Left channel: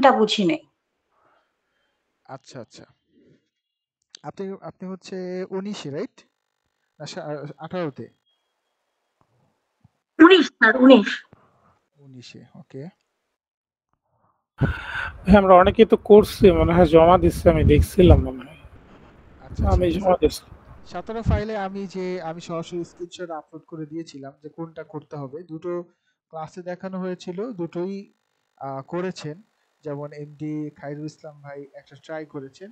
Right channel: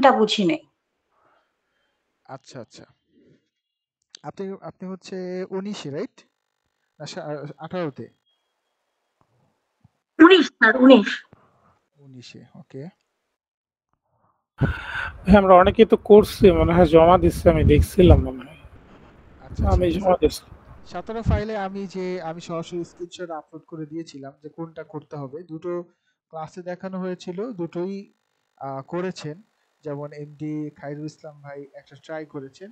মিনিংটা বুঝি নাই। আচ্ছা আচ্ছা, আপনি আপনি হচ্ছে 19-এ রাইট না 18-তে? 19 স্যার, 19। 19-এ, ওকে। হ্যাঁ, আমরা অনেকেই তো করছি, মনে হয় জমা দিচ্ছে, আমি দেখছিলাম মনে হয় আচ্ছা আমি ঠিক আছে। জমা দিচ্ছি। 17 ফাইলে আমি সরাসরি স্ক্রিনশট আপলোড করে দিয়েছিলাম যে কোনটা করতে হবে। দুটো ক্লাসে দেখানো হয়েছিল, দুটোই করেছেন। যেমন এমডি খায়রুল ইসলাম ভাই একটা ট্রাই করেছেন।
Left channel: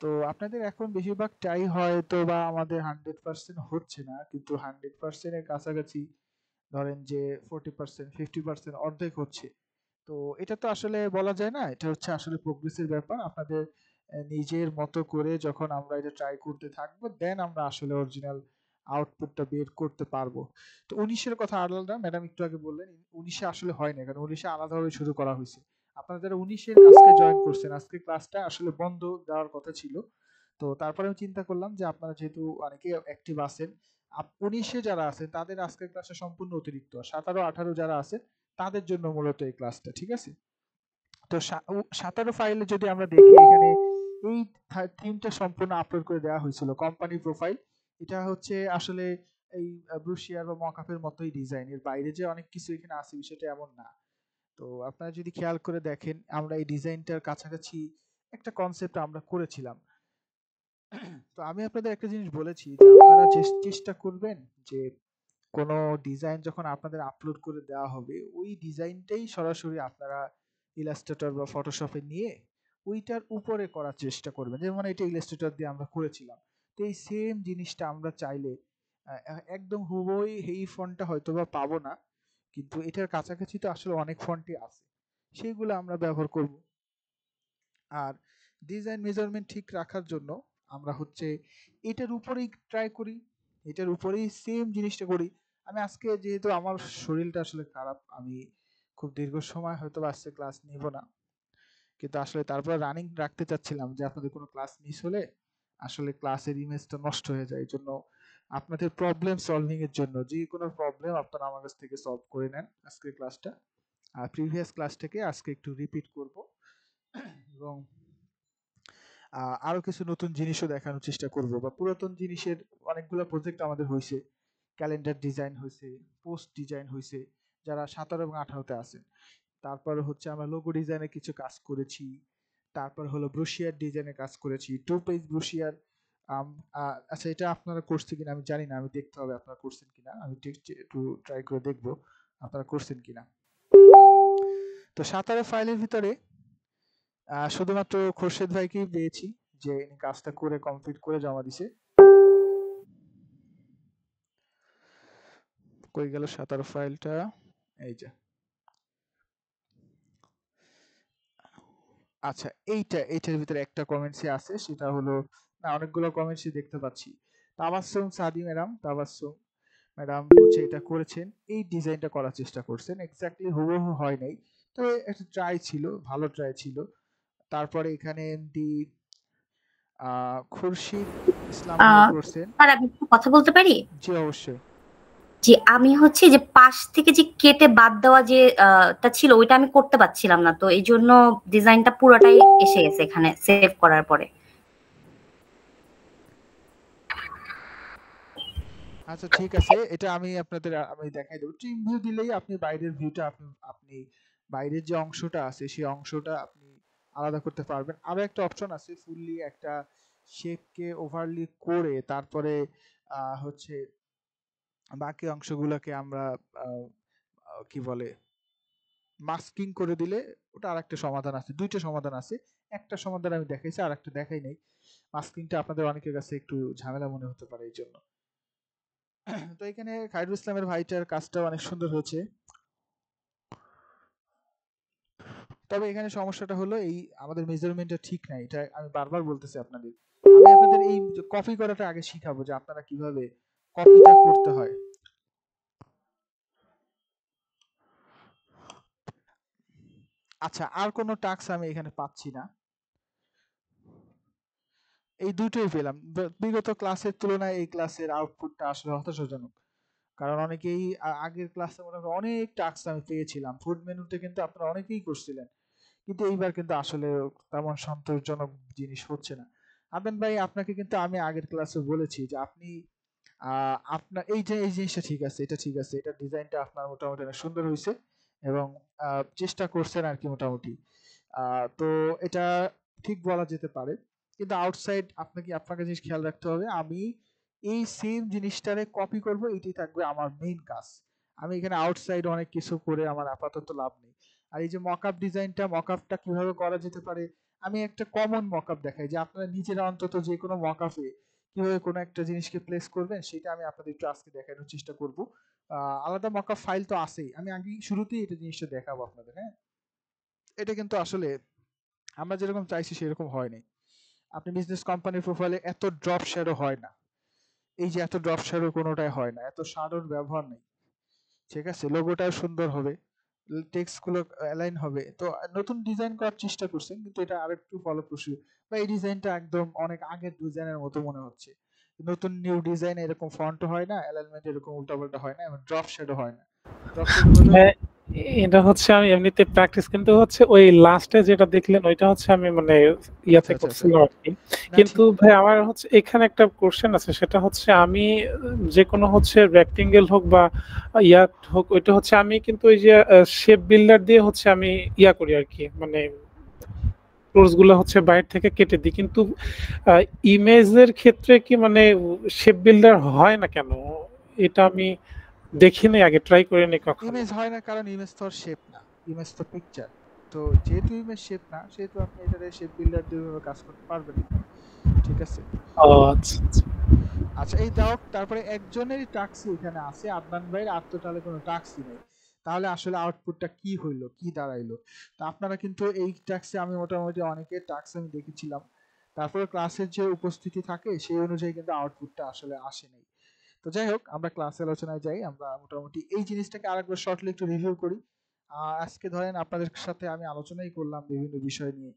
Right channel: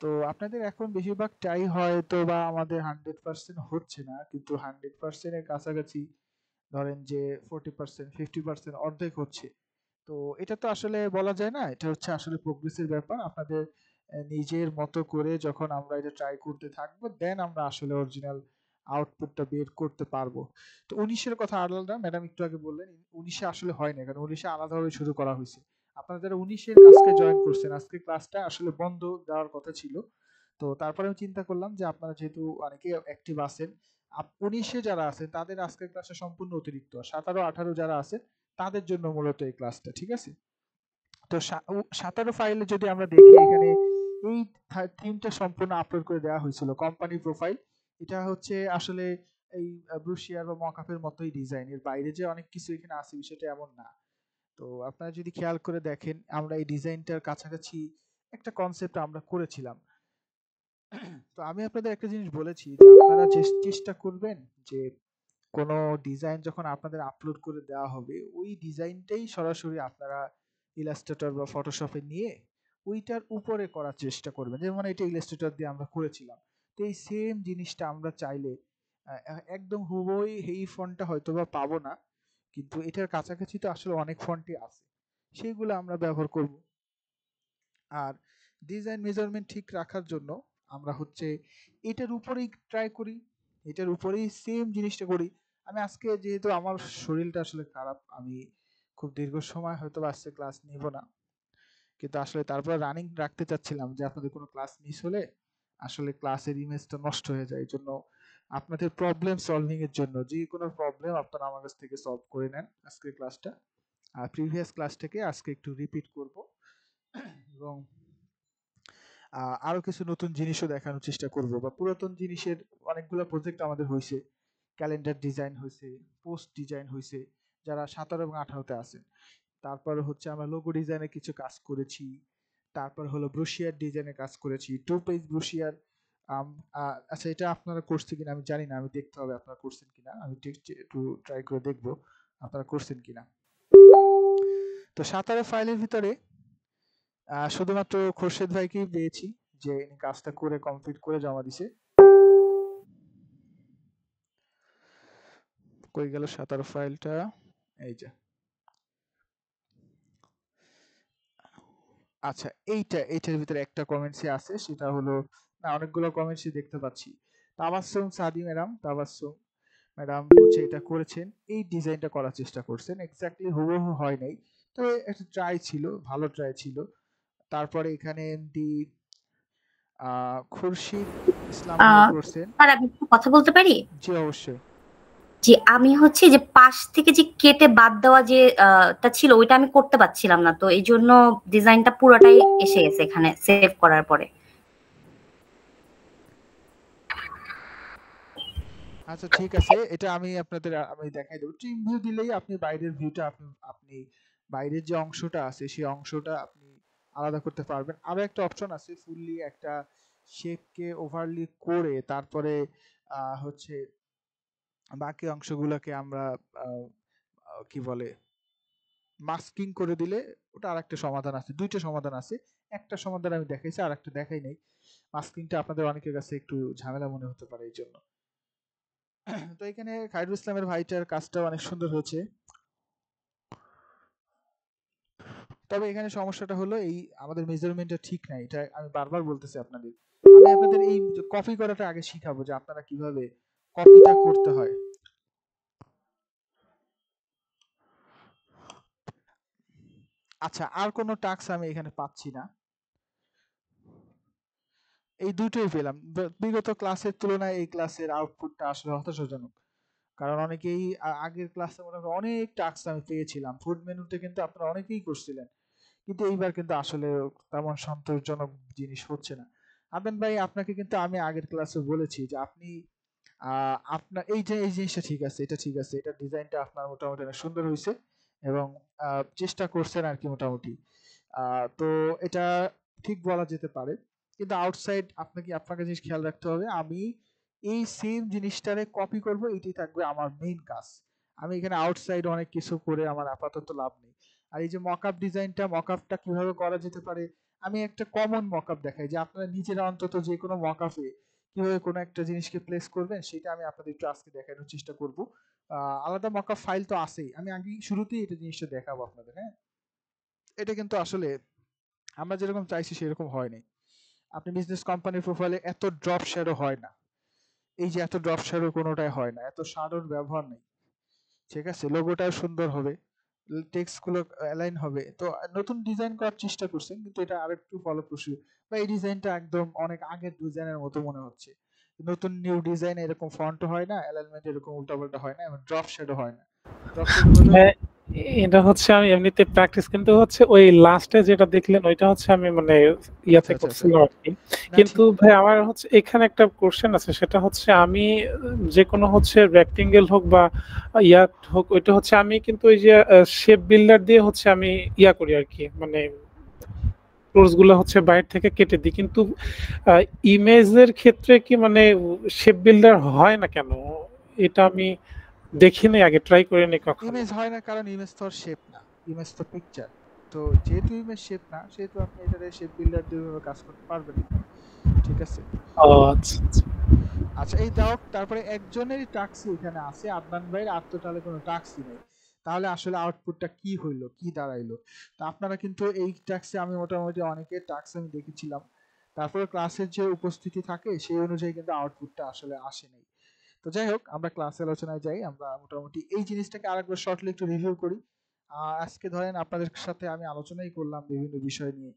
তো আপনাদের এখন বেশিরভাগ ট্রাই হয়তো বা আমাদের 100% হচ্ছে না, কিন্তু 100% এর কাছাকাছি ধরেন যে 40%, 50%, অর্ধেক হচ্ছে। তো এটা তো আসলে বলা যায় না, এটা হচ্ছে আসলে প্রোগ্রেসের ব্যাপার। আপনাদের নিজের মতো করে যখন আমরা এটা ট্রাই করতে থাকবো, দেন আমরা আসলে অরিজিনাল আউটপুটটা বের করতে পারবো। তো 19-এর কথা আলাদা, ম্যাডাম একটু আগে বললেন 19-এ আসলে হয় না, কারণ 19-এ আলাদাভাবে শুরু করা হয়েছে। আপনারা যারা 19-এর আজকে জয়েন করছেন, আজকে ক্লাসটা আসলে বন্ধ দেওয়ার কথা ছিল। তো তারপরে আমি চিন্তা করলাম যে আপনারা যেহেতু অনেকেই অ্যাক্টিভ আছেন, 19-এ যারা আছেন তাদের আজকের ক্লাসটা সম্পূর্ণ অতিরিক্ত। 17, 18 যারা আছে তাদের জন্য মূলত এই ক্লাসটা, ঠিক আছে? তো 17 ফাইলে যদি আমরা দেখি, এখানে এই থিমটা সম্পূর্ণ আপলোড করে দেওয়া হয়েছিল, কোম্পানি প্রোফাইল। এটা হচ্ছে আসলে এই ব্রুশিয়ার বা মকআপের মতোই ডিজাইন, এর বাইরে যে অনেক কিছু এখানে আছে বিষয়টা এমন না। তো আপনারা যদি খেয়াল করে দেখেন, আমরা এই ডিজাইনটার কাছাকাছি একটা কনসেপ্ট আমরা করেছিলাম। তো আমি আপনাদের একটা জিনিস বলেছি যে আপনারা চেষ্টা করবেন যে কোনো ডিজাইন যখন আপনাদের আপলোড করে দেওয়া হবে, ওই ডিজাইনটাই সরাসরি আপনারা ইলাস্ট্রেটর বা ফটোশপে নিয়ে ওইটার উপরে করার চেষ্টা করবেন। যেমন এটা ইলাস্ট্রেটর দিয়ে আমরা করেছিলাম। তো এই সেম জিনিসটা আমরা চাইলে একদম হুবই এই ফন্টটা হয়তো বা পাবো না, কিন্তু এটার কাছাকাছি তো আসলে অনেক ফন্টই আছে, সেইগুলো আমরা ব্যবহার করব। আর ডিজাইন মেজারমেন্ট ঠিক রাখার জন্য আমরা হচ্ছে এটার উপরেই ট্রাই করি, এটার উপরেই সেম জিনিসটা করি। আমি আজকে যেহেতু আমার শরীরটা আসলে খারাপ, আমি খুব দীর্ঘ সময় হয়তো আজকে ক্লাস নিব না, কিন্তু আসলে তারপর রানিং রাখতে চাচ্ছিলাম যে আপনাদের কোনো ক্লাস মিস হলে আসলে ক্লাসের ইমেজটা নষ্ট হয়ে যায়। এই জন্য আপনাদের প্রবলেম সলভিং এর জন্য যে কোনো প্রবলেম আপনারা আমার কাছ থেকে সলভ করে নেন আজকের ক্লাসটা। আর প্রিভিয়াস ক্লাসটাকে আজকে একটু রিপিট করব, এবং আরো কিছু নতুন জিনিসও দেখানোর চেষ্টা করব, বা পুরাতন জিনিসের অনেকগুলো প্রজেক্ট আমাদের হয়েছে। ক্যালেন্ডার ডিজাইন হয়েছে, পোস্ট ডিজাইন হয়েছে, যারা 17 এবং 18-তে আছেন। তারপর হচ্ছে আমরা লোগো ডিজাইনে কিছু কাজ করেছি। তারপর হলো ব্রোশিয়ার ডিজাইনে কাজ করেছি, 2 পেজ ব্রোশিয়ার। আচ্ছা, এটা আপনারা করছেন কিনা আমি জানি না, আমি দেখতে হবে আপনারা করছেন কিনা, আমি ঠিক একটু ট্রাই করে দেখবো আপনারা করছেন কিনা। তো 17 ফাইলের ভিতরে শুধুমাত্র খোরশেদ ভাইকেই পেয়েছি যে ইনি কাজটা করে কমপ্লিট করে জমা দিছে। কই গেল 17 ফাইলটা? এই যে। আচ্ছা, এইটার ভিতরে একটা কমেন্টসই আছে, সেটা হলো, না অনেকগুলো কমেন্টসই দেখতে পাচ্ছি। তাবাসসুম সাদি ম্যাডাম, তাবাসসুম ম্যাডাম হচ্ছে এটা করেছেন, এই ডিজাইনটা করার চেষ্টা করছেন। এক্স্যাক্টলি হুবহু হয় নাই, তবে একটা ট্রাই ছিল, ভালো ট্রাই ছিল। তারপরে এখানে এমডি খুরশিদ ইসলাম ভাই করছেন। স্যার, আমি একটু কথা বলতে পারি? জি অবশ্যই। যে আমি হচ্ছে যে পাশ থেকে যে কেটে বাদ দেওয়া যে টা ছিল, ওইটা আমি করতে পারছিলাম না, তো এই জন্য ডিজাইনটা পুরোটাই এসে গেছে এখানে সেভ করার পরে। আচ্ছা ঠিক আছে, এটা আমি দেখাই দেবো। ট্রিম ভিউ দিলেই আপনি বাইরের ভিউটা আপনি বাইরের যে অংশটা আছে সেই অংশটা আপনি আলাদা করতে পারবেন। আরো একটা অপশন আছে, ফুললি একটা শেপকে ওভারলি করে তারপরে হচ্ছে বাকি অংশগুলোকে আমরা আহ, কি বলে মাস্কিং করে দিলে, ওটা আরেকটা সমাধান আছে, দুইটা সমাধান আছে। একটা সমাধান আমি দেখাইছি, আর একটা দেখাই নাই। মাস্কিংটা আপনাদের অনেকের কাছে একটু ঝামেলা মনে হতে পারে, এই জন্য। তো এখানে খায়রুল ইসলামের ভাইটার কাজটা অনেক সুন্দর হয়েছে। তবে এখানে সমস্যাটা হলো এই আমাদের মেজারমেন্টটা ঠিক নাই, এটা আমি বারবার বলতেছি আপনাদের। আমি আপনাদের এই কপি করাটা আগে শিখাবো যে আপনারা কিভাবে কপিটা করতে হয়। আচ্ছা, আর কোনো টাস্ক আমি এখানে পাচ্ছি না, এই দুটোই পেলাম। বিগত ক্লাসের তুলনায় এই ক্লাসের আউটপুটটা আসলে হতাশাজনক, কারণ অনেকেই আগের ক্লাসে মনে হয় অনেক টাস্ক আমি পেয়েছিলাম। ফুড মেনুতে কিন্তু আপনারা অনেকেই করছিলেন, কিন্তু এইবার কিন্তু আসলে তেমন সন্তোষজনক জিনিস হচ্ছে না। আদনান ভাই, আপনাকে কিন্তু আমি আগের ক্লাসে বলেছি যে আপনি আপনার এই জিনিসটা ঠিক আছে, এটা ঠিক আছে, এটা ডিজাইনটা আপনার মোটামুটি অনেক সুন্দর হয়েছে এবং চেষ্টা করছেন আর কি মোটামুটি। তো এটা ঠিক বলা যেতে পারে, কিন্তু আউটসাইড আপনাকে জিনিস খেয়াল রাখতে হবে। আমি এই সেম জিনিসটারে কপি করব, এটাই থাকবে আমার মেইন কাজ। আমি এখানে আউটসাইড অনেক কিছু করে আমার আপাতত লাভ নেই। আর এই যে মকআপ ডিজাইনটা, মকআপটা কিভাবে করা যেতে পারে, আমি একটা কমন মকআপ দেখাই যে আপনারা নিজেরা অন্তত যে কোনো মকআপে কিভাবে কোনো একটা জিনিসকে প্লেস করবেন, সেটা আমি আপনাদের একটু আজকে দেখানোর চেষ্টা করব। আলাদা মকআপ ফাইল তো আছেই, আমি আগে শুরুতেই এটা জিনিসটা দেখাবো আপনাদের। হ্যাঁ, এটা কিন্তু আসলে আমরা যেরকম চাইছি সেরকম হয়নি। আপনি বিজনেস কোম্পানির প্রোফাইলে এত ড্রপ শ্যাডো হয় না, এই যে এত ড্রপ শ্যাডো কোনোটাই হয় না, এত শ্যাডোর ব্যবহার নেই। ঠিক আছে, লোগোটাও সুন্দর হবে, টেক্সট গুলো অ্যালাইন হবে। তো নতুন ডিজাইন করার চেষ্টা করছেন, কিন্তু এটা আরেকটু ফলপ্রসূ, বা এই ডিজাইনটা একদম অনেক আগের ডিজাইনের মতো মনে হচ্ছে। নতুন নিউ ডিজাইন এরকম ফন্ট হয় না, অ্যালাইনমেন্ট এরকম উল্টাপাল্টা হয় না, এবং ড্রপ শ্যাডো হয় না। ড্রপ শ্যাডো হলেও হ্যাঁ, এটা হচ্ছে আমি এমনিতে প্র্যাকটিস, কিন্তু হচ্ছে ওই লাস্টে যেটা দেখলেন ওইটা হচ্ছে আমি মানে ইয়াতে আচ্ছা আচ্ছা আচ্ছা, করছিলাম আর কি। না কিন্তু ঠিক। ভাই আমার হচ্ছে এখানে একটা কোশ্চেন আছে, সেটা হচ্ছে আমি যে কোনো হচ্ছে রেক্টেঙ্গেল হোক বা ইয়াত হোক, ওইটা হচ্ছে আমি কিন্তু ওই যে শেপ বিল্ডার দিয়ে হচ্ছে আমি ইয়া করি আর কি, মানে টুলস গুলো হচ্ছে বাইরে থেকে কেটে দিই। কিন্তু ইমেজের ক্ষেত্রে কি মানে শেপ বিল্ডার হয় না কেন? এটা আমি দেখিনি, আগে ট্রাই করিনি কখনো। ইমেজ হয় না কারণ ইমেজ তো শেপ না, ইমেজ তো পিকচার। তো যেহেতু ইমেজ শেপ না, সেহেতু আপনি এটাতে শেপ বিল্ডার দিয়ে কাজ করতে পারবেন না। ঠিক আছে। ও আচ্ছা আচ্ছা। আচ্ছা, এই দাও, তারপরে একজনেরই টাস্কই এখানে আছে, আদনান ভাইয়ের। আর তো তাহলে কোনো টাস্কই নেই, তাহলে আসলে আউটপুটটা কি হইলো, কি দাঁড়াইলো? তো আপনারা কিন্তু এই টাস্কে আমি মোটামুটি অনেকের টাস্ক আমি দেখেছিলাম, তারপরে ক্লাসের যে উপস্থিতি থাকে সেই অনুযায়ী কিন্তু আউটপুটটা আসলে আসে নাই। তো যাই হোক, আমরা ক্লাসে আলোচনায় যাই। আমরা মোটামুটি এই জিনিসটাকে আরেকবার শর্টলি একটু রিভিউ করি। আজকে ধরেন আপনাদের সাথে আমি আলোচনাই করলাম বিভিন্ন বিষয় নিয়ে,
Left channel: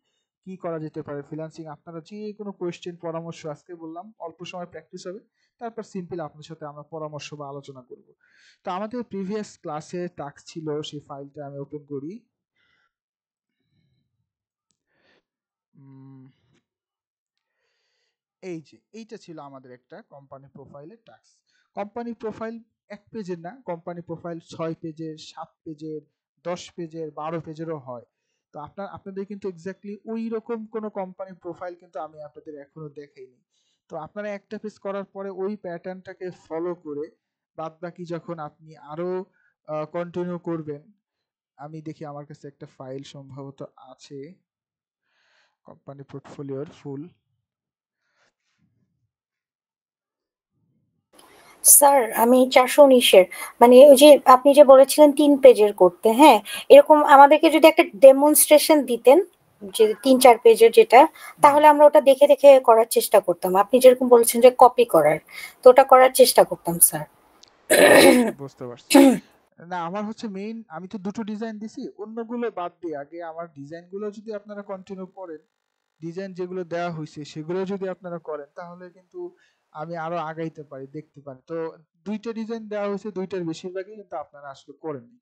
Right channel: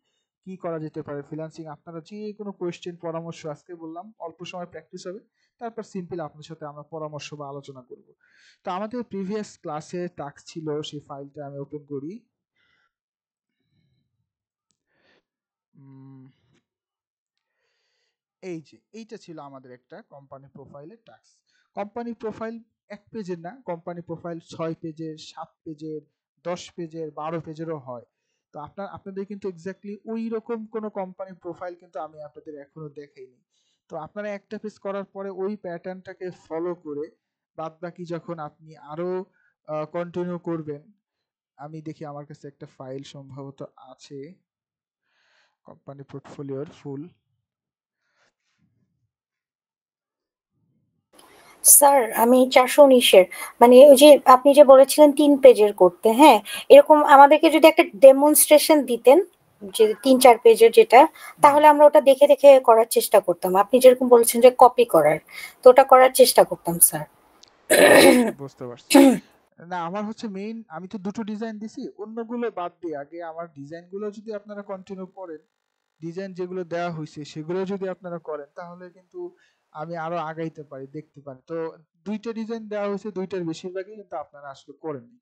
কি করা যেতে পারে ফ্রিল্যান্সিং। আপনারা যে কোনো কোয়েশ্চেন, পরামর্শ, আজকে বললাম অল্প সময় প্র্যাকটিস হবে, তারপর সিম্পল আপনার সাথে আমরা পরামর্শ বা আলোচনা করব। তো আমাদের প্রিভিয়াস ক্লাসে টাস্ক ছিল, সেই ফাইলটা আমি ওপেন করি। উম, এই যে এইটা ছিল আমাদের একটা কোম্পানি প্রোফাইলের টাস্ক। কোম্পানি প্রোফাইল এক পেজের না, কোম্পানি প্রোফাইল 6 পেজের, 7 পেজের, 10 পেজের, 12 পেজেরও হয়। তো আপনাদের কিন্তু এক্স্যাক্টলি ওই রকম কোনো কোম্পানি প্রোফাইল কিন্তু আমি আপনাদের এখনো দেখাইনি। তো আপনারা একটা পেজ করার পরে ওই প্যাটার্নটাকে ফলো করে বাদ বাকি যখন আপনি আরো কন্টিনিউ করবেন, আমি দেখি আমার কাছে একটা ফাইল সম্ভবত আছে কোম্পানি পোর্টফোলিওর ফুল। স্যার আমি 419-এর, মানে ওই যে আপনি যে বলেছিলেন 3 পেজের করতে, হ্যাঁ এরকম আমাদেরকে যদি একটা ডেমনস্ট্রেশন দিতেন যে 3-4 পেজের যেটা, তাহলে আমরা ওটা দেখে দেখে করার চেষ্টা করতাম। আপনি যেরকম বলেছেন যে কপি করার, তো ওটা করার চেষ্টা করতাম স্যার। বুঝতে পারছি। না, আমার হচ্ছে মেইন, আমি তো দুটো ডিজাইন দিছি, অন্যগুলো বাদ দিয়ে আগে আমার ডিজাইনগুলো যদি আপনারা কন্টিনিউ করেন, ডিজাইন যেগুলো দেওয়া হয়েছে সেগুলো যদি আপনারা করেন, তাহলে কিন্তু আমি আরো আগাইতে পারি, দেখতে পারি। তো দুইটা ডিজাইন দেওয়া হয়েছে, দুইটার বেশিরভাগই কিন্তু আপনারা আসলে করেননি।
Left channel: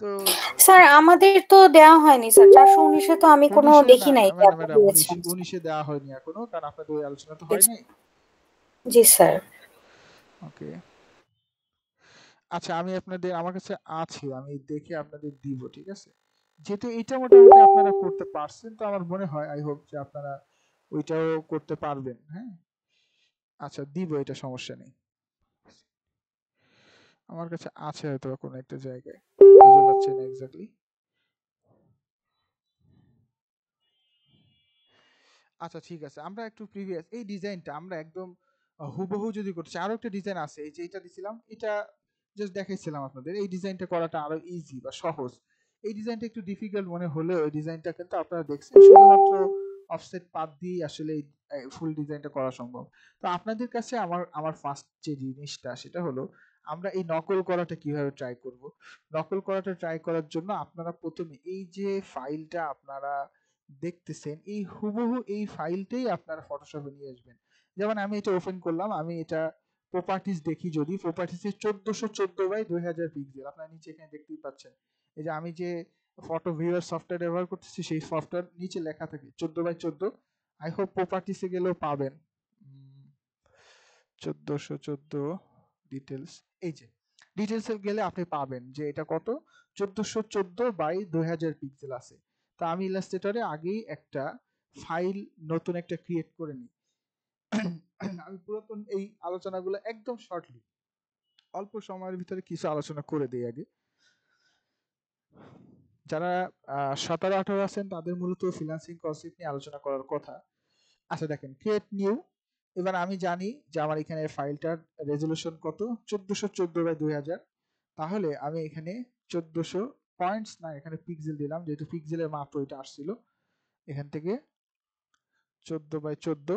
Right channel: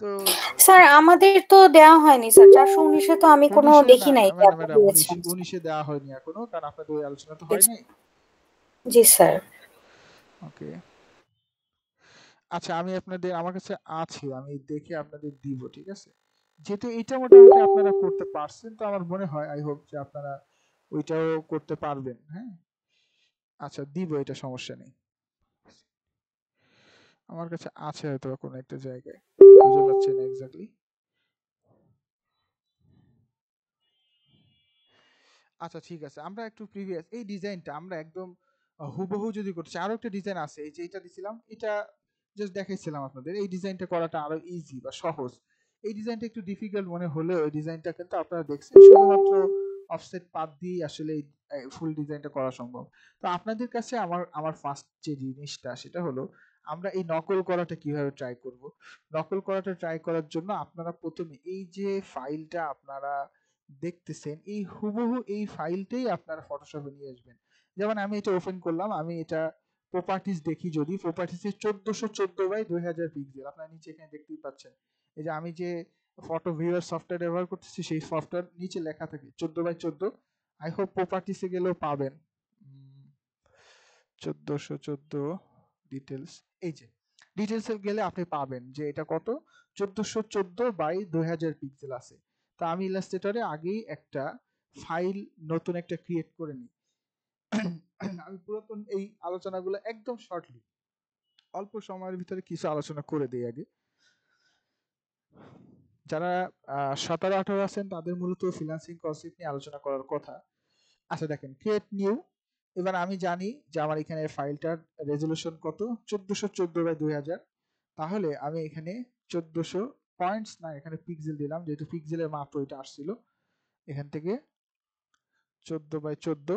তো স্যার আমাদের তো দেওয়া হয়নি স্যার, 419-এ তো আমি কোনো 19-এ দেখি না নাই যে আপনি ম্যাডাম, দিয়েছেন। 19-এ দেওয়া হয়নি এখনো, কারণ আপনাদের ওই আলোচনা তো হয় নাই। জি স্যার। ওকে, আচ্ছা, আমি আপনাদের, আমার কাছে আছে, আমি দেখে আপনাদের দিব, ঠিক আছে। যেহেতু এটা মোটামুটি আপনারা করতে পারছেন, তো আমার মনে হয়, আই হোপ যে আপনারা ওইটাও করতে পারবেন। হ্যাঁ, আচ্ছা দিব, এটা সমস্যা নেই। আমার কাছে আছে হয়তো কোনো একটা জায়গায়, খুঁজে পাচ্ছি না এক্স্যাক্টলি। আচ্ছা ঠিক আছে, আমরা একটু প্রিভিয়াস এই ডিজাইনটা আমরা একদম হুবহু যদি করতে চাই, আরো একটা ডিজাইন আছে, এই যে এটা দিছিলাম, এটা জাস্ট দেখাইছিলাম আপনাদের। এই ডিজাইনটা করাটা আরো ইজি বা সহজ। এই ডিজাইনটা একটু ডিফিকাল্ট মনে হলেও এই ডিজাইনটা কিন্তু আপনারা দেখছেন, শুধুমাত্র অফসেট পাত দিয়ে আসলে এই ফুল ডিজাইনটা করা সম্ভব। তো আপনাদের কাছে আমার আমার ফার্স্ট যে জিনিসটা, সেটা হলো আমরা এই নকল করাটা কিভাবে ট্রাই করব। নকল করাটা ট্রাই করার জন্য আপনারা প্রথমে এই যে ফাইলটা আপনারা দেখতেছেন, এই হুবহু এই ফাইলটাই আপনারা ফটোশপে নিয়ে আসবেন। যেমন আমি এটা ওপেন করলাম, আমি এটা প্রপার্টিজ দেখি, যদি প্রপার্টিজে 1414 বাই 2000 পিক্সেল আপনারা নিচে এখানে দেখতেই পাচ্ছেন। এই যে আমি যে ফটো ভিউয়ার সফটওয়্যার ব্যবহার করতেছি, সেই সফটওয়্যার নিচে লেখা থাকে 14x14। আই হোপ প্রপার্টিসে গেলেও পাবেন 1414 ডিটেলস। এই যে ডিটেলসে গেলে আপনি পাবেন যে এটা কত 1414/2000 পিক্সেল আছে। তো আমি ইলাস্ট্রেটরে আগেই একটা ফাইল নতুন একটা ক্রিয়েট করে নিই। আমি পুরাতন এই আলোচনাগুলো একদম শর্টলি অল্প সময়ের ভিতরে কিছু আলোচনা করে দিই আগে। যারা 17-18 আছেন তাদের মূলত ফ্রিল্যান্সিং কনসেপ্ট নিয়ে আলোচনা করার কথা। আচ্ছা দেখেন, ক্রিয়েট নিউ। এবার আমি জানি যে আমার এখানে ফাইলটার রেজলিউশন কত 1414/2000। তাহলে আমি এখানে 1400 পয়েন্টস না, এখানে পিক্সেল দিলাম, যেহেতু পিক্সেলের মাপ ওইটা আসছিল। এখান থেকে 14/14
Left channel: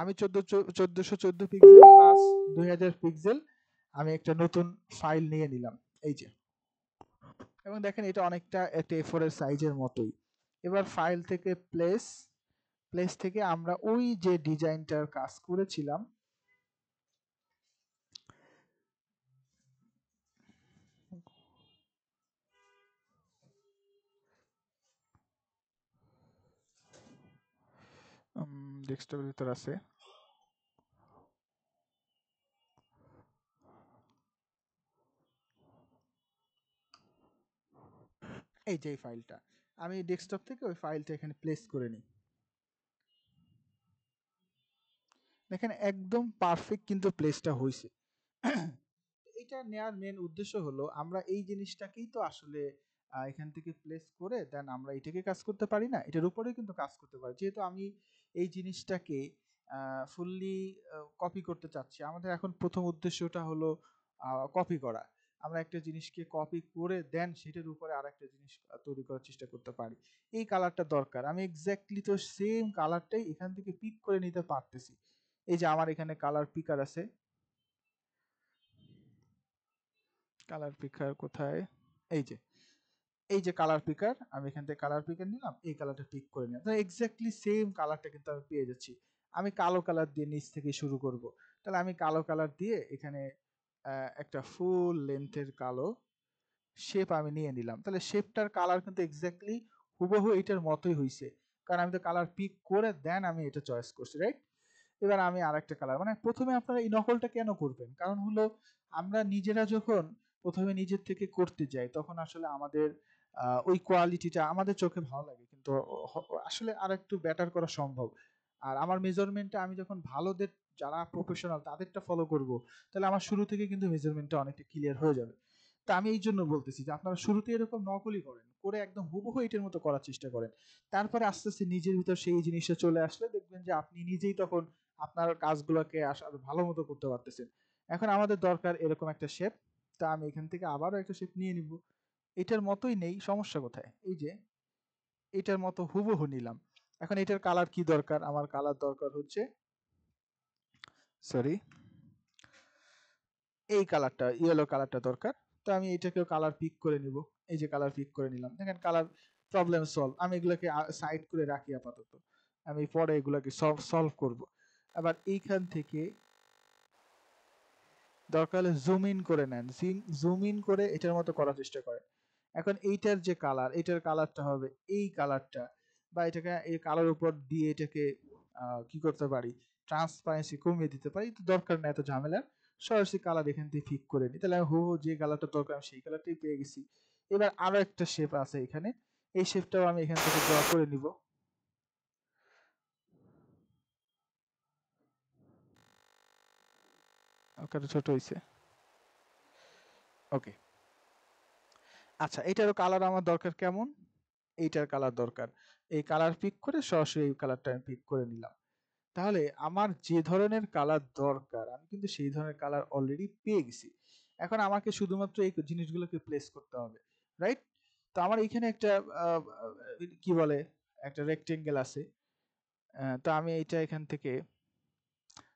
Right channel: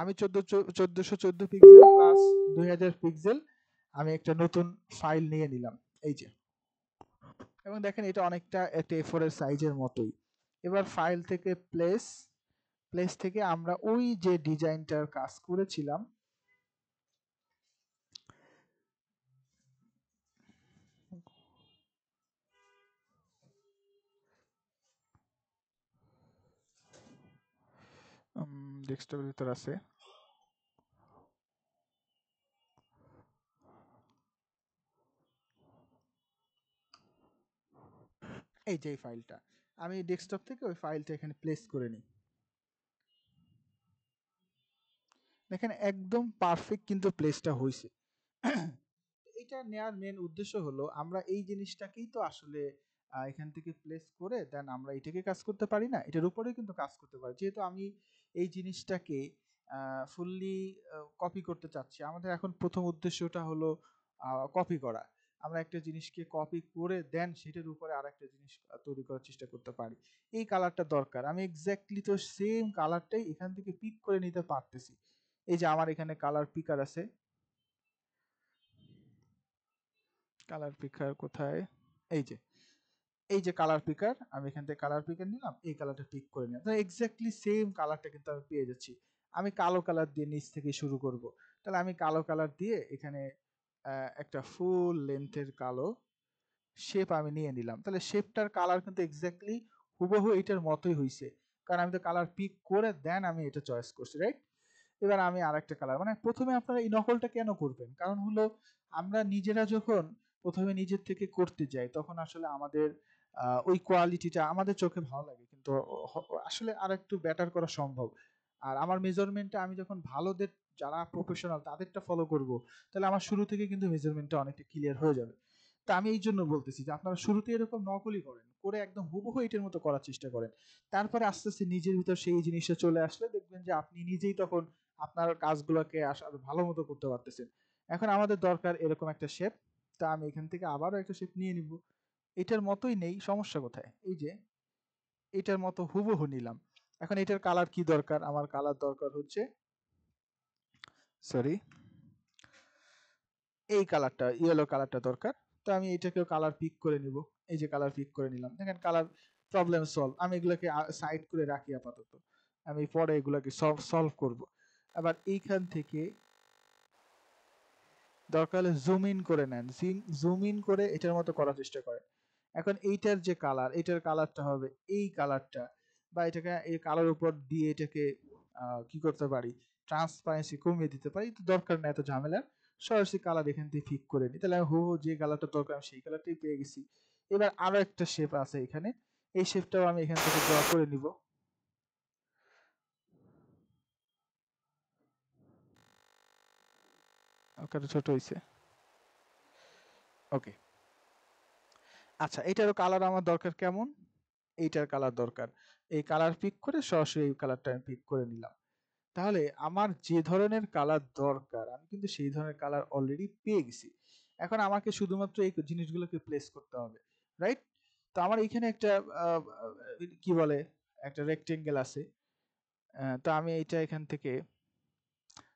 আমি 1414 পিক্সেল প্লাস 2000 পিক্সেল আমি একটা নতুন ফাইল নিয়ে নিলাম, এই যে। এবং দেখেন এটা অনেকটা একটা A4 এর সাইজের মতোই। এবার ফাইল থেকে প্লেস থেকে আমরা ওই যে ডিজাইনটার কাজ করেছিলাম ডেস্কটপের ভিতর আছে, এই যে ফাইলটা। আমি ডেস্কটপ থেকে ওই ফাইলটা এখানে প্লেস করে নিই। দেখেন একদম পারফেক্ট কিন্তু প্লেসটা হয়েছে। এটা নেওয়ার মেন উদ্দেশ্য হলো আমরা এই জিনিসটাকেই তো আসলে এখান থেকে প্লেস করে দেন আমরা এটাকে কাজ করতে পারি না, এটার উপরেই কিন্তু কাজ করতে পারি। যেহেতু আমি এই জিনিসটাকে ফুললি কপি করতে চাচ্ছি, আমাদের এখন প্রথম উদ্দেশ্যটা হলো কপি করা। আমরা একটা জিনিসকে কপি করে দেন সেটার উপরে আর একটা জিনিস তৈরি করার চেষ্টা করতে পারি। এই কালারটা দরকার, আমি এক্স্যাক্টলি তো সেম কালারটাই এখান থেকে পিক করে নিতে পারতেছি। এই যে আমার এখানে কালার পিকার আছে, কালার পিকার কোথায়, এই যে কালার পিকার, আমি এখান থেকে কালার পিকার নিলাম, এই কালারটা পিক করে নিলাম, তাহলে এক্স্যাক্টলি সেম কালারটা কিন্তু আমি পেয়ে যাচ্ছি। আমি কালো কালার দিয়ে নিচ থেকে শুরু করব, তাহলে আমি কালো কালার দিয়ে এখানে একটা ফুল লেন্থের কালো শেপ আমি নিয়ে নিলাম, তাহলে শেপটার কালার কিন্তু এক্স্যাক্টলি হুবহু এটার মতোই হয়েছে, কারণ আমি তো কালার পিক করে দেন আমি এটা চয়েস করছি, রাইট। এবার আমি আরেকটা কালার, মানে প্রথমে আপনারা এই নকলটা কেন করবেন, কারণ হলো আমরা নিজেরা যখন প্রথমে নিজের থেকে করতে যাই তখন আসলে আমাদের ওই কোয়ালিটিটা আমাদের চোখে ভালো লাগে, কিন্তু আসলে আর একটু বেটার করা সম্ভব। আর আমার মেজারমেন্টটা আমি যখন ভালোদের যারা প্রফেশনাল তাদেরটা ফলো করব, তাহলে আমার শুরু থেকে কিন্তু মেজারমেন্টটা অনেকটা ক্লিয়ার হয়ে যাবে। তা আমি এই জন্য বলতেছি যে আপনারা শুরুতে এরকম নকলই করেন, করে একদম হুবহু এটার মতো করার চেষ্টা করেন। তারপরে আস্তে আস্তে নিজের ভিতর সেই জিনিসটা চলে আসলে দেখবেন যে আপনি নিজেই তখন আপনার কাজগুলোকে আরো ভালো মতো করতে পারতেছেন। এখন আমাদের দরকার এরকম একটা শেপ, তা আমি এখান থেকে আবারও একটা শেপ নিয়ে নিব। এটার মতোই নেই, সমস্যা কোথায়, এই যে এটার মতো হুবহু নিলাম। এখন এটার কালার কি দরকার, আমার কালার দরকার হচ্ছে সরি এই কালারটা, ইয়েলো কালারটা দরকার। তো আমি এটাকেও কালার পিক করে নিব, এই যে কালার পিক করে নিলাম। দেখেন কালার প্রবলেম সলভ। আমি এগুলোকে সাইড করে রাখি আপাতত, আমি পরে এগুলোকে সলভ করব। আবার এইখান থেকে দরকার হলে জুম ইন করে নেন, জুম ইন করে এটার মতো করার চেষ্টা করেন। এখন এইটার যে কালার, এটার কালারটা হবে এই কালারটা, বা এটাকে এই কালার উপর দিয়ে এটাকে কি করতে পারি, ট্রান্সপারেন্সি কমিয়ে দিতে পারি। তো দরকার না এত ঝামেলা, সরাসরি কালার এখান থেকে ফিক করে নিই, তাহলে আমি যে কালারটা দরকার আমি সেই কালারটাই পেয়ে গেছি। এবার আরো একটা শেপ আছে এখানে, এই শেপটাও আমি এখান থেকে ড্র করে নিব। ওকে, ছোট হয়েছে, ওকে। আচ্ছা, এটারও কালার আমার দরকার কেমন, এইটার কালার দরকার, এই কালার পিক করে সরাসরি এই কালারটা আমি পিক করে নিলাম। তাহলে আমার যে ধরনের কালার দরকার আমি কিন্তু সেই ধরনের কালার অলরেডি পেয়ে গেছি। এখন আমাকে শুধুমাত্র এই জিনিসগুলোকে প্লেস করতে হবে, রাইট। তো আমার এখানে একটা কি বলে একটা রেক্টেঙ্গেল আছে, তো আমি এইটা এখান থেকে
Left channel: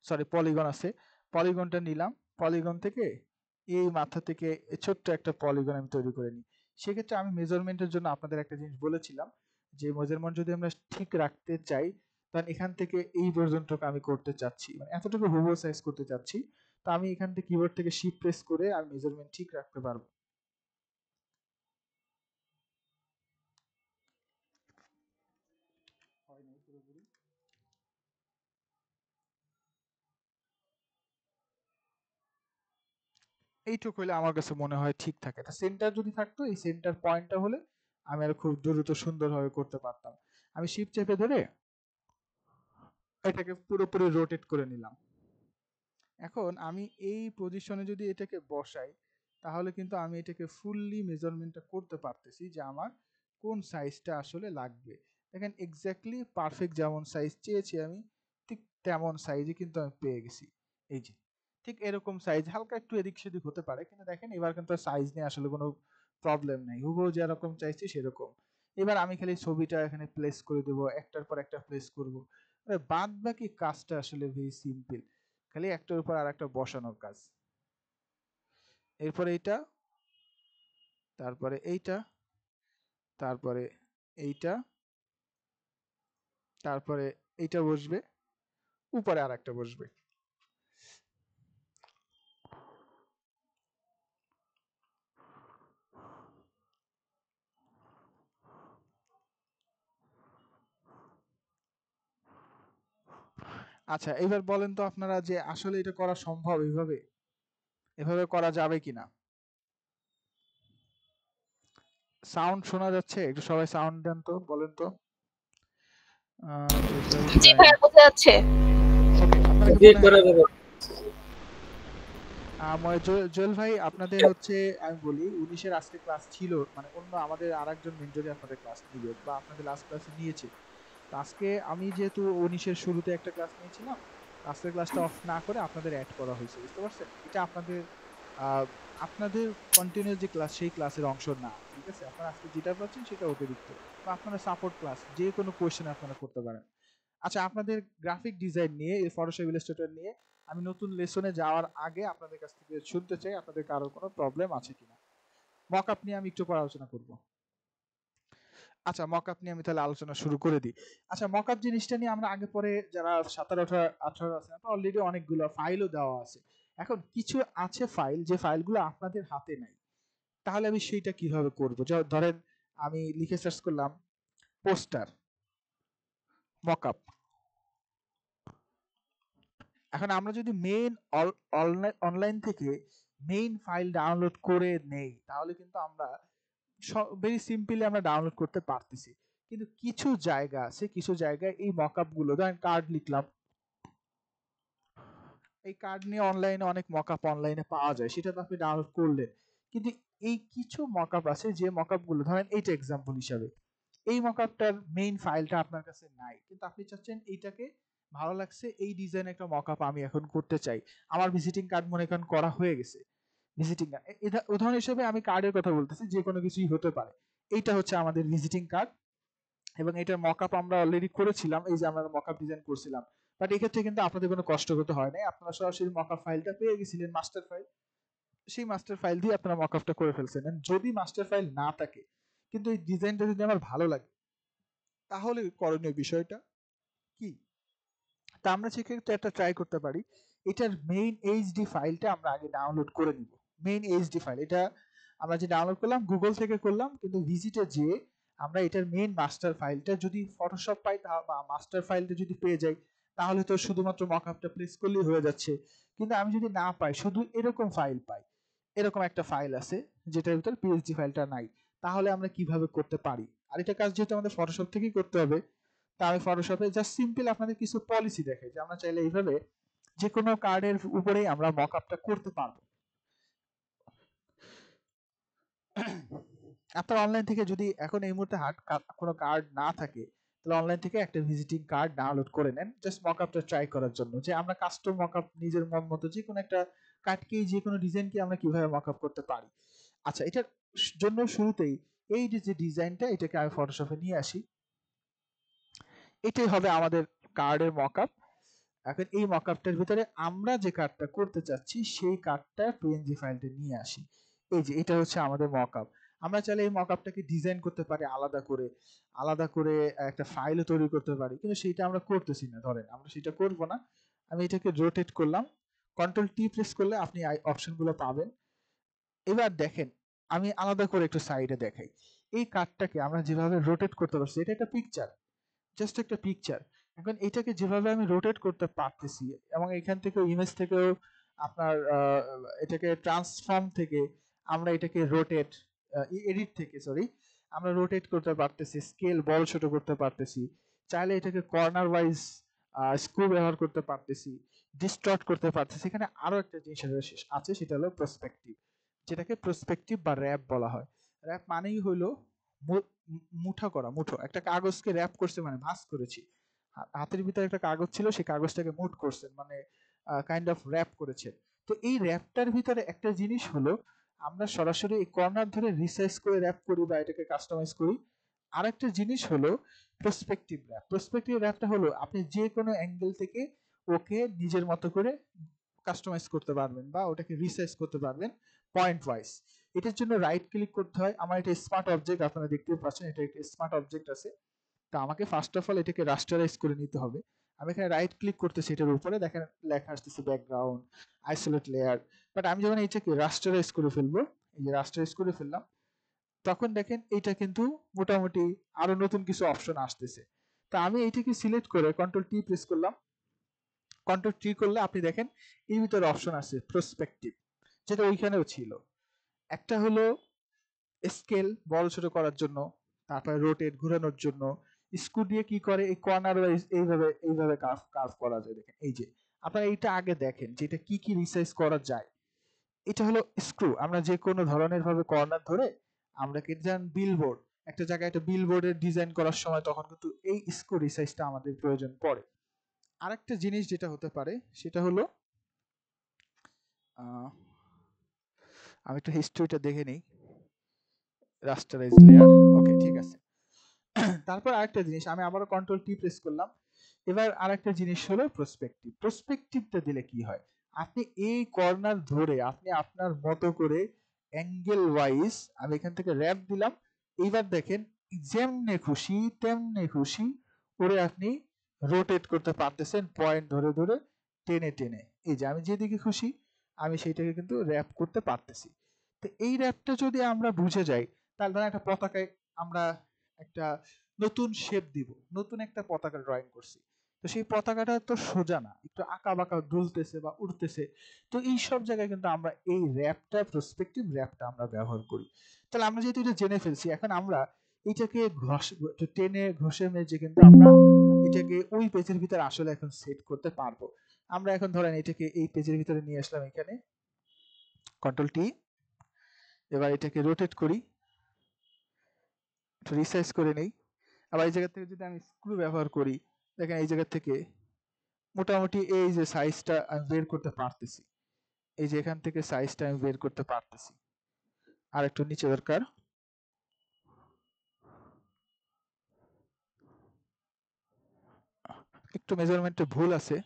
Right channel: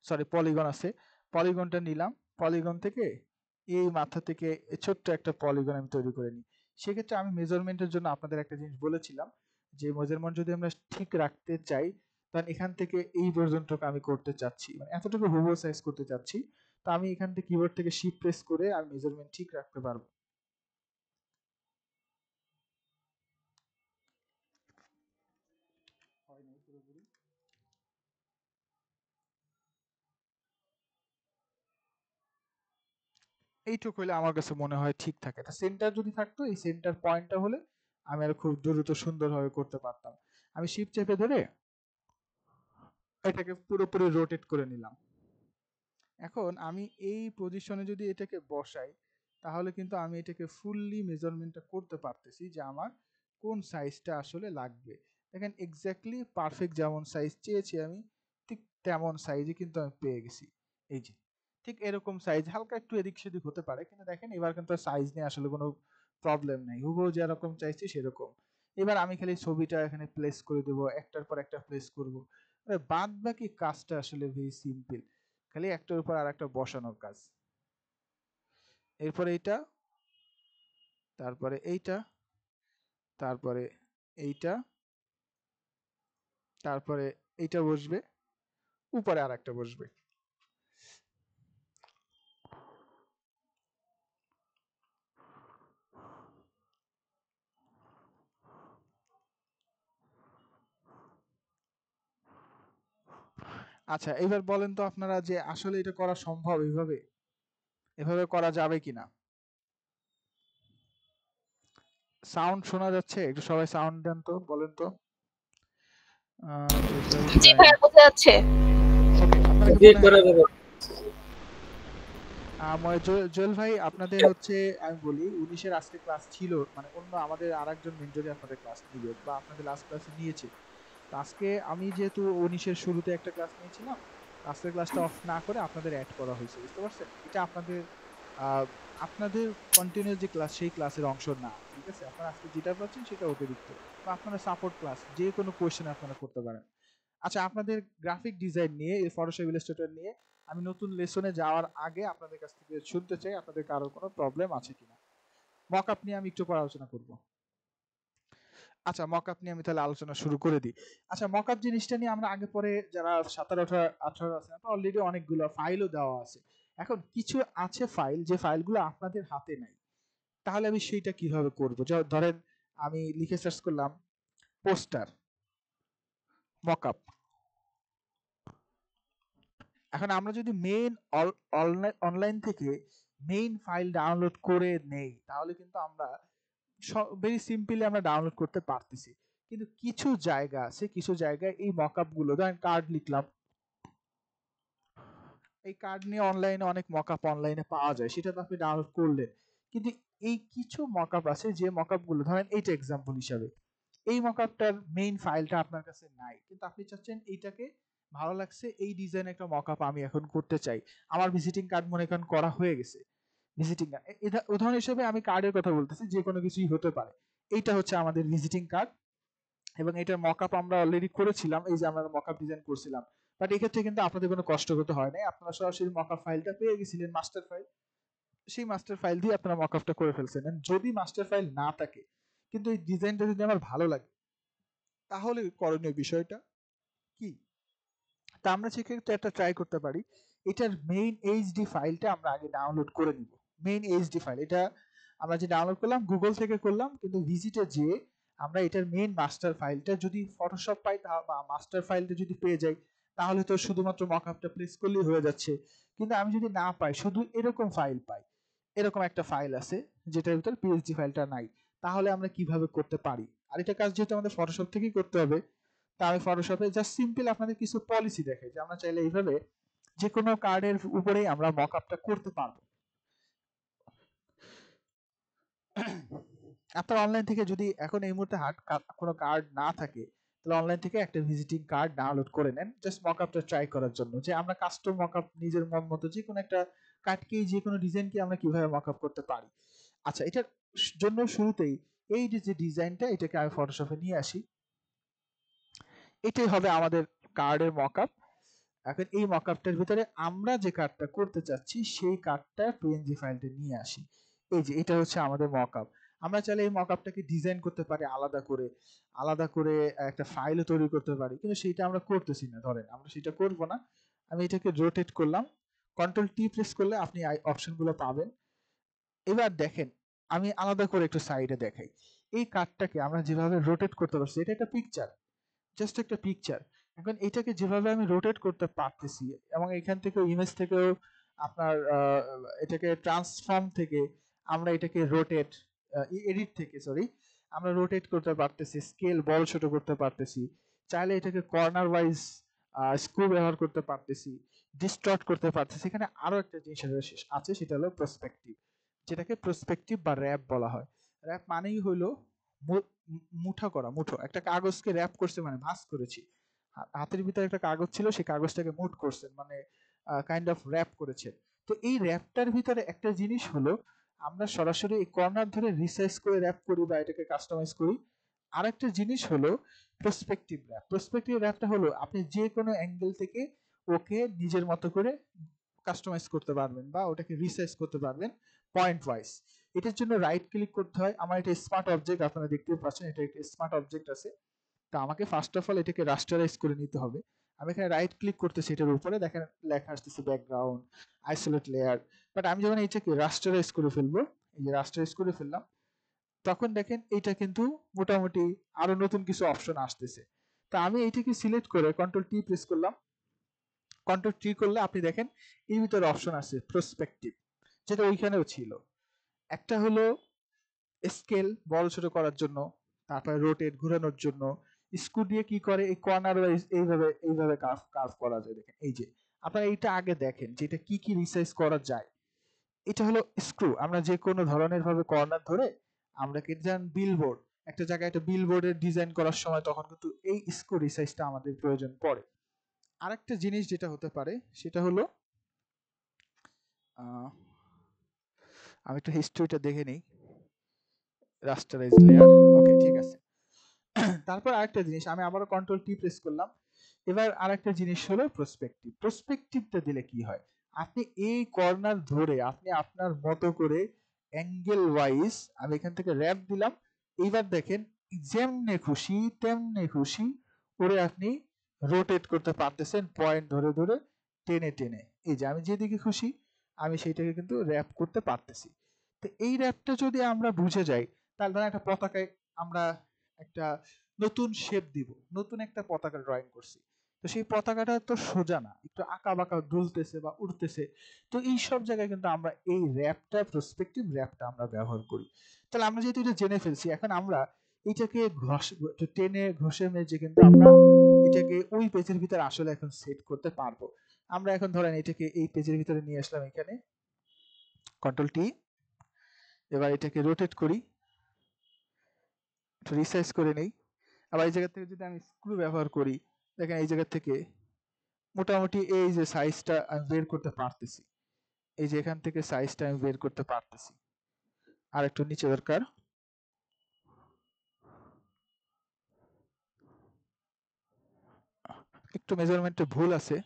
সরি পলিগন আছে, পলিগনটা নিলাম। পলিগন থেকে এই মাথা থেকে ছোট্ট একটা পলিগন আমি তৈরি করে নিই। সেক্ষেত্রে আমি মেজারমেন্টের জন্য আপনাদের একটা জিনিস বলেছিলাম যে মেজারমেন্ট যদি আমরা ঠিক রাখতে চাই কারণ এখান থেকে এই পর্যন্ত আমি করতে চাচ্ছি, মানে এতটুকু হুবহু সাইজ করতে চাচ্ছি। তো আমি এখান থেকে কিবোর্ড থেকে শিফট প্রেস করে আমি মেজারমেন্ট ঠিক রাখতে পারবো। এইটুকু হলে আমার কাছে মনে হয় ঠিক থাকে। তা সেন্টার যদি থাকতো, এই সেন্টার পয়েন্টটা হলে আমি আর খুব দ্রুত সুন্দরভাবে করতে পারতাম। আমি শিফট চেপে ধরে এটাকে পুরোপুরি রোটেট করে নিলাম। এখন আমি এই পজিশনে যদি এটাকে বসাই, তাহলে কিন্তু আমি এটাকে ফুললি মেজারমেন্টটা করতে পারতেছি যে আমার কোন সাইজটা আসলে লাগবে। দেখেন এক্স্যাক্টলি পারফেক্ট যেমন সাইজ চেয়েছি আমি, ঠিক তেমন সাইজই কিন্তু আমি পেয়ে গেছি। এই যে ঠিক এরকম সাইজ, হালকা একটু এদিক সেদিক হতে পারে, কিন্তু দেখেন এবার কিন্তু সাইজ নিয়ে আসলে কোনো প্রবলেম নেই, হুবহু যেরকম চাইছি সেরকম। এবার আমি খালি ছবিটা এখানে প্লেস করে দেবো, একটার পর একটা প্লেস করব। বাদ বাকি কাজটা আসলে ভেরি সিম্পল, খালি একটার উপর আর একটা বসানোর কাজ। এরপরে এইটা, তারপরে এইটা, তারপরে এইটা, তারপরে এইটা বসবে, উপরে আর একটা বসবে। আচ্ছা এবার বলেন তো আপনারা যে আসলে এটা করা সম্ভব এইভাবে, এভাবে করা যাবে কিনা? সাউন্ড শোনা যাচ্ছে? একটু সবাই সাউন্ড দেন তো, বলেন তো। জি ভাই বোঝা যাচ্ছে। ওকে, আপনারা কি মনে হয় জুয়েল ভাই আপনাদের হচ্ছে আমি বলি 19-এর আজকে ক্লাস ছিল, মানে অন্য আমাদের আরেকজন মেন্টরই আপনাদের ক্লাস নিবে বা আপনাদের লাস্ট ক্লাসে নিয়েছে। তো আজকে আমি যেহেতু 19-এর শুরুতে একটা ক্লাস নিয়েছিলাম, আজকের ক্লাসটা অফ না করে আপনাদের অ্যাড করা হয়েছে, বুঝতে পারছেন? এটা আপনাদের আপনাদের কন্টিনিউ যে ক্লাস সেই ক্লাসের অংশ না, ঠিক আছে? আপনারা আজকে যেটা পাচ্ছেন সেটা অতিরিক্ত, বা আপনারা সাপোর্ট ক্লাস যে কোনো কোয়েশ্চেন আপনারা করতে পারেন। আচ্ছা আপনাদের গ্রাফিক ডিজাইন নিয়ে, এই ফটোশপ ইলাস্ট্রেটর নিয়ে আমি নতুন লেসনে যাওয়ার আগে আপনাদের কাছ থেকে শুনতে চাই আপনাদের কারোর কোনো প্রবলেম আছে কিনা। মকআপ নিয়ে আমি একটু পরে আলোচনা করব। আচ্ছা মকআপ নিয়ে আমি তাহলে আলোচনা শুরু করে দিই। আচ্ছা মকআপ জিনিসটা নিয়ে আমরা আগে পরে যারা 17-18 আছে, অলরেডি অনেকগুলো ফাইলও দেওয়া আছে। এখন কিছু আছে ফাইল, যে ফাইলগুলো আপনাদের হাতে নাই, তাহলে আমি সেইটা কিভাবে করব? ধরেন আমি লিখে সার্চ করলাম পোস্টার মকআপ। এখন আমরা যদি মেইন অনলাইন থেকে মেইন ফাইল ডাউনলোড করে নেই, তাহলে কিন্তু আমরা ভেরি সিম্পলি আমরা ডাউনলোড করতে পারতেছি। কিন্তু কিছু জায়গা আছে, কিছু জায়গায় এই মকআপ গুলো, ধরেন কার্ড লিখলাম, এই কার্ড নিয়ে অনলাইনে অনেক মকআপ অনলাইনে পাওয়া যায়, সেটা তো আপনি ডাউনলোড করলেন। কিন্তু এই কিছু মকআপ আছে যে মকআপ গুলো, ধরেন এইটা এক্সাম্পল হিসাবে, এই মকআপটার মেইন ফাইলটা আপনার কাছে নাই, কিন্তু আপনি চাচ্ছেন এইটাকে, ভালো লাগছে এই ডিজাইন একটা মকআপ আমি এখন করতে চাই। আমার ভিজিটিং কার্ড মনে করেন করা হয়ে গেছে, ভিজিটিং কার্ড উদাহরণ হিসেবে আমি কার্ডের কথা বলতেছি, যে কোনো কিছুই হতে পারে। এইটা হচ্ছে আমাদের ভিজিটিং কার্ড, এবং এটার মকআপ আমরা অলরেডি করেছিলাম, এই যে আমরা মকআপ ডিজাইন করছিলাম। বাট এক্ষেত্রে কিন্তু আপনাদের কোনো কষ্ট করতে হয় নাই, আপনারা সরাসরি মকআপ ফাইলটা পেয়ে গেছিলেন, মাস্টার ফাইল, সেই মাস্টার ফাইল দিয়ে আপনারা মকআপটা করে ফেলছেন। যদি মাস্টার ফাইল না থাকে, কিন্তু এই ডিজাইনটা যদি আমার ভালো লাগে, তাহলে করণীয় বিষয়টা কি? তা আমরা সেক্ষেত্রে একটা ট্রাই করতে পারি, এটার মেইন এইচডি ফাইলটা আমরা আগে ডাউনলোড করে নিব। মেইন এইচডি ফাইল এটা আমরা যে ডাউনলোড করলাম গুগল থেকে করলাম, কিন্তু ভিজিটে যে আমরা এটার মেইন মাস্টার ফাইলটা যদি ফটোশপ পাই, বা মাস্টার ফাইলটা যদি পেয়ে যাই, তাহলে তো শুধুমাত্র মকআপটা প্লেস করলেই হয়ে যাচ্ছে। কিন্তু আমি যদি না পাই, শুধু এরকম ফাইল পাই, এরকম একটা ফাইল আছে যেটার ভিতর পিএইচডি ফাইলটা নাই, তাহলে আমরা কিভাবে করতে পারি? আর এটা কাজ যেহেতু আমাদের ফটোশপ থেকেই করতে হবে, তা আমি ফটোশপে জাস্ট সিম্পল আপনাদের কিছু পলিসি দেখাই, যে আমরা চাইলে এইভাবে যে কোনো কার্ডের উপরেই আমরা মকআপটা করতে পারবো। আপনার অনলাইন থেকে যদি এখন এই মুহূর্তে কোনো কার্ড না থাকে, তাহলে অনলাইন থেকে একটা ভিজিটিং কার্ড ডাউনলোড করে নেন, জাস্ট মকআপটা ট্রাই করার জন্য, যে আমরা কাস্টম মকআপ নিজের মন মতো যে কোনো একটা কার্ডকে, যে কোনো ডিজাইনকে আমরা কিভাবে মকআপ করতে পারি। আচ্ছা এটার জন্য শুরুতেই এই যে ডিজাইনটা, এটাকে আমি ফটোশপে নিয়ে আসি, এটাই হবে আমাদের কার্ডের মকআপ। এখন এই মকআপটার ভিতরে আমরা যে কার্ডটা করতে চাচ্ছি সেই কার্ডটা পিএনজি ফাইলটা নিয়ে আসি। এই যে এটা হচ্ছে আমাদের মকআপ। আমরা চাইলে এই মকআপটাকে ডিজাইন করতে পারি আলাদা করে একটা ফাইলও তৈরি করতে পারি, কিন্তু সেটা আমরা করতেছি না। ধরেন আমরা সেটা করব না, আমি এটাকে রোটেট করলাম, কন্ট্রোল টি প্রেস করলে আপনি অপশনগুলো পাবেন। এবার দেখেন আমি আলাদা করে একটু সাইডে দেখাই, এই কার্ডটাকে আমরা যেভাবে রোটেট করতে পারছি, এটা একটা পিকচার, জাস্ট একটা পিকচার। এখন এটাকে যেভাবে আমি রোটেট করতে পারতেছি, এবং এখান থেকেও ইমেজ থেকেও আপনার এটাকে ট্রান্সফর্ম থেকে আমরা এটাকে রোটেট, এডিট থেকে সরি, আমরা রোটেট করতে পারতেছি, স্কেল বড় ছোট করতে পারতেছি, চাইলে এটাকে কর্নার ওয়াইজ স্ক্রু ব্যবহার করতে পারতেছি, ডিস্টর্ট করতে পারতেছি। এখানে আরো একটা জিনিস আছে, সেটা হলো প্রসপেক্টিভ, যেটাকে প্রসপেক্টিভ বা র্যাপ বলা হয়। র্যাপ মানেই হলো মুঠো করা, মুঠো একটা কাগজকে র্যাপ করছে মানে ভাঁজ করেছি, হাতের ভিতরে একটা কাগজ ছিল, সেই কাগজটাকে মুঠ করছেন মানে কাইন্ড অফ র্যাপ করেছেন। তো এই র্যাপটার ভিতরে একটা জিনিস হলো আমরা সরাসরি এই কর্নার ধরে রিসাইজ করে র্যাপ করি বা এটাকে কাস্টমাইজ করি। আরেকটা জিনিস হলো প্রসপেক্টিভ র্যাপ। প্রসপেক্টিভ র্যাপটা হলো আপনি যে কোনো অ্যাঙ্গেল থেকে ওকে নিজের মতো করে কাস্টমাইজ করতে পারবেন বা ওটাকে রিসাইজ করতে পারবেন পয়েন্ট ওয়াইজ। এটার জন্য রাইট ক্লিক করতে হয়। আমার এটা স্মার্ট অবজেক্ট, আপনারা দেখতে পাচ্ছেন এটা একটা স্মার্ট অবজেক্ট আছে। তো আমাকে ফার্স্ট অফ অল এটাকে রাস্টারাইজ করে নিতে হবে। আমি এখানে রাইট ক্লিক করতেছি, এটার উপরে দেখেন লেখা আসতেছে ব্যাকগ্রাউন্ড, আইসোলেট লেয়ার। বাট আমি যখন এটাকে রাস্টারাইজ করে ফেলবো, এই যে রাস্টারাইজ করে ফেললাম, তখন দেখেন এটা কিন্তু মোটামুটি আরো নতুন কিছু অপশন আসতেছে। তো আমি এইটাকে সিলেক্ট করে কন্ট্রোল টি প্রেস করলাম, কন্ট্রোল টি করলে আপনি দেখেন এর ভিতরে অপশন আছে প্রসপেক্টিভ, যেটা ওইখানেও ছিল। একটা হলো স্কেল বড় ছোট করার জন্য, তারপরে রোটেট ঘোরানোর জন্য, স্ক্রু দিয়ে কি করে এই কর্নার ওয়াইজ এইভাবে কার্ভ করা যায়। দেখেন এই যে আপনারা এইটা আগে দেখেন যে এটা কি রিসাইজ করা যায়। এটা হলো স্ক্রু, আমরা যে কোনো ধরনের ভাবে কর্নার ধরে আমরা কিন্তু যেমন বিলবোর্ড, একটা জায়গায় একটা বিলবোর্ডের ডিজাইন করার সময় তখন কিন্তু এই স্ক্রু রিসাইজটা আমাদের প্রয়োজন পড়ে। আরেকটা জিনিস যেটা হতে পারে সেটা হলো আমি একটু হিস্ট্রিটা দেখে নিই, রাস্টারাইজ লেয়ার, ওকে ঠিক আছে। তারপর আরেকটা জিনিস, আমি আবারও কন্ট্রোল টি প্রেস করলাম। এবার আরেকটা জিনিস হলো প্রসপেক্টিভ। প্রসপেক্টিভটা দিলে কি হয়, আপনি এই কর্নার ধরে আপনি আপনার মতো করে অ্যাঙ্গেল ওয়াইজ, আমি এখান থেকে র্যাপ দিলাম, এইবার দেখেন যেমনে খুশি তেমনে খুশি করে আপনি রোটেট করতে পারতেছেন, পয়েন্ট ধরে ধরে টেনে টেনে। এই যে আমি যেদিকে খুশি আমি সেইটাকে কিন্তু র্যাপ করতে পারতেছি। তো এই র্যাপটা যদি আমরা বুঝে যাই, তাহলে ধরেন একটা পতাকায় আমরা একটা নতুন শেপ দিব, নতুন একটা পতাকা ড্রয়িং করছি, তো সেই পতাকাটা তো সোজা না, একটু আঁকা বাঁকা দুলতেছে বা উড়তেছে। তো এই সব জায়গায় কিন্তু আমরা এই র্যাপটা, প্রসপেক্টিভ র্যাপটা আমরা ব্যবহার করি। তাহলে আমরা যেহেতু এটা জেনে ফেলছি, এখন আমরা এটাকে টেনে ঘষে মেজে কিন্তু আমরা এটাকে ওই পেজের ভিতরে আসলে এখন সেট করতে পারবো। আমরা এখন ধরেন এটাকে এই পেজের ভিতরে নিয়ে আসলাম, এখানে কন্ট্রোল টি, এবার এটাকে রোটেট করি, রিসাইজ করে নেই। আবার এই জায়গা থেকে যদি আমি স্ক্রু ব্যবহার করি, দেখেন এই জায়গা থেকে মোটামুটি এই যে সাইজটা আমি বের করতে পারতেছি, এই যে এখান থেকে সাইজটা আমি বের করতে পারতেছি। আর একটু নিচে দরকার, একটু মেজারমেন্টে ভুল আছে।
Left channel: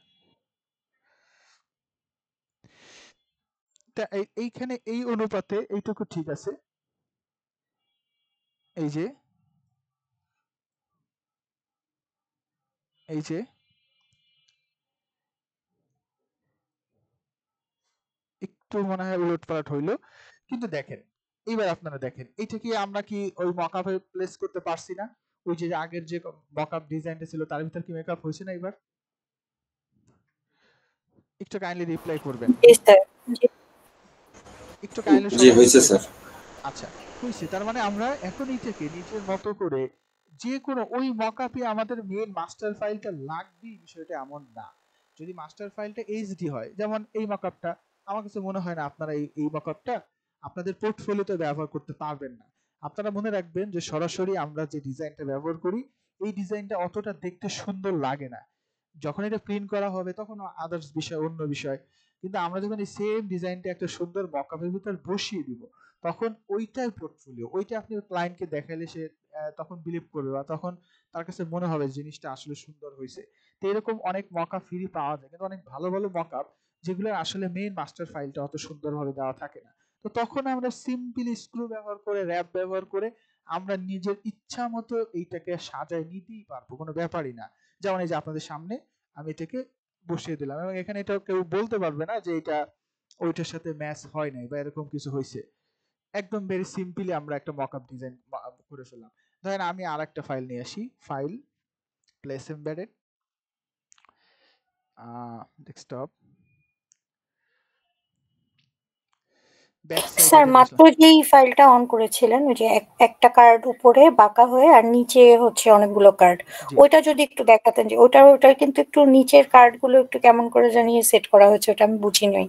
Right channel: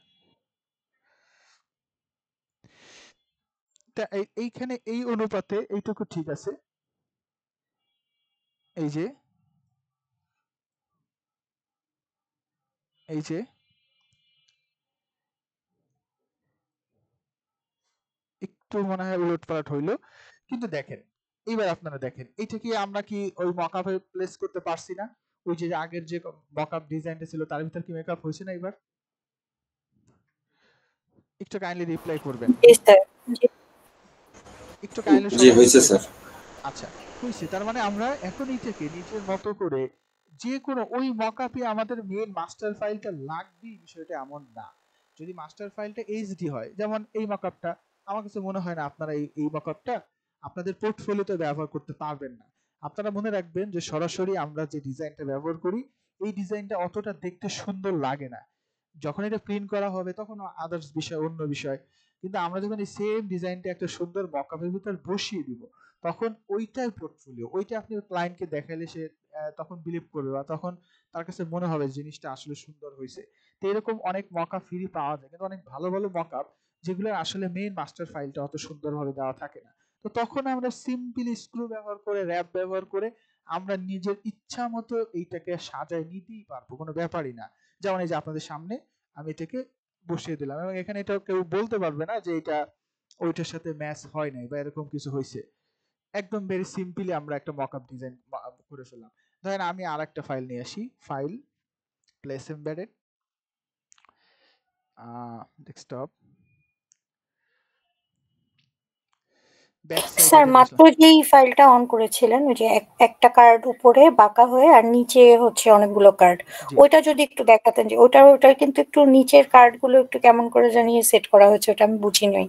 তা এইখানে এই অনুপাতে এইটুকু ঠিক আছে। এই যে এই যে একটু মনে হয় উলটপালট হইলো, কিন্তু দেখেন এবার আপনারা দেখেন এটা কি আমরা কি ওই মকআপে প্লেস করতে পারছি না? ওই যে আগের যে মকআপ ডিজাইনটা ছিল তার ভিতর কি মেকআপ হয়েছে না? এবার একটু কাইন্ডলি রিপ্লাই করবেন, একটু কাইন্ডলি জি হয়েছে স্যার। আচ্ছা হয়েছে। তার মানে আমরা এখন এইটাকে নিজের মতো করে যে কোনো ওই মকআপে আমাদের মেইন মাস্টার ফাইলটা লাগবে বিষয়টা এমন না। যদি মাস্টার ফাইলটা এইচডি হয়, যেমন এই মকআপটা, আমার কাছে মনে হয় না আপনারা এই মকআপটা আপনাদের পোর্টফোলিওতে ব্যবহার করতে পারবেন না। আপনারা মনে রাখবেন যে সরাসরি আমরা যে ডিজাইনটা ব্যবহার করি এই ডিজাইনটা অতটা দেখতে সুন্দর লাগে না, যখন এটা প্রিন্ট করা হবে তখন আদার্স বিষয়, অন্য বিষয়। কিন্তু আমরা যখন এই সেম ডিজাইনটা একটা সুন্দর মকআপের ভিতর বসিয়ে দিব, তখন ওইটাই পোর্টফোলিও, ওইটা আপনি ক্লায়েন্টকে দেখাইলে সে তখন বিলিভ করবে বা তখন তার কাছে মনে হবে জিনিসটা আসলে সুন্দর হয়েছে। তো এরকম অনেক মকআপ ফ্রি পাওয়া যায়, কিন্তু অনেক ভালো ভালো মকআপ যেগুলো আসলে মেইন মাস্টার ফাইলটা অত সুন্দরভাবে দেওয়া থাকে না। তো তখন আমরা সিম্পলি স্ক্রু ব্যবহার করে, র্যাপ ব্যবহার করে আমরা নিজের ইচ্ছা মতো এইটাকে সাজায় নিতেই পারবো, কোনো ব্যাপারই না। যেমন এই যে আপনাদের সামনে আমি এটাকে বসিয়ে দিলাম, এবং এখানে এটা কেউ বলতে পারবে না যে এটা ওইটার সাথে ম্যাচ হয় নাই বা এরকম কিছু হয়েছে। একদম ভেরি সিম্পলি আমরা একটা মকআপ ডিজাইন করে ফেললাম। ধরেন আমি আর একটা ফাইল নিয়ে আসি, file, place embedded, desktop, back sir সাইডে মাত্র যেই ফাইলটা অন করেছিলেন ওই যে একটা কার্ড উপরে বাঁকা হয়ে আর নিচে হচ্ছে অনেকগুলো কার্ড, ওইটা যদি একটু দেখাতেন যে ওটা কিন্তু একটু নিচের কার্ড গুলো একটু কেমন করে জানিয়ে সেট করা হয়েছে, ওটা আমি বুঝি নাই,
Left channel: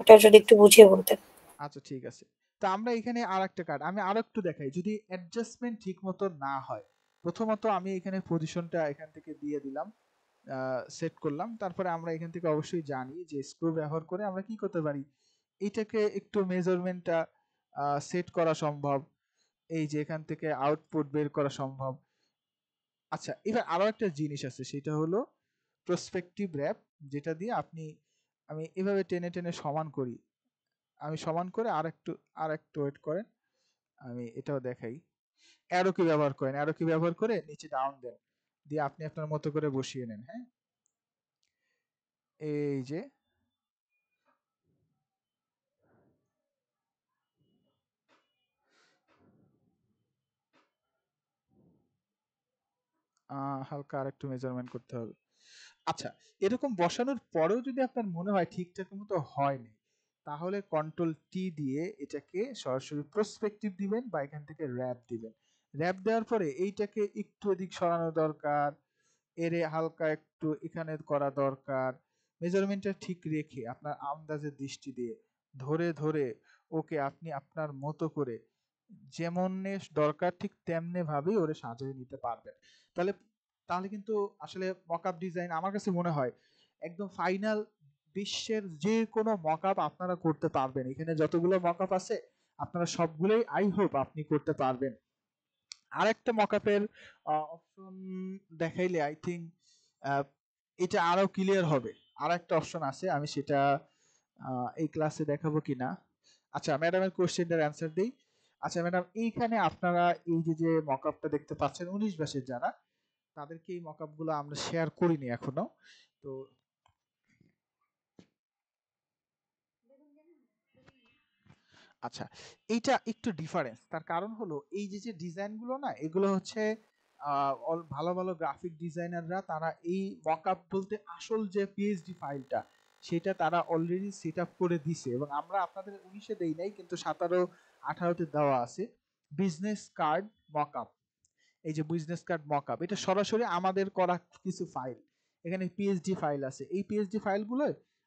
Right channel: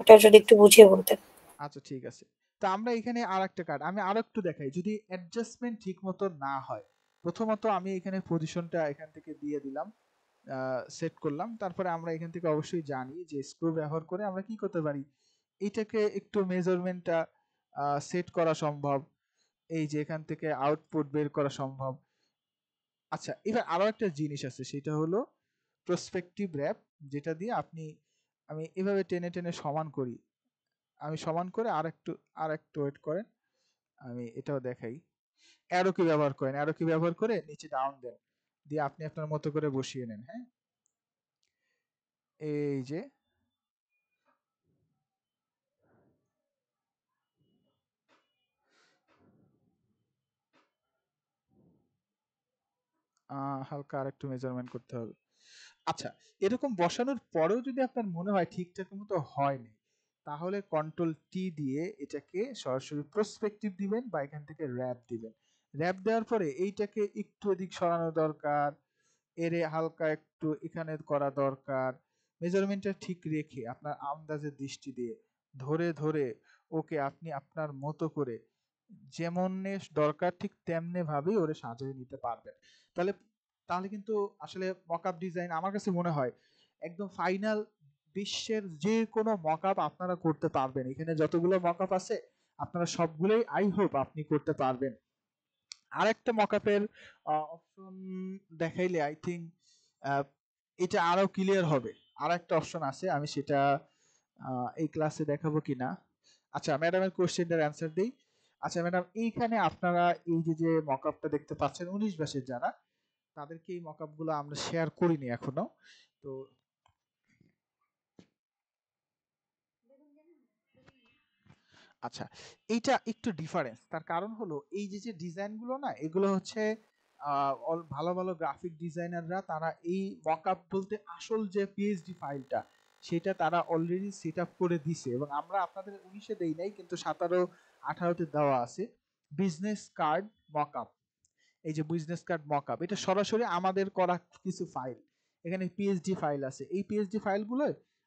ওটা যদি একটু বুঝিয়ে বলতেন। আচ্ছা ঠিক আছে। তো আমরা এখানে আর একটা কার্ড আমি আরো একটু দেখাই, যদি অ্যাডজাস্টমেন্ট ঠিক মতো না হয়। প্রথমত আমি এখানে পজিশনটা এখান থেকে দিয়ে দিলাম, সেট করলাম। তারপরে আমরা এখান থেকে অবশ্যই জানি যে স্ক্রু ব্যবহার করে আমরা কি করতে পারি, এটাকে একটু মেজারমেন্টটা সেট করা সম্ভব, এই যে এখান থেকে আউটপুট বের করা সম্ভব। আচ্ছা, এবার আরো একটা জিনিস আছে, সেটা হলো প্রসপেক্টিভ র্যাপ, যেটা দিয়ে আমি এভাবে টেনে টেনে সমান করি, আমি সমান করে আর একটু ওয়েট করেন, আমি এটাও দেখাই। অ্যারো কি ব্যবহার করেন, অ্যারো কি ব্যবহার করে নিচে ডাউন দেন, দিয়ে আপনি আপনার মতো করে বসিয়ে নেন। হ্যাঁ, এই যে হালকা আর একটু মেজারমেন্ট করতে হবে। আচ্ছা, এরকম বসানোর পরেও যদি আপনার মনে হয় ঠিকঠাক মতো হয়নি, তাহলে কন্ট্রোল টি দিয়ে এটাকে সরাসরি প্রসপেক্টিভ দিবেন বা এখান থেকে র্যাপ দিবেন। র্যাপ দেওয়ার পরে এইটাকে একটু এদিক সরানো দরকার, এরে হালকা একটু এখানে করা দরকার। মেজারমেন্টটা ঠিক রেখে আপনার আন্দাজের দৃষ্টি দিয়ে ধরে ধরে ওকে আপনি আপনার মতো করে যেমন দরকার ঠিক তেমনি ভাবেই ওরে সাজিয়ে নিতে পারবেন। তাহলে তাহলে কিন্তু আসলে মকআপ ডিজাইন আমার কাছে মনে হয় একদম ফাইনাল, বিশ্বের যে কোনো মকআপ আপনারা করতে পারবেন। এখানে যতগুলো মকআপ আছে আপনারা সবগুলোই আই হোপ আপনি করতে পারবেন। আরেকটা মকআপের অপশন দেখাইলে আই থিঙ্ক এটা আরো ক্লিয়ার হবে। আর একটা অপশন আছে, আমি সেটা এই ক্লাসে দেখাবো কিনা। আচ্ছা, ম্যাডামের কোশ্চেনটার অ্যান্সার দিই। আচ্ছা ম্যাডাম, এইখানে আপনারা এই যে মকআপটা দেখতে পাচ্ছেন 19 ব্যাচের যারা, তাদেরকে এই মকআপগুলো আমরা শেয়ার করিনি এখনো। তো আচ্ছা, এইটা একটু ডিফারেন্স, তার কারণ হলো এই যে ডিজাইনগুলো না, এগুলো হচ্ছে ভালো ভালো গ্রাফিক ডিজাইনাররা তারা এই মকআপ বলতে আসল যে পিএইচডি ফাইলটা সেটা তারা অলরেডি সেট আপ করে দিছে, এবং আমরা আপনাদের 19-এ দেই নাই, কিন্তু 17-18-তে দেওয়া আছে বিজনেস কার্ড মকআপ। এই যে বিজনেস কার্ড মকআপ, এটা সরাসরি আমাদের করা কিছু ফাইল, এখানে পিএইচডি ফাইল আছে। এই পিএইচডি ফাইলগুলো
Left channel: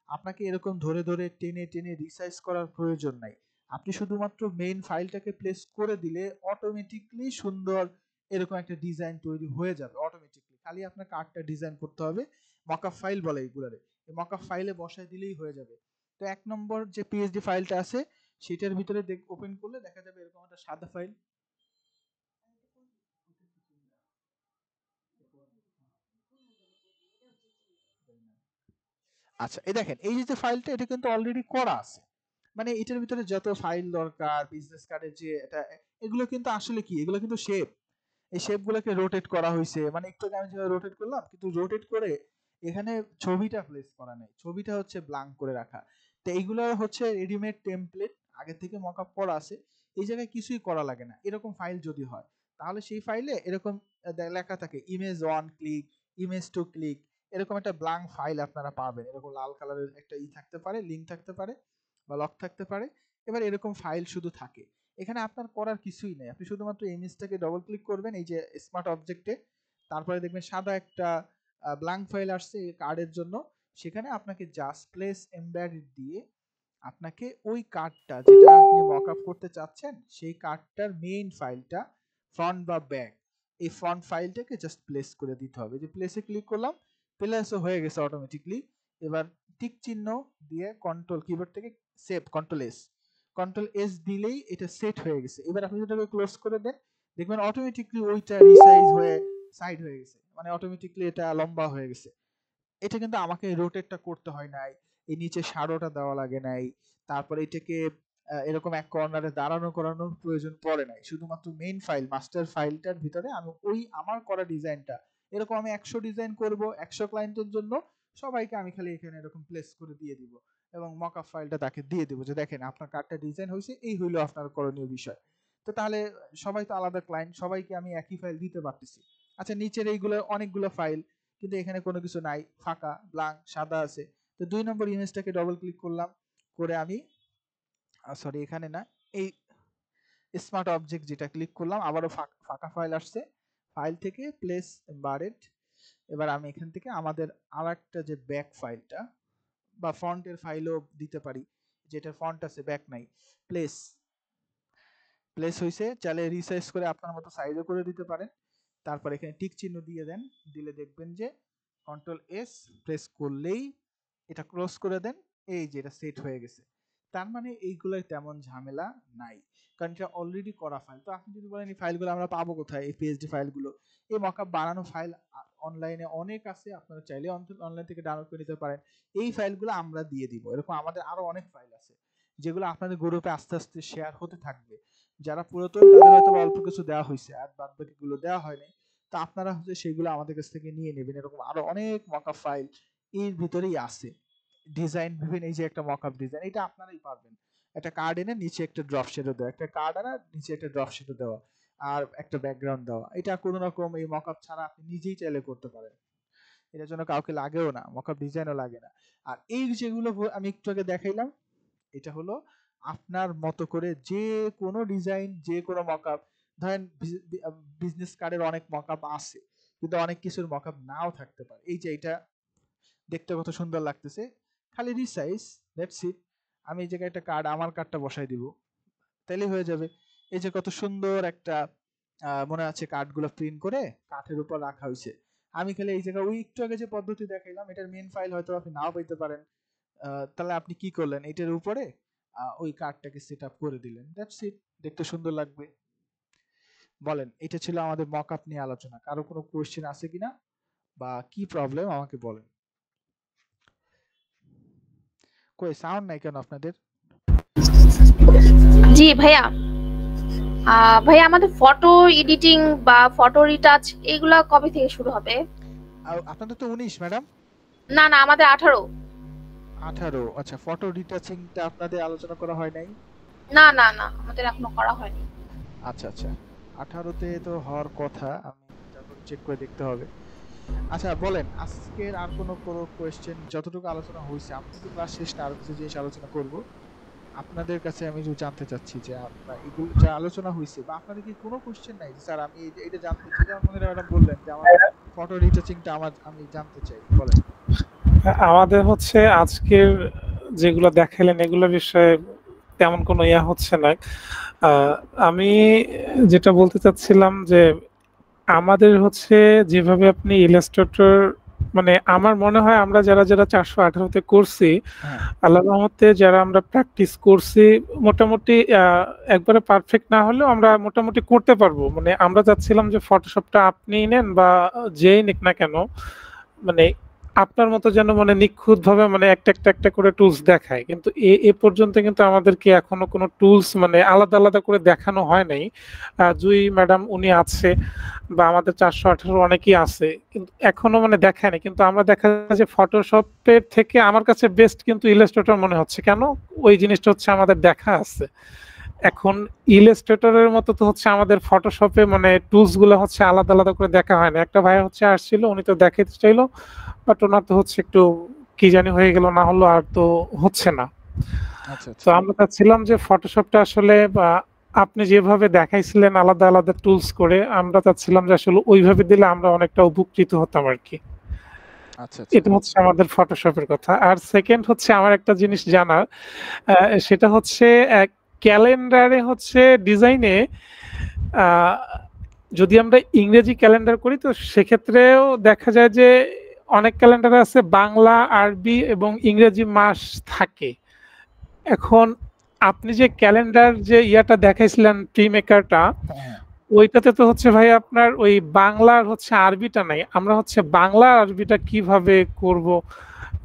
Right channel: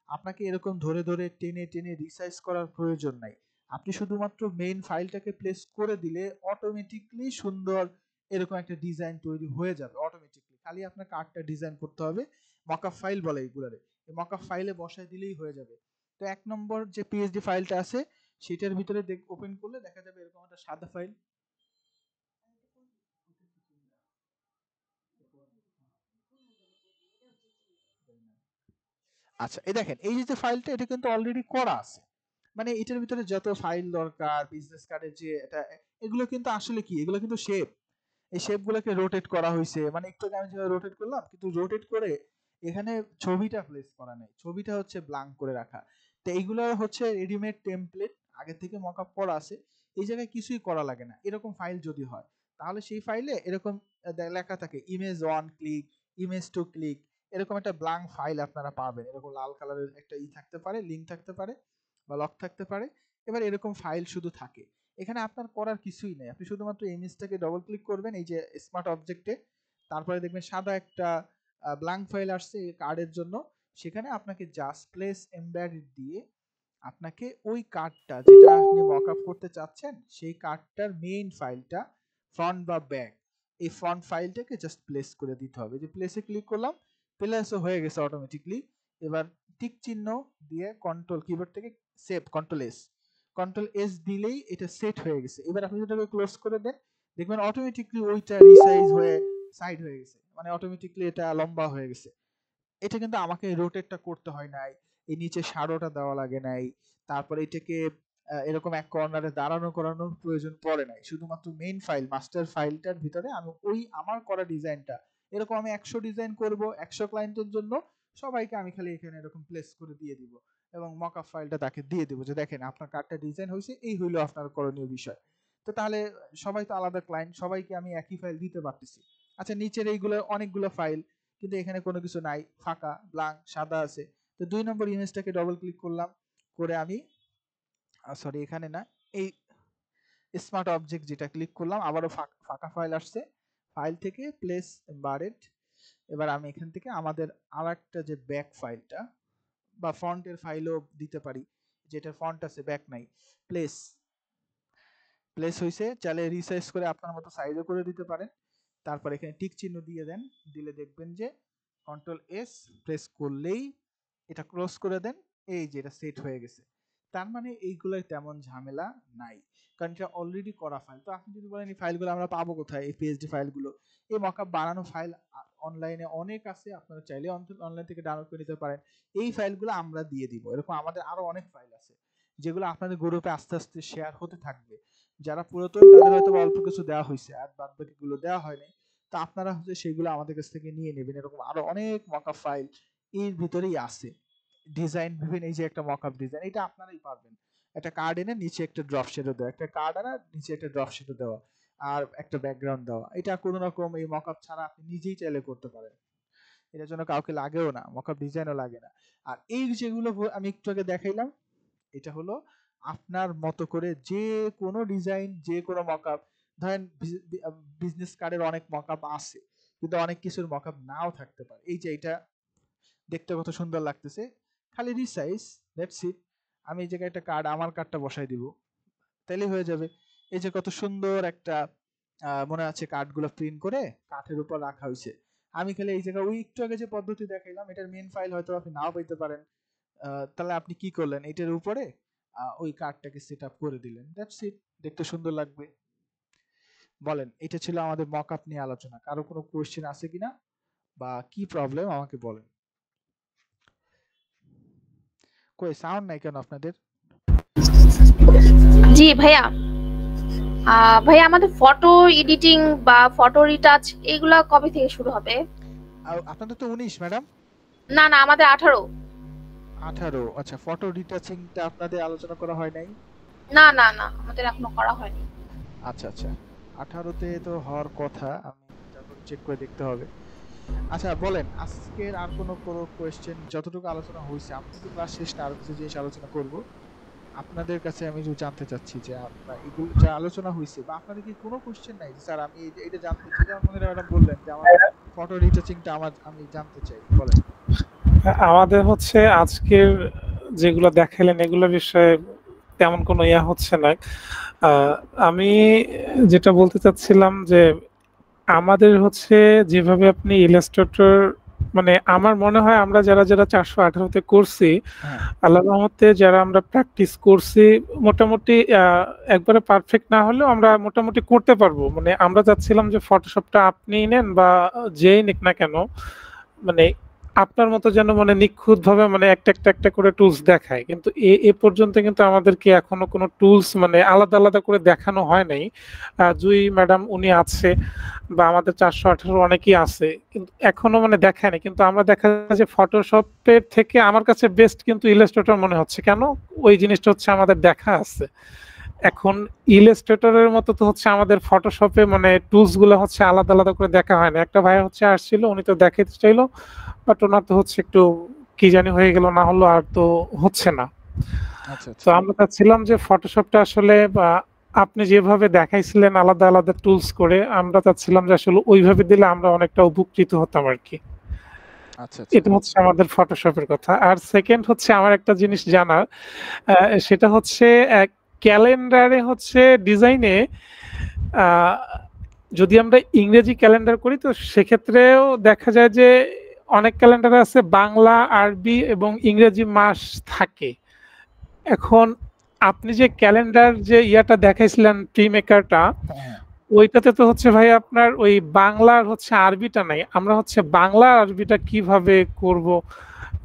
আপনাকে এরকম ধরে ধরে টেনে টেনে রিসাইজ করার প্রয়োজন নাই। আপনি শুধুমাত্র মেইন ফাইলটাকে প্লেস করে দিলে অটোমেটিকলি সুন্দর এরকম একটা ডিজাইন তৈরি হয়ে যাবে অটোমেটিকলি। খালি আপনার কার্ডটা ডিজাইন করতে হবে, মকআপ ফাইল বলে এইগুলারে, এই মকআপ ফাইলে বসায় দিলেই হয়ে যাবে। তো 1 নম্বর যে পিএইচডি ফাইলটা আছে সেটার ভিতরে ওপেন করলে দেখা যাবে এরকম একটা সাদা ফাইল। আচ্ছা, এই দেখেন এই যে ফাইলটা, এটা কিন্তু অলরেডি করা আছে, মানে এটার ভিতরে যত ফাইল দরকার বিজনেস কার্ডের যে এটা, এগুলো কিন্তু আসলে কি, এগুলো কিন্তু শেপ, এই শেপগুলোকে রোটেট করা হয়েছে, মানে একটু আমি যেভাবে রোটেট করলাম, কিন্তু রোটেট করে এখানে ছবিটা প্লেস করা নাই, ছবিটা হচ্ছে ব্ল্যাঙ্ক করে রাখা। তো এইগুলো হচ্ছে রেডিমেড টেমপ্লেট, আগে থেকে মকআপ করা আছে, এই জায়গায় কিছুই করা লাগে না। এরকম ফাইল যদি হয় তাহলে সেই ফাইলে এরকম লেখা থাকে ইমেজ 1 ক্লিক, ইমেজ 2 ক্লিক, এরকম একটা ব্ল্যাঙ্ক ফাইল আপনারা পাবেন। এরকম লাল কালারের একটা থাকতে পারে, লিংক থাকতে পারে বা লক থাকতে পারে। এবার এরকম ফাইল শুধু থাকে, এখানে আপনার করার কিছুই নেই, আপনি শুধুমাত্র ইমেজটাকে ডবল ক্লিক করবেন এই যে স্মার্ট অবজেক্টে, তারপরে দেখবেন সাদা একটা ব্ল্যাঙ্ক ফাইল আসছে কার্ডের জন্য, সেখানে আপনাকে জাস্ট প্লেস এমবেডেড দিয়ে আপনাকে ওই কার্ডটা যেটা আপনি মকআপ করতে চাচ্ছেন সেই কার্ডটার মেইন ফাইলটা ফ্রন্ট বা ব্যাক, এই ফ্রন্ট ফাইলটাকে জাস্ট প্লেস করে দিতে হবে। যে প্লেসে ক্লিক করলাম, প্লেসও হয়ে গেছে অটোমেটিকলি। এবার টিক চিহ্ন দিয়ে কন্ট্রোল কিবোর্ড থেকে সেভ, কন্ট্রোল এস দিলেই এটা সেট হয়ে গেছে। এবার আপনি যেটাকে ক্লোজ করে দেন, দেখবেন অটোমেটিকলি ওইটা রিসাইজ হয়ে সাইড হয়ে গেছে, মানে অটোমেটিকলি এটা লম্বা হয়ে গেছে। এটা কিন্তু আমাকে রোটেটটা করতে হয় নাই, এই নিচে শ্যাডোটা দেওয়া লাগে নাই, তারপরে এটাকে এরকম এক কর্নারে দাঁড়ানো করানোর প্রয়োজন পড়ে নাই। শুধুমাত্র মেইন ফাইল মাস্টার ফাইলটার ভিতরে আমি ওই আমার করা ডিজাইনটা, এরকম আমি 100 ডিজাইন করব 100 ক্লায়েন্টের জন্য, সবাইকে আমি খালি এখানে এরকম প্লেস করে দিয়ে দিব এবং মকআপ ফাইলটা তাকে দিয়ে দিব যে দেখেন আপনার কার্ডটা ডিজাইন হয়েছে, এই হইলো আপনার করণীয় বিষয়। তো তাহলে সবাই তো আলাদা ক্লায়েন্ট, সবাইকে আমি একই ফাইল দিতে পারতেছি। আচ্ছা নিচের এইগুলো অনেকগুলো ফাইল, কিন্তু এখানে কোনো কিছু নাই, ফাঁকা ব্ল্যাঙ্ক সাদা আছে। তো 2 নম্বর ইমেজটাকে ডবল ক্লিক করলাম, করে আমি সরি এখানে না, এই স্মার্ট অবজেক্ট যেটা ক্লিক করলাম, আবারও ফাঁকা ফাইল আসছে, ফাইল থেকে প্লেস এমবেডেড। এবার আমি এখান থেকে আমাদের আরেকটা যে ব্যাক ফাইলটা বা ফন্টের ফাইলও দিতে পারি, যেটা ফন্ট আছে ব্যাক নাই, প্লেস হয়েছে, চাইলে রিসাইজ করে আপনার মতো সাইজও করে দিতে পারেন। তারপর এখানে টিক চিহ্ন দিয়ে দেন, দিলে দেখবেন যে কন্ট্রোল এস প্রেস করলেই এটা ক্লোজ করে দেন, এই যে এটা সেট হয়ে গেছে। তার মানে এইগুলোর তেমন ঝামেলা নাই, কারণ এটা অলরেডি করা ফাইল। তো আপনি যদি বলেন এই ফাইলগুলো আমরা পাবো কোথায়, এই পিএইচডি ফাইলগুলো, এই মকআপ বানানো ফাইল অনলাইনে অনেক আছে, আপনারা চাইলে অনলাইন থেকে ডাউনলোড করে নিতে পারেন। এই ফাইলগুলো আমরা দিয়ে দিব। এরকম আমাদের আরো অনেক ফাইল আছে যেগুলো আপনাদের গ্রুপে আস্তে আস্তে শেয়ার হতে থাকবে। যারা পুরাতন তাদের হয়তো অল্প কিছু দেওয়া হয়েছে, আর বাদ বাকিগুলো দেওয়া হয়নি। তো আপনারা হচ্ছে সেগুলো আমাদের কাছ থেকে নিয়ে নেবেন। এরকম আরো অনেক মকআপ ফাইল এর ভিতরেই আছে। ডিজাইন বিভিন্ন, এই যে একটা মকআপ ডিজাইন, এটা আপনারাই পারবেন। একটা কার্ড এনে নিচে একটা ড্রপ শেডও দেওয়া, একটা কার্ড আনা নিচে একটা ড্রপ শেডও দেওয়া, আর একটা ব্যাকগ্রাউন্ড দেওয়া, এটা কোনো রকম এই মকআপ ছাড়া আপনি নিজেই চাইলে করতে পারেন। এটার জন্য কাউকে লাগেও না, মকআপ ডিজাইনও লাগে না। আর এই যেগুলো আমি একটু আগে দেখাইলাম, এটা হলো আপনার মতো করে যে কোনো ডিজাইন, যে কোনো মকআপ। ধরেন বিজনেস কার্ডের অনেক মকআপ আছে, কিন্তু অনেক কিছুর মকআপ নাও থাকতে পারে। এই যে এটা দেখতে কত সুন্দর লাগতেছে, খালি রিসাইজ, দ্যাটস ইট। আমি এই জায়গায় একটা কার্ড, আমার কার্ডটা বসাই দিব, তাইলে হয়ে যাবে। এই যে কত সুন্দর একটা মনে আছে কার্ডগুলো প্রিন্ট করে কাঠের উপর রাখা হয়েছে। আমি খালি এই জায়গায় ওই একটু আগে যে পদ্ধতি দেখাইলাম, এটার মেন ফাইল হয়তো আপনি নাও পাইতে পারেন। তাহলে আপনি কি করলেন, এটার উপরে ওই কার্ডটাকে সেট আপ করে দিলেন, দ্যাটস ইট। দেখতে সুন্দর লাগবে। বলেন, এটা ছিল আমাদের মকআপ নিয়ে আলোচনা। কারো কোনো কোয়েশ্চেন আছে কিনা বা কি প্রবলেম আমাকে বলেন। কই সাউন্ড নাই কেন আপনাদের? জি ভাইয়া, ভাইয়া আমাদের ফটো এডিটিং বা ফটো রিটাচ এগুলা কবে থেকে শুরু হবে? আপনাদের তো 19 ম্যাডাম। না না, আমাদের 18। আচ্ছা, ফটো রিটাচিংটা আপনাদের আলোচনা করা হয় নাই? না না না, আমাদের এখনো করা হয়নি। আচ্ছা 18তে তো হওয়ার কথা, আমি তারপর চেক করে দেখতে হবে। আচ্ছা বলেন, আজকের আর কোনো কোয়েশ্চেন? যতটুকু আলোচনা হয়েছে, আপনি তো ক্লাস শেষ না, আরো কিছু জিনিস আলোচনা করব। আপনাদের কাছে আমি জানতে চাচ্ছি যে আপনারা এগুলো যা আলোচনা হয়েছে, বা আপনাদের কি কোনো কোয়েশ্চেন নাই যে স্যার আমি এটা জানতে চাই? যেমন ম্যাডাম বললেন যে আমার ফটো রিটাচিংটা আমি জানতে চাই, বলেন। আমাদের হচ্ছে আজকের যেগুলো দেখাইলেন এগুলো বিষয়ে তেমন কোনো ইয়া হচ্ছে না। আমি যেটা বলতে চাচ্ছিলাম যে আমাদের হচ্ছে যেভাবে আপনি ইলাস্ট্রেটর, মানে আমার মনে হয় আমরা যারা 418-তে করছি, আল্লাহর রহমতে যারা আমরা প্র্যাকটিস করছি, মোটামুটি একবারে পারফেক্ট না হলেও আমরা মোটামুটি করতে পারবো। মানে আমরা চাচ্ছিলাম যে ফটোশপটা আপনি নেন বা যেই নিক না কেন, মানে আপনার মতো যেন মানে নিখুঁত ভাবে মানে একটা করে টুলস দেখায়। কিন্তু এ পর্যন্ত কিন্তু আমাদেরকে এখনো কোনো টুলস মানে আলাদা আলাদা করে দেখানো হয় নাই। জুই ম্যাডাম উনি আছে বা আমাদের 418 অনেকেই আছে, কিন্তু এখনো মানে দেখায় না। কিন্তু আমরা দেখা যায় যে ফটোশপের থেকে আমার কাছে বেস্ট কিন্তু ইলাস্ট্রেটর মনে হচ্ছে। কেন? ওই জিনিসটা হচ্ছে আমাদের দেখা আছে। এখন ইলাস্ট্রেটরের মতো তো হচ্ছে আমাদের ফটোশপে মানে টুলস গুলো হচ্ছে আলাদা আলাদা করে দেখা হয় না। একটা ভাই হচ্ছে আসছিল, উনি তো দেখাইতে চাইলো, বাট ওনার তো হচ্ছে একটু কি জানি হয়ে গেল, না হলো আর তো হচ্ছে না। তো আমরা চাচ্ছিলাম যে ফটোশপটা আসলে আপনি যেভাবে দেখাইছিলেন আলাদা আলাদা টুলস করে, আমরা চাচ্ছিলাম যে আসলে ওইভাবে দিলে আমরা অনেকটা উপকৃত হতাম আর কি। এটা হচ্ছে আমাদের ফটোশপের কথা। আর সেকেন্ড হচ্ছে আমার একটা জিনিস জানার, সেটা হচ্ছে ক্যালেন্ডারে হচ্ছে ডিজাইনে যদি আমরা ইংরেজি ক্যালেন্ডার করি, তো সেক্ষেত্রেও দেখা যায় যে অনেক ক্যালেন্ডার আছে বাংলা, আরবি এবং ইংরেজি মাস থাকে। এখন আপনি যে ক্যালেন্ডার যে ইয়াটা দেখাইছিলেন ট্রি মেকারটা, ওইটাতে তো হচ্ছে ভাই আপনার ওই বাংলার হচ্ছে আরবিটা নাই। আমরা হচ্ছে বাংলা আরবিটা কিভাবে করব,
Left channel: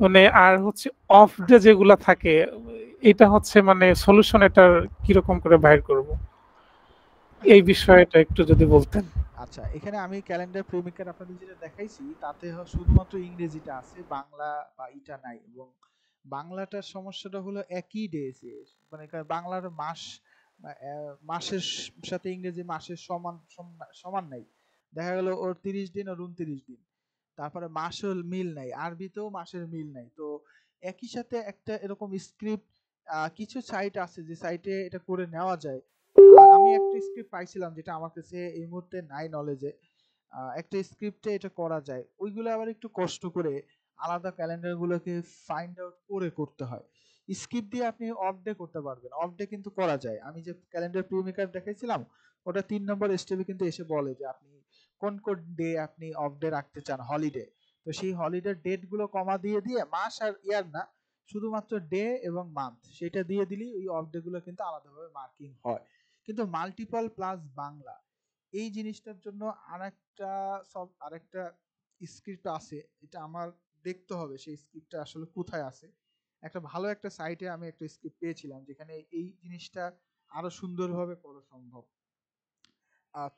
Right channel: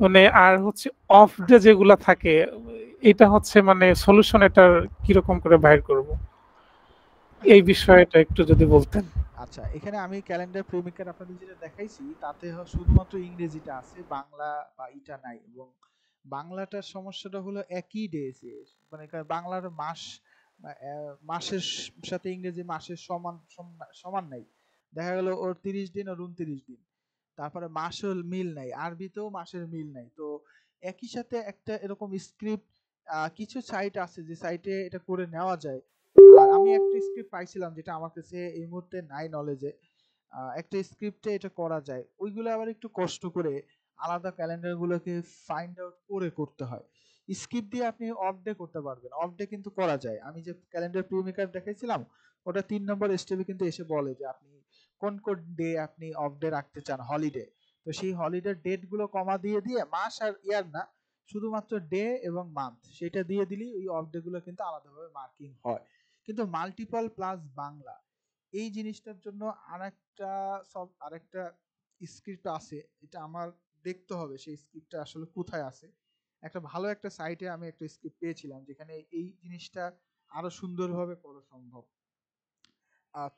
মানে আর হচ্ছে অফ ডে যেগুলা থাকে এটা হচ্ছে মানে সলিউশন এটার কিরকম করে বাইর করব, এই বিষয়টা একটু যদি বলতেন। আচ্ছা, এখানে আমি ক্যালেন্ডার প্রিমিকার আপনাদের যেটা দেখাইছি তাতে শুধুমাত্র ইংরেজিটা আছে, বাংলা বা ইটা নাই। এবং বাংলাটার সমস্যাটা হলো একই ডে, মানে বাংলার মাস মাসের সাথে ইংরেজি মাসের সমান সমান নাই। দেখা গেল ওর 30 দিন আর 29 দিন, তারপরে মাসের মিল নাই, আরবিতেও মাসের মিল নাই। তো একই সাথে একটা এরকম স্ক্রিপ্ট কিছু সাইট আছে যে সাইটে এটা করে নেওয়া যায়। আর আমি একটা স্ক্রিপ্ট পাইছিলাম যেটা আমার কাছে এই মুহূর্তে নাই নলেজে, একটা স্ক্রিপ্টে এটা করা যায়। ওইগুলো আবার একটু কষ্ট করে আলাদা ক্যালেন্ডার গুলোকে ফাইন্ড আউট করে করতে হয়। স্ক্রিপ্ট দিয়ে আপনি অফ ডে করতে পারবেন, অফ ডে কিন্তু করা যায়। আমি যে ক্যালেন্ডার প্রিমিকার দেখাইছিলাম ওটা 3 নম্বর স্টেপে কিন্তু এসে বলে যে আপনি কোন কোন ডে আপনি অফ ডে রাখতে চান, হলিডে। তো সেই হলিডের ডেট গুলো কমা দিয়ে দিয়ে মাস আর ইয়ার না, শুধুমাত্র ডে এবং মান্থ সেটা দিয়ে দিলেই ওই অফ ডে গুলো কিন্তু আলাদাভাবে মার্কিং হয়। কিন্তু মাল্টিপল প্লাস বাংলা এই জিনিসটার জন্য আরেকটা স্ক্রিপ্ট আছে, এটা আমার দেখতে হবে সেই স্ক্রিপ্টটা আসলে কোথায় আছে। একটা ভালো একটা সাইটে আমি একটা স্ক্রিপ্ট পেয়েছিলাম যেখানে এই জিনিসটা আরো সুন্দরভাবে করা সম্ভব।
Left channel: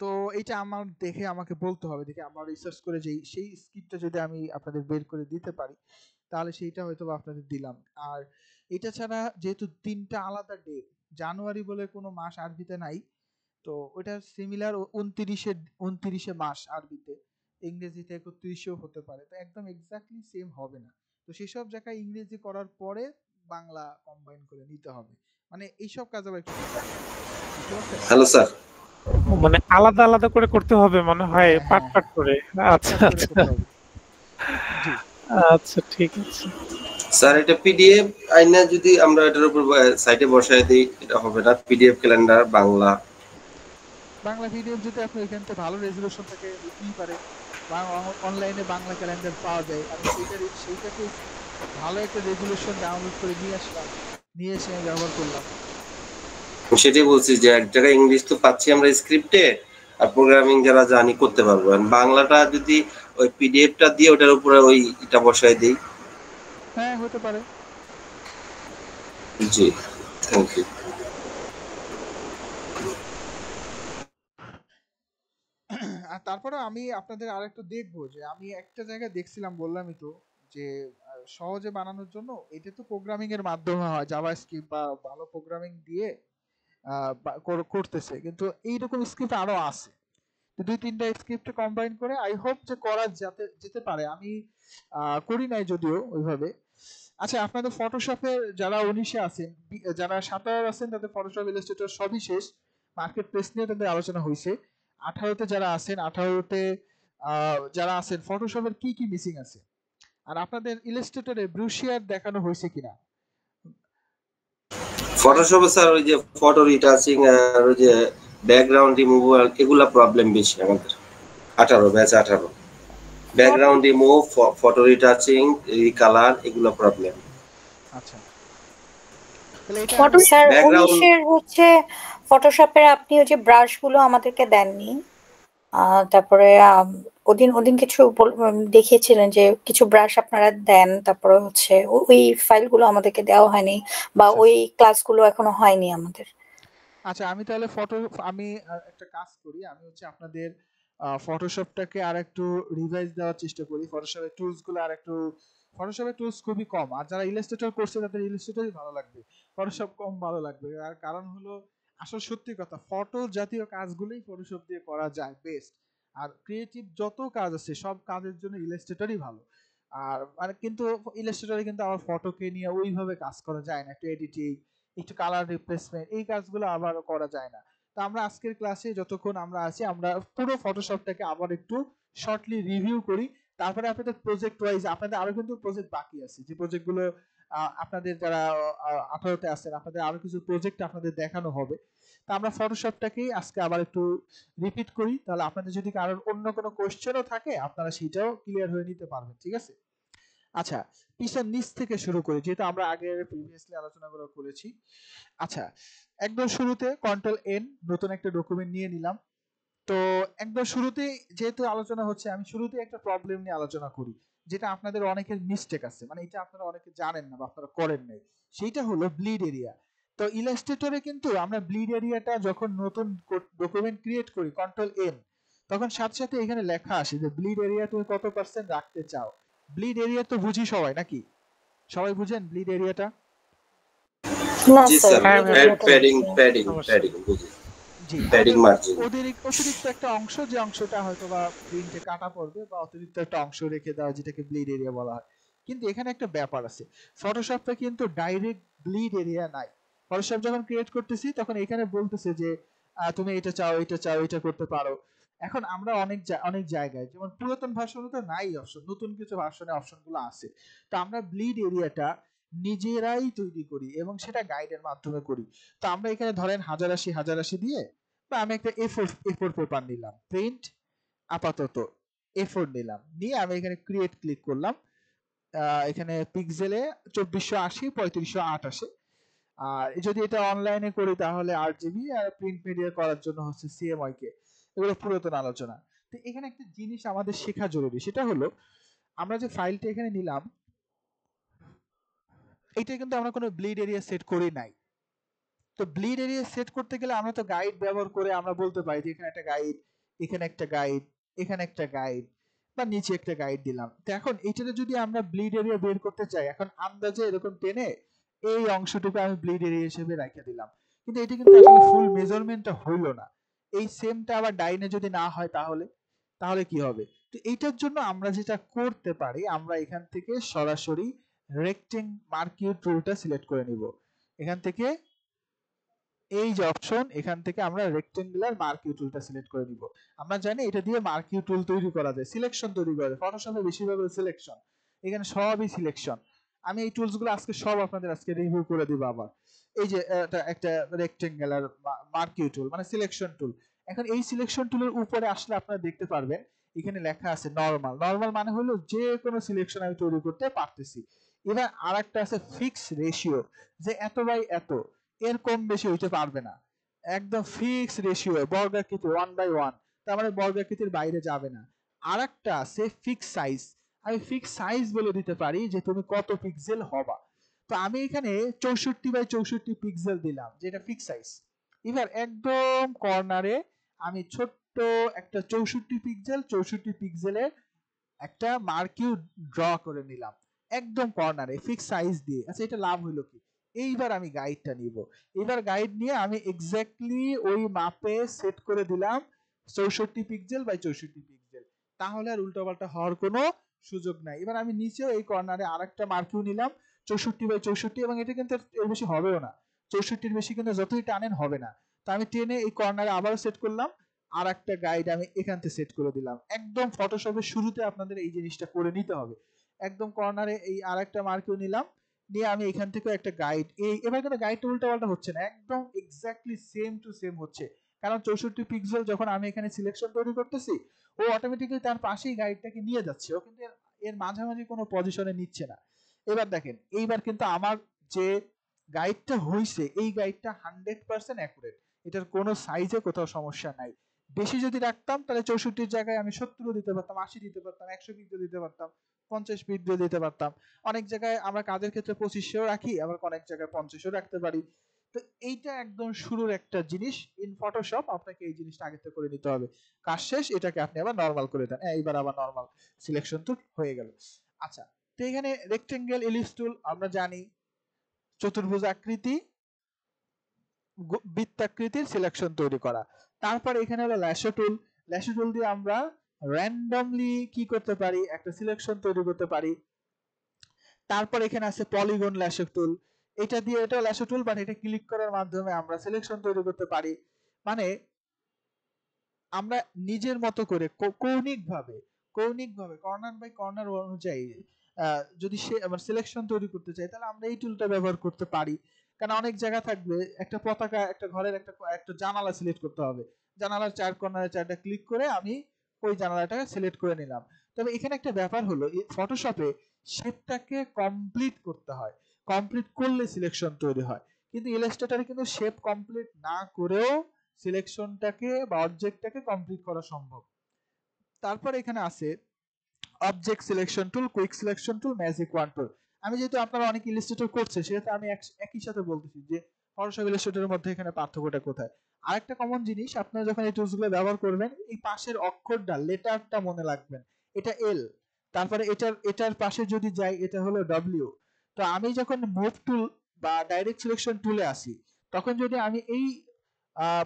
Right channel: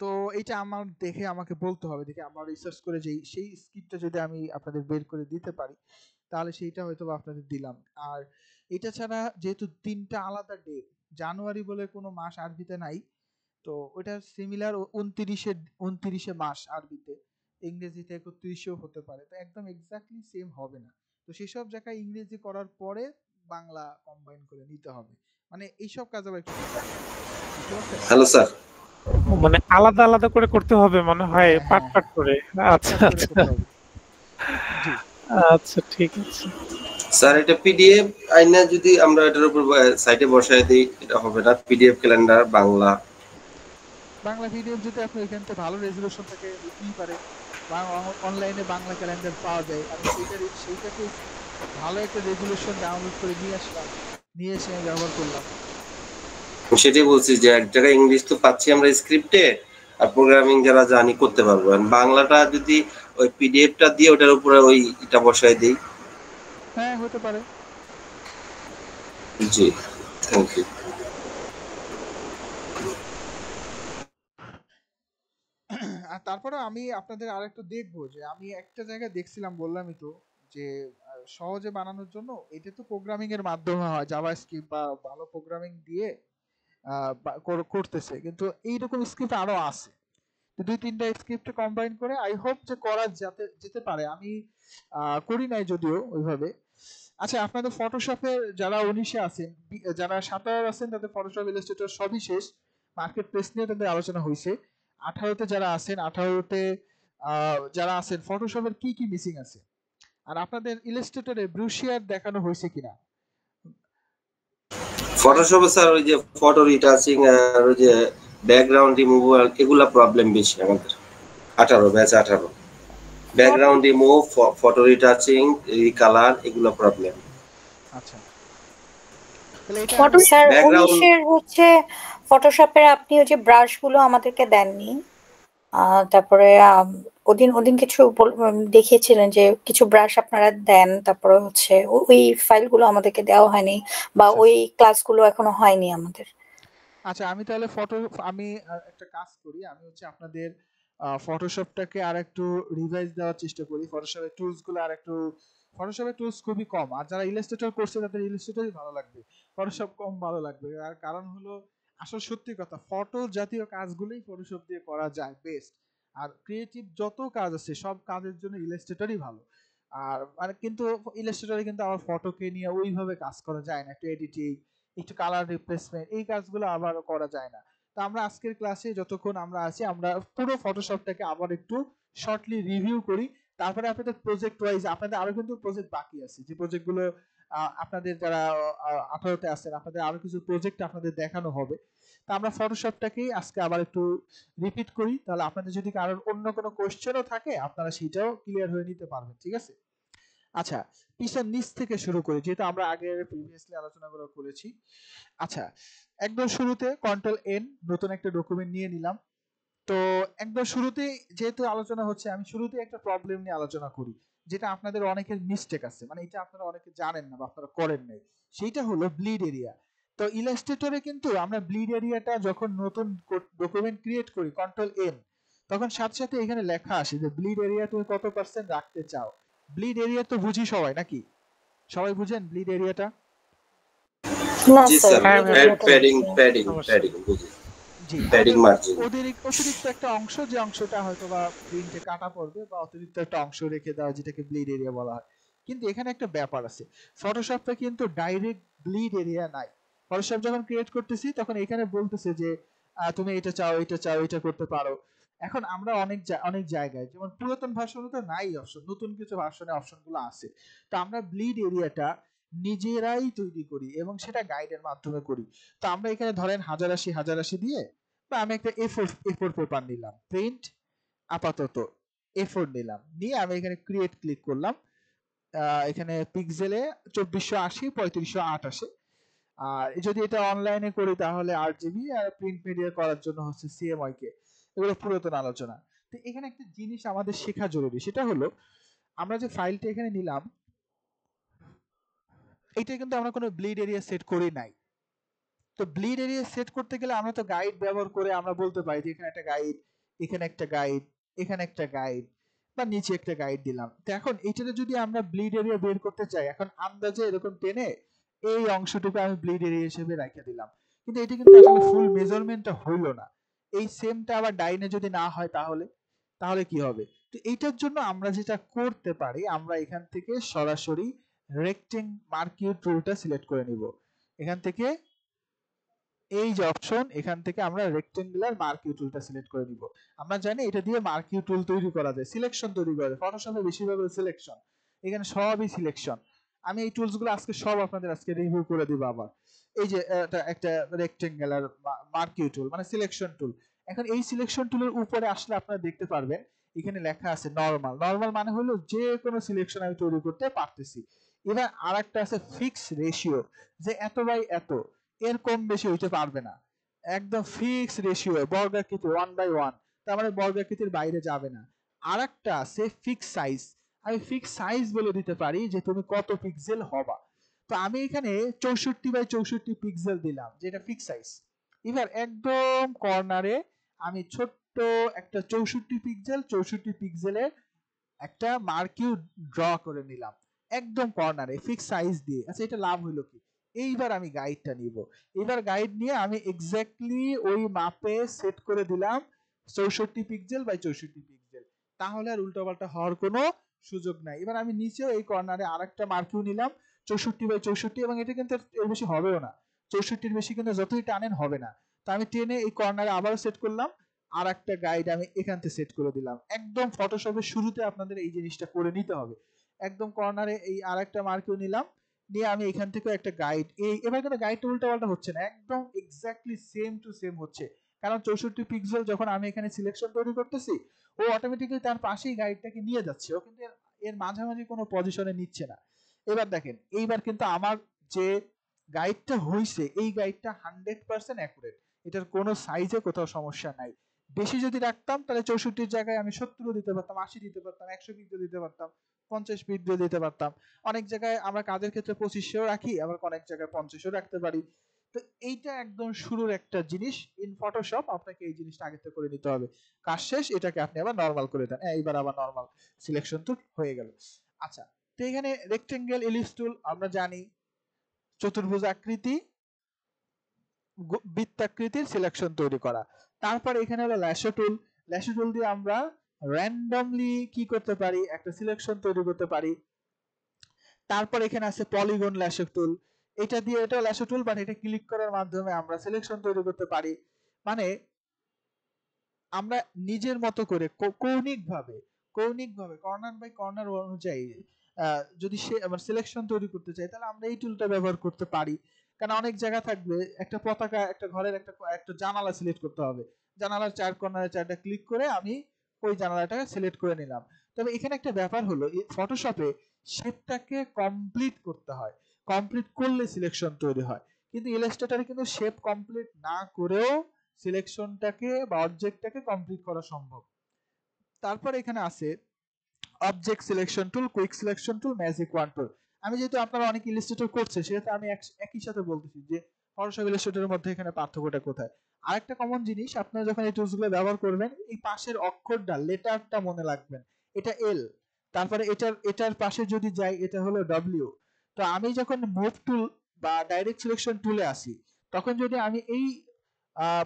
তো এইটা আমার দেখে আমাকে বলতে হবে, দেখে আমার রিসার্চ করে সেই স্ক্রিপ্টটা যদি আমি আপনাদের বের করে দিতে পারি তাহলে সেইটা হয়তো আপনাদের দিলাম। আর এটা ছাড়া যেহেতু 3টা আলাদা ডেট, জানুয়ারি বলে কোনো মাস আরবিতে নাই, তো ওটা সিমিলার 29 মাস আরবিতে, ইংরেজিতে 31ও হতে পারে, তো একদম এক্স্যাক্টলি সেম হবে না। তো সেসব জায়গায় ইংরেজি করার পরে বাংলা কম্বাইন করে নিতে হবে। মানে এইসব কাজ আবার একটু হ্যালো স্যার, মানে আলাদা আলাদা করে করতে হবে মনে হয়, পার্ট পার্ট করে। আচ্ছা আচ্ছা আচ্ছা, ঠিক আছে স্যার এটা পিডিএফ আইনা যদি আমরা এটার উপর সাইটে বসায় দেই এটা হবে না? পিডিএফ ক্যালেন্ডার বাংলা পিডিএফ যদি আপনি এখান থেকে ভালো রেজুলেশন থাকে দিতেই পারে, বা অনলাইনে বাংলা ক্যালেন্ডার পাওয়া যায়। আমি সেইটাকে ভালো একটা রেজুলেশন ডাউনলোড করে নিয়ে আসলাম, নিয়ে এসে আমি ব্যবহার করলাম। সেটাই বলছি যে এক জায়গায় ইংলিশ তো পাচ্ছি আমরা স্ক্রিপ্টে, আর প্রোগ্রামিং যারা জানি করতে পারবো। বাংলাটা যদি ওই পিডিএফটা দিয়ে ওটার উপরে ওই এটা বসায় দিই। হ্যাঁ, হতে পারে। জি, থ্যাংক ইউ। আর তারপরে আমি আপনাদের আরেকটু দেখবো যে আমি একটা জায়গায় দেখছিলাম, বললামই তো যে সহজে বানানোর জন্য এটা তো প্রোগ্রামিং এর মাধ্যমে হয়, জাভাস্ক্রিপ্ট বা ভালো প্রোগ্রামিং দিয়ে করতেছে, কিন্তু এইরকম স্ক্রিপ্ট আরো আছে। 2-3টা স্ক্রিপ্ট কম্বাইন করে আই হোপ যে করা যেতে পারে। আমি করি নাই যদিও ওইভাবে। আচ্ছা, আপনাদের ফটোশপের যারা 19-এ আছেন, যারা 17 আছেন তাদের ফটোশপ ইলাস্ট্রেটর সবই শেষ, মার্কেট প্লেস নিয়ে তাদের আলোচনা হয়েছে। 18তে যারা আছেন, 18তে যারা আছেন ফটোশপের কি কি মিসিং আছে, আর আপনাদের ইলাস্ট্রেটরে ব্রুশিয়ার দেখানো হয়েছে কিনা। ফটোশপে স্যার ওই যে ফটো রিটাচিং আর ওই যে ব্যাকগ্রাউন্ড রিমুভাল এগুলা প্রবলেম বেশি আমাদের। 18 batch 18 background remove, photo retouching, recolour এগুলা প্রবলেম। আচ্ছা, স্যার 19-এর হচ্ছে ফটোশপের আপনি ওই যে ব্রাশগুলো আমাদেরকে দেননি, তারপরে ওদিন কিছু দেখিয়েছিলেন যে কিছু ব্রাশ আপনারা দেন, তারপরে হচ্ছে ওই ফাইলগুলো আমাদেরকে দেওয়া হয়নি বা ওই ক্লাসগুলো এখনো হয়নি আমাদের। আচ্ছা, আমি তাহলে আমি একটা কাজ করি, আমি হচ্ছে আপনাদের ফটোশপটাকে আর একটু রিভাইজ দেওয়ার চেষ্টা করি। ফটোশপের টুলসগুলো আর একটু, ফটোশপের টুলস খুবই কম, আর যারা ইলাস্ট্রেটর করছে তাদের ইলাস্ট্রেটরই ভালো লাগবে, ফটোশপ কম ভালো লাগবে। আর কারণ হলো আসল সত্যি কথা, ফটো জাতীয় কাজগুলোই ফটোশপ দিয়ে করা যায় বেস্ট। আর ক্রিয়েটিভ যত কাজ আছে সব কাজের জন্য ইলাস্ট্রেটরই ভালো। আর মানে কিন্তু ইলাস্ট্রেটরে কিন্তু আমার ফটোকে নিয়ে ওইভাবে কাজ করা যায় না, একটু এডিটিং, একটু কালার রিপ্লেসমেন্ট, এই কাজগুলো আবার করা যায় না। তো আমরা আজকের ক্লাসে যতক্ষণ আমরা আছি আমরা পুরো ফটোশপটাকে আবার একটু শর্টলি রিভিউ করি। তারপরে আপনাদের প্রজেক্ট ওয়াইজ আপনাদের আরো কিন্তু প্রজেক্ট বাকি আছে, যে প্রজেক্টগুলো আপনাদের যারা 18তে আছেন আপনাদের আরো কিছু প্রজেক্ট আপনাদের দেখানো হবে। তা আমরা ফটোশপটাকেই আজকে আবার একটু রিপিট করি, তাহলে আপনাদের যদি কারোর অন্য কোনো কোশ্চেনও থাকে আপনারা সেটাও ক্লিয়ার হয়ে নিতে পারবেন। ঠিক আছে? আচ্ছা, পিছন নিচ থেকে শুরু করি, যেহেতু আমরা আগে প্রিভিয়াসলি আলোচনাগুলো করেছি। আচ্ছা, একদম শুরুতে কন্ট্রোল এন, নতুন একটা ডকুমেন্ট নিয়ে নিলাম। তো একদম শুরুতেই যেহেতু আলোচনা হচ্ছে, আমি শুরুতেই একটা প্রবলেম নিয়ে আলোচনা করি, যেটা আপনাদের অনেকের মিস্টেক আছে, মানে এটা আপনারা অনেকে জানেন না বা আপনারা করেন নাই। সেইটা হলো ব্লিড এরিয়া। তো ইলাস্ট্রেটরে কিন্তু আমরা ব্লিড এরিয়াটা যখন নতুন ডকুমেন্ট ক্রিয়েট করি কন্ট্রোল এন, তখন সাথে সাথে এখানে লেখা আসে যে ব্লিড এরিয়া তুমি কত পার্সেন্ট রাখতে চাও। ব্লিড এরিয়া তো বুঝি সবাই নাকি? সবাই বুঝেন ব্লিড এরিয়াটা? না জি স্যার, স্যার, bleed area টা প্যাডিং বুঝি না। প্যাডিং অবশ্যই। প্যাডিং বুঝি, জি, প্যাডিং মার্জিন। অতিরিক্ত একটা অংশ, যে অংশটা হয়তো বা প্রিন্টে কাটা পড়বে, বা অতিরিক্ত একটা অংশ রেখে দেওয়া, যেটাকে ব্লিড এরিয়া বলা হয়। কিন্তু এখানে একটা ব্যাপার আছে, ফটোশপে কিন্তু ডাইরেক্ট ব্লিড এরিয়া নাই। ফটোশপ যখন ক্রিয়েট করতেছি তখন এখানে বলতেছে যে তুমি এটা চাও, এটা চাও, এটা করতে পারো। এখন আমরা অনেক জায়গায়, যেমন পুরাতন ভার্সনে তো নাই অপশন, নতুন কিছু ভার্সনে অপশনগুলো আছে। তো আমরা ব্লিড এরিয়াটা নিজেরাই তৈরি করি এবং সেটা গাইডের মাধ্যমে করি। তো আমরা এখানে ধরেন 1080 দিয়ে, বা আমি একটা A4 পেপার নিলাম, প্রিন্ট আপাতত A4 নিলাম, নিয়ে আমি এখানে ক্রিয়েট ক্লিক করলাম। এখানে পিক্সেলে 2480 3588। আর যদি এটা অনলাইনে করি তাহলে 8 GB, আর প্রিন্ট মিডিয়া করার জন্য হচ্ছে CMYK। এগুলো পুরাতন আলোচনা। তো এখানে একটা জিনিস আমাদের শেখা জরুরি, সেটা হলো আমরা যে ফাইলটা এখানে নিলাম, এটা কিন্তু আমরা কোনো ব্লিড এরিয়া সেট করি নাই। তো ব্লিড এরিয়া সেট করতে গেলে আমরা তো গাইড ব্যবহার করে আমরা বলতে পারি যে এখানে একটা গাইড, এখানে একটা গাইড, এখানে একটা গাইড, বা নিচে একটা গাইড দিলাম। তো এখন এটাতে যদি আমরা ব্লিড এরিয়া বের করতে চাই, এখন আন্দাজে এরকম টেনে এই অংশটুকু আমি ব্লিড এরিয়া হিসেবে রেখে দিলাম, কিন্তু এটা কিন্তু আসলে ফুল মেজারমেন্টটা হইল না। এই সেমটা আবার ডাইনে যদি না হয় তাহলে কি হবে? তো এইটার জন্য আমরা যেটা করতে পারি, আমরা এখান থেকে সরাসরি রেক্টেং মার্কিউ টুলটা সিলেক্ট করে নিব। এখান থেকে এই যে অপশন, এখান থেকে আমরা রেক্টেঙ্গুলার মার্কিউ টুলটা সিলেক্ট করে নিব। আমরা জানি এটা দিয়ে মার্কিউ টুল তৈরি করা যায়, সিলেকশন তৈরি করা যায়। ফটোশপে বেশিরভাগ সিলেকশন, এখানে সবই সিলেকশন। আমি এই টুলসগুলো আজকে সব আপনাদের আজকে রিভিউ করে দিব আবার। এই যে একটা রেক্টেঙ্গুলার মার্কিউ টুল মানে সিলেকশন টুল। এখন এই সিলেকশন টুলের উপরে আসলে আপনারা দেখতে পারবেন এখানে লেখা আছে নরমাল। নরমাল মানে হলো যে কোনো সিলেকশন আমি তৈরি করতে পারতেছি। এবার আরেকটা আছে ফিক্স রেশিও, যে এত বাই এত, এর কম বেশি হইতে পারবে না। একদম ফিক্স রেশিও, বর্গাকৃতি 1/1, তার মানে বর্গাকৃতির বাইরে যাবে না। আরেকটা আছে ফিক্স সাইজ, আমি ফিক্স সাইজ বলে দিতে পারি যে তুমি কত পিক্সেল হবা। তো আমি এখানে 64/64 পিক্সেল দিলাম, যেটা ফিক্স সাইজ। এবার একদম কর্নারে আমি ছোট্ট একটা 64 পিক্সেলের একটা মার্কিউ ড্র করে নিলাম, একদম কর্নারে ফিক্স সাইজ দিয়ে। আচ্ছা, এটা লাভ হইলো কি? এইবার আমি গাইডটা নিব। এবার গাইড নিয়ে আমি এক্স্যাক্টলি ওই মাপে সেট করে দিলাম 64 পিক্সেল বাই 64 পিক্সেল। তাহলে আর উল্টোপাল্টা হওয়ার কোনো সুযোগ নাই। এবার আমি নিচেও এই কর্নারে আরেকটা মার্কিউ নিলাম 64/64, এবং এটা কিন্তু এর বেশি হবেও না। 64-র বেশি কিন্তু যতই টানেন হবে না। তো আমি টেনে এই কর্নারে আবারও সেট করলাম, আর একটা গাইড আমি এখান থেকে সেট করে দিলাম। একদম ফটোশপের শুরুতে আপনাদের এই জিনিসটা করে নিতে হবে। একদম কর্নারে এই আর একটা মার্কিউ নিলাম, নিয়ে আমি এখান থেকে একটা গাইড, এবার কিন্তু গাইডটা উল্টাপাল্টা হচ্ছে না, একদম এক্স্যাক্টলি সেম টু সেম হচ্ছে। কারণ 64 পিক্সেল যখন আমি এখানে সিলেকশন তৈরি করতেছি, ও অটোমেটিক্যালি তার পাশেই গাইডটাকে নিয়ে যাচ্ছে, ও কিন্তু এর মাঝামাঝি কোনো পজিশনে নিচ্ছে না। এবার দেখেন, এইবার কিন্তু আমার যে গাইডটা হইছে, এই গাইডটা 100% অ্যাকুরেট, এটার কোনো সাইজে কোথাও সমস্যা নাই। বেশি যদি রাখতাম তাহলে 64-র জায়গায় আমি 70 দিতে পারতাম, 80 দিতে পারতাম, 100 পিক্সেল দিতে পারতাম, 50 পিক্সেল দিতে পারতাম। অনেক জায়গায় আমরা কাজের ক্ষেত্রে 2500 রাখি, আবার অনেক জায়গায় 5000 রাখতে পারি। তো এইটা একদম শুরুর একটা জিনিস, ইন ফটোশপ আপনাকে এই জিনিসটা আগে থেকে করে নিতে হবে। কাজ শেষ, এটাকে আপনি আবার নরমাল করে দেন, এইবার আবার নরমাল সিলেকশন তো হয়ে গেল। আচ্ছা, তো এখানে রেক্টেঙ্গেল, এলিপস টুল আমরা জানি, চতুর্ভুজ আকৃতি, বৃত্তাকৃতির সিলেকশন তৈরি করা। তারপর এখানে হলো ল্যাশো টুল। ল্যাশো টুল দিয়ে আমরা র্যান্ডমলি কি করতে পারি, একটা সিলেকশন তৈরি করতে পারি। তারপর এখানে আছে পলিগন ল্যাশো টুল, এটা দিয়ে, এটা ল্যাশো টুল, বাট এটা ক্লিক করার মাধ্যমে আমরা সিলেকশন তৈরি করতে পারি। মানে আমরা নিজের মতো করে কৌণিকভাবে কর্নার বাই কর্নার অনুযায়ী যদি সে আমার সিলেকশন তৈরি করতে চাই, তাহলে আমরা এই টুলটা ব্যবহার করতে পারি। কারণ অনেক জায়গা থাকবে, একটা পতাকা, একটা ঘরের একটা জানালা সিলেক্ট করতে হবে, জানালার 4 কর্নারে 4টা ক্লিক করে আমি ওই জানালাটাকে সিলেক্ট করে নিলাম। তবে এখানে একটা ব্যাপার হলো, ফটোশপে শেপটাকে কমপ্লিট করতে হয়, কমপ্লিট করলে সিলেকশন তৈরি হয়। কিন্তু ইলাস্ট্রেটরে কিন্তু শেপ কমপ্লিট না করেও সিলেকশনটাকে বা অবজেক্টটাকে কমপ্লিট করা সম্ভব। তারপর এখানে আছে object selection tool, quick selection tool, magic wand tool. আমি যেহেতু আপনারা অনেক ইলাস্ট্রেটর করছে সেটা আমি একই সাথে বলতেছি যে ফটোশপ ইলাস্ট্রেটরের মধ্যে এখানে পার্থক্যটা কোথায়। আরেকটা কমন জিনিস, আপনারা যখন এই টুলসগুলো ব্যবহার করবেন এই পাশের অক্ষরটা লেটারটা মনে রাখবেন, এটা এল, তারপরে এটার পাশে যদি যাই এটা হলো ডব্লিউ। তো আমি যখন মুভ টুল বা ডাইরেক্ট সিলেকশন টুলে আসি তখন যদি আমি এই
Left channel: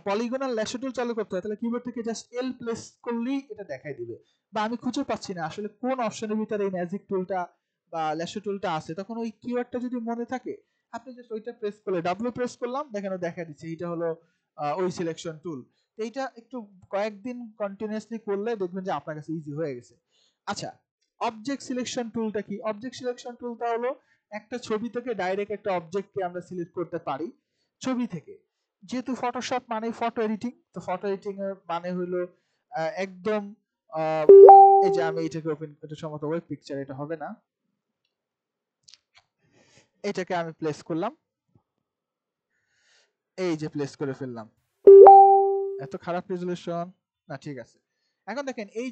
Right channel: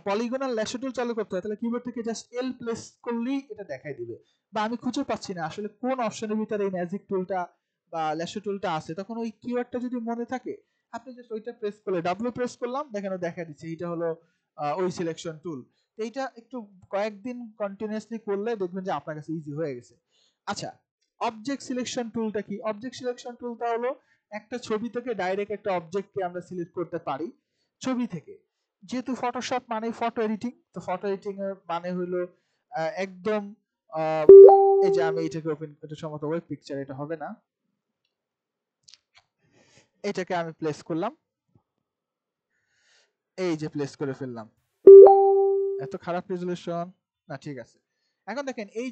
পলিগনাল ল্যাশো টুল চালু করতে হয় তাহলে কিবোর্ড থেকে জাস্ট এল প্রেস করলেই এটা দেখাই দিবে, বা আমি খুঁজে পাচ্ছি না আসলে কোন অপশনের ভিতরে এই ম্যাজিক টুলটা বা ল্যাশো টুলটা আছে, তখন ওই কিওয়ার্ডটা যদি মনে থাকে আপনি জাস্ট ওইটা প্রেস করলে ডাব্লিউ প্রেস করলাম দেখেন দেখা দিচ্ছে এইটা হলো ওই সিলেকশন টুল। তো এইটা একটু কয়েকদিন কন্টিনিউয়াসলি করলে দেখবেন যে আপনার কাছে ইজি হয়ে গেছে। আচ্ছা, অবজেক্ট সিলেকশন টুলটা কি? অবজেক্ট সিলেকশন টুলটা হলো একটা ছবি থেকে ডাইরেক্ট একটা অবজেক্টকে আমরা সিলেক্ট করতে পারি ছবি থেকে। যেহেতু ফটোশপ মানে ফটো এডিটিং, তো ফটো এডিটিং এর মানে হলো একদম এই যে আমি এটাকে ওপেন, এটা সম্ভবত ওয়েব পিকচার, এটা হবে না, এটাকে আমি প্লেস করলাম, এই যে প্লেস করে ফেললাম। এত খারাপ রেজুলেশন না, ঠিক আছে। এখন দেখেন এই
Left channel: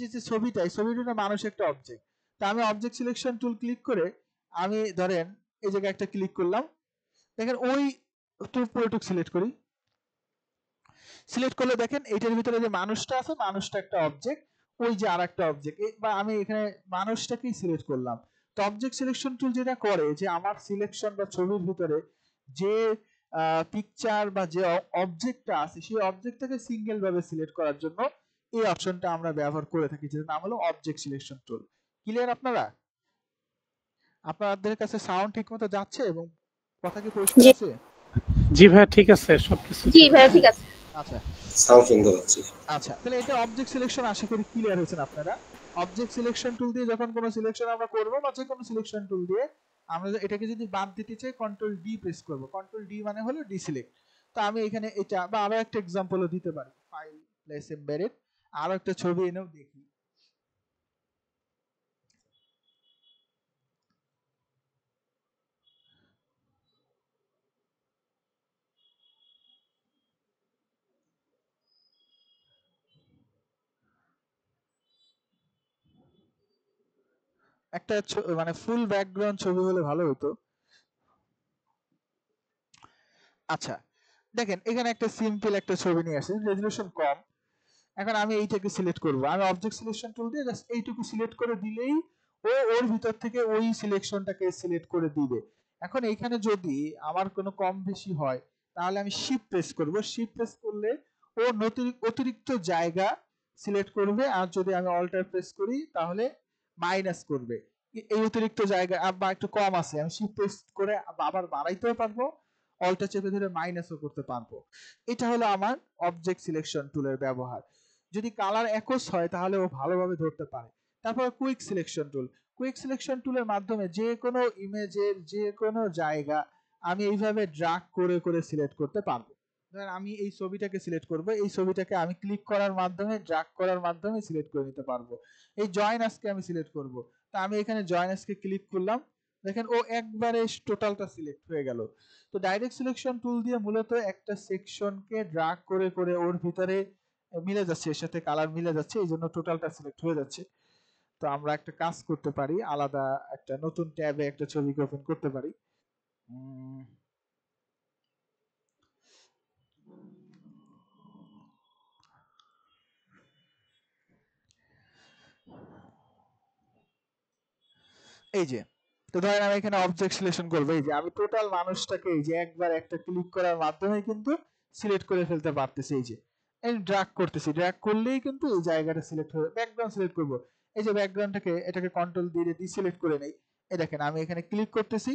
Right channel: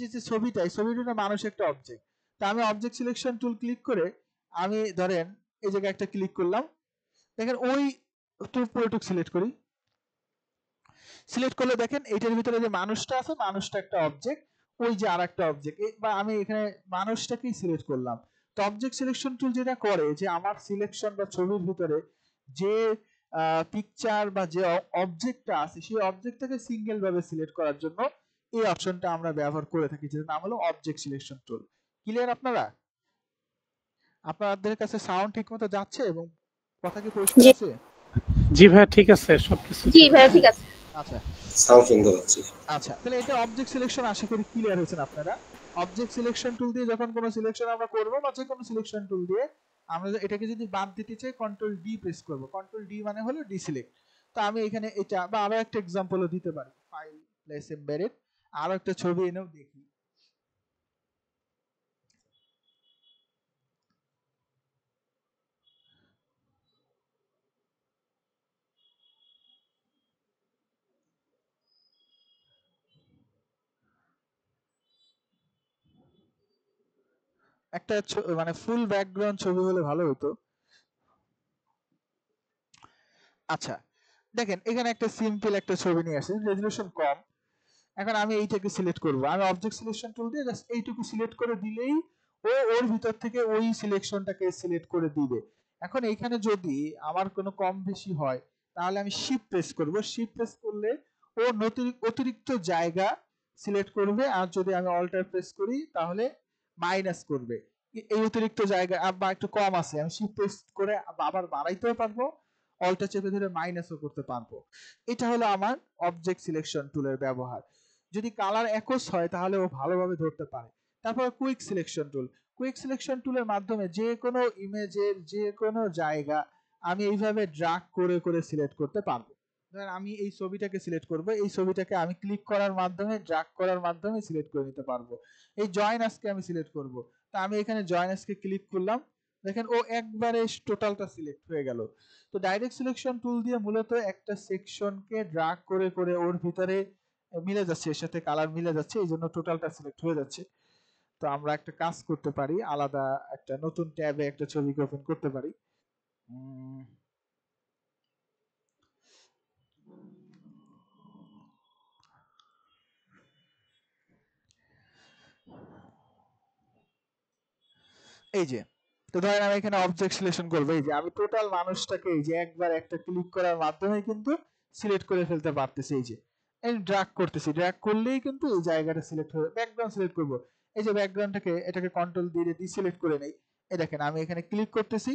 যে ছবিটা, এই ছবিটা মানুষ একটা অবজেক্ট। তা আমি অবজেক্ট সিলেকশন টুল ক্লিক করে আমি ধরেন এই জায়গায় একটা ক্লিক করলাম, দেখেন ওই পুরোটুক সিলেক্ট করি, সিলেক্ট করলে দেখেন এইটার ভিতরে যে মানুষটা আছে, মানুষটা একটা অবজেক্ট, ওই যে আরেকটা অবজেক্ট, বা আমি এখানে মানুষটাকেই সিলেক্ট করলাম। তো অবজেক্ট সিলেকশন টুল যেটা করে যে আমার সিলেকশন বা ছবির ভিতরে যে পিকচার বা যে অবজেক্টটা আছে সেই অবজেক্টটাকে সিঙ্গেল ভাবে সিলেক্ট করার জন্য এই অপশনটা আমরা ব্যবহার করে থাকি, যেটার নাম হলো অবজেক্ট সিলেকশন টুল। ক্লিয়ার আপনারা? আপনাদের কাছে সাউন্ড ঠিকমতো যাচ্ছে এবং কথা কি পরিষ্কার আছে? জি ভাই ঠিক আছে সবকিছু। জি ভাই ঠিক আছে। আচ্ছা সাউন্ড সুন্দর হচ্ছে। আচ্ছা, তাহলে এটা অবজেক্ট সিলেকশন আশা করি ক্লিয়ার হয়েছেন আপনারা। অবজেক্ট সিলেকশন টুল দিয়ে যখন কোনো সিলেকশন আমরা করব বা যে কোনো সিলেকশন টুল দিয়ে আমরা এটাকে যদি বাদ দিতে চাই কন্ট্রোল ডি প্রেস করব। কন্ট্রোল ডি মানে হলো ডিসিলেক্ট। তো আমি এখানে এটা বা আরো একটা एग्जांपलও দিতে পারি, ফাইল প্লেস এমবেডেড, আরো একটা ছবি এনেও দেখি। একটা মানে ফুল ব্যাকগ্রাউন্ড ছবি হলে ভালো হতো। আচ্ছা দেখেন এখানে একটা সিম্পল একটা ছবি নিয়ে আসেন, রেজোলিউশন কম। এখন আমি এইটাকে সিলেক্ট করব, আমি অবজেক্ট সিলেকশন টুল দিয়ে জাস্ট এইটুকু সিলেক্ট করে দিলেই ও ওর ভিতর থেকে ওই সিলেকশনটাকে সিলেক্ট করে দিবে। এখন এইখানে যদি আমার কোনো কম বেশি হয় তাহলে আমি শিফট প্রেস করব, শিফট প্রেস করলে ও অতিরিক্ত জায়গা সিলেক্ট করবে, আর যদি আমি অল্টার প্রেস করি তাহলে মাইনাস করবে। এই অতিরিক্ত জায়গা বা একটু কম আছে, আমি শিফট প্রেস করে আবার বাড়াইতেও পারবো, অল্টার চেপে ধরে মাইনাসও করতে পারবো। এটা হলো আমার অবজেক্ট সিলেকশন টুলের ব্যবহার। যদি কালার একস হয় তাহলে ও ভালোভাবে ধরতে পারে। তারপর quick selection tool, quick selection টুলের মাধ্যমে যে কোনো ইমেজের যে কোনো জায়গা আমি এইভাবে ড্র্যাগ করে করে সিলেক্ট করতে পারবো। ধরেন আমি এই ছবিটাকে সিলেক্ট করব, এই ছবিটাকে আমি ক্লিক করার মাধ্যমে ড্র্যাগ করার মাধ্যমে সিলেক্ট করে নিতে পারবো। এই জয়েন আজকে আমি সিলেক্ট করব, তা আমি এখানে জয়েন আজকে ক্লিক করলাম, দেখেন ও একবারে টোটালটা সিলেক্ট হয়ে গেল। তো ডাইরেক্ট সিলেকশন টুল দিয়ে মূলত একটা সেকশনকে ড্র্যাগ করে করে ওর ভিতরে মিলে যাচ্ছে, এর সাথে কালার মিলে যাচ্ছে, এই জন্য টোটালটা সিলেক্ট হয়ে যাচ্ছে। তো আমরা একটা কাজ করতে পারি, আলাদা একটা নতুন ট্যাবে একটা ছবিকে ওপেন করতে পারি। এই যে, তো ধরেন আমি এখানে অবজেক্ট সিলেকশন করব, এই যে আমি টোটাল মানুষটাকে এই যে একবার একটা ক্লিক করার মাধ্যমে কিন্তু সিলেক্ট করে ফেলতে পারতেছি। এই যে এই ড্র্যাগ করতেছি, ড্র্যাগ করলেই কিন্তু এই জায়গাটা সিলেক্ট হবে। ব্যাকগ্রাউন্ড সিলেক্ট করব, এই যে ব্যাকগ্রাউন্ডটাকে এটাকে কন্ট্রোল দিয়ে ডিসিলেক্ট করে নেই। এই দেখেন আমি এখানে ক্লিক করতেছি,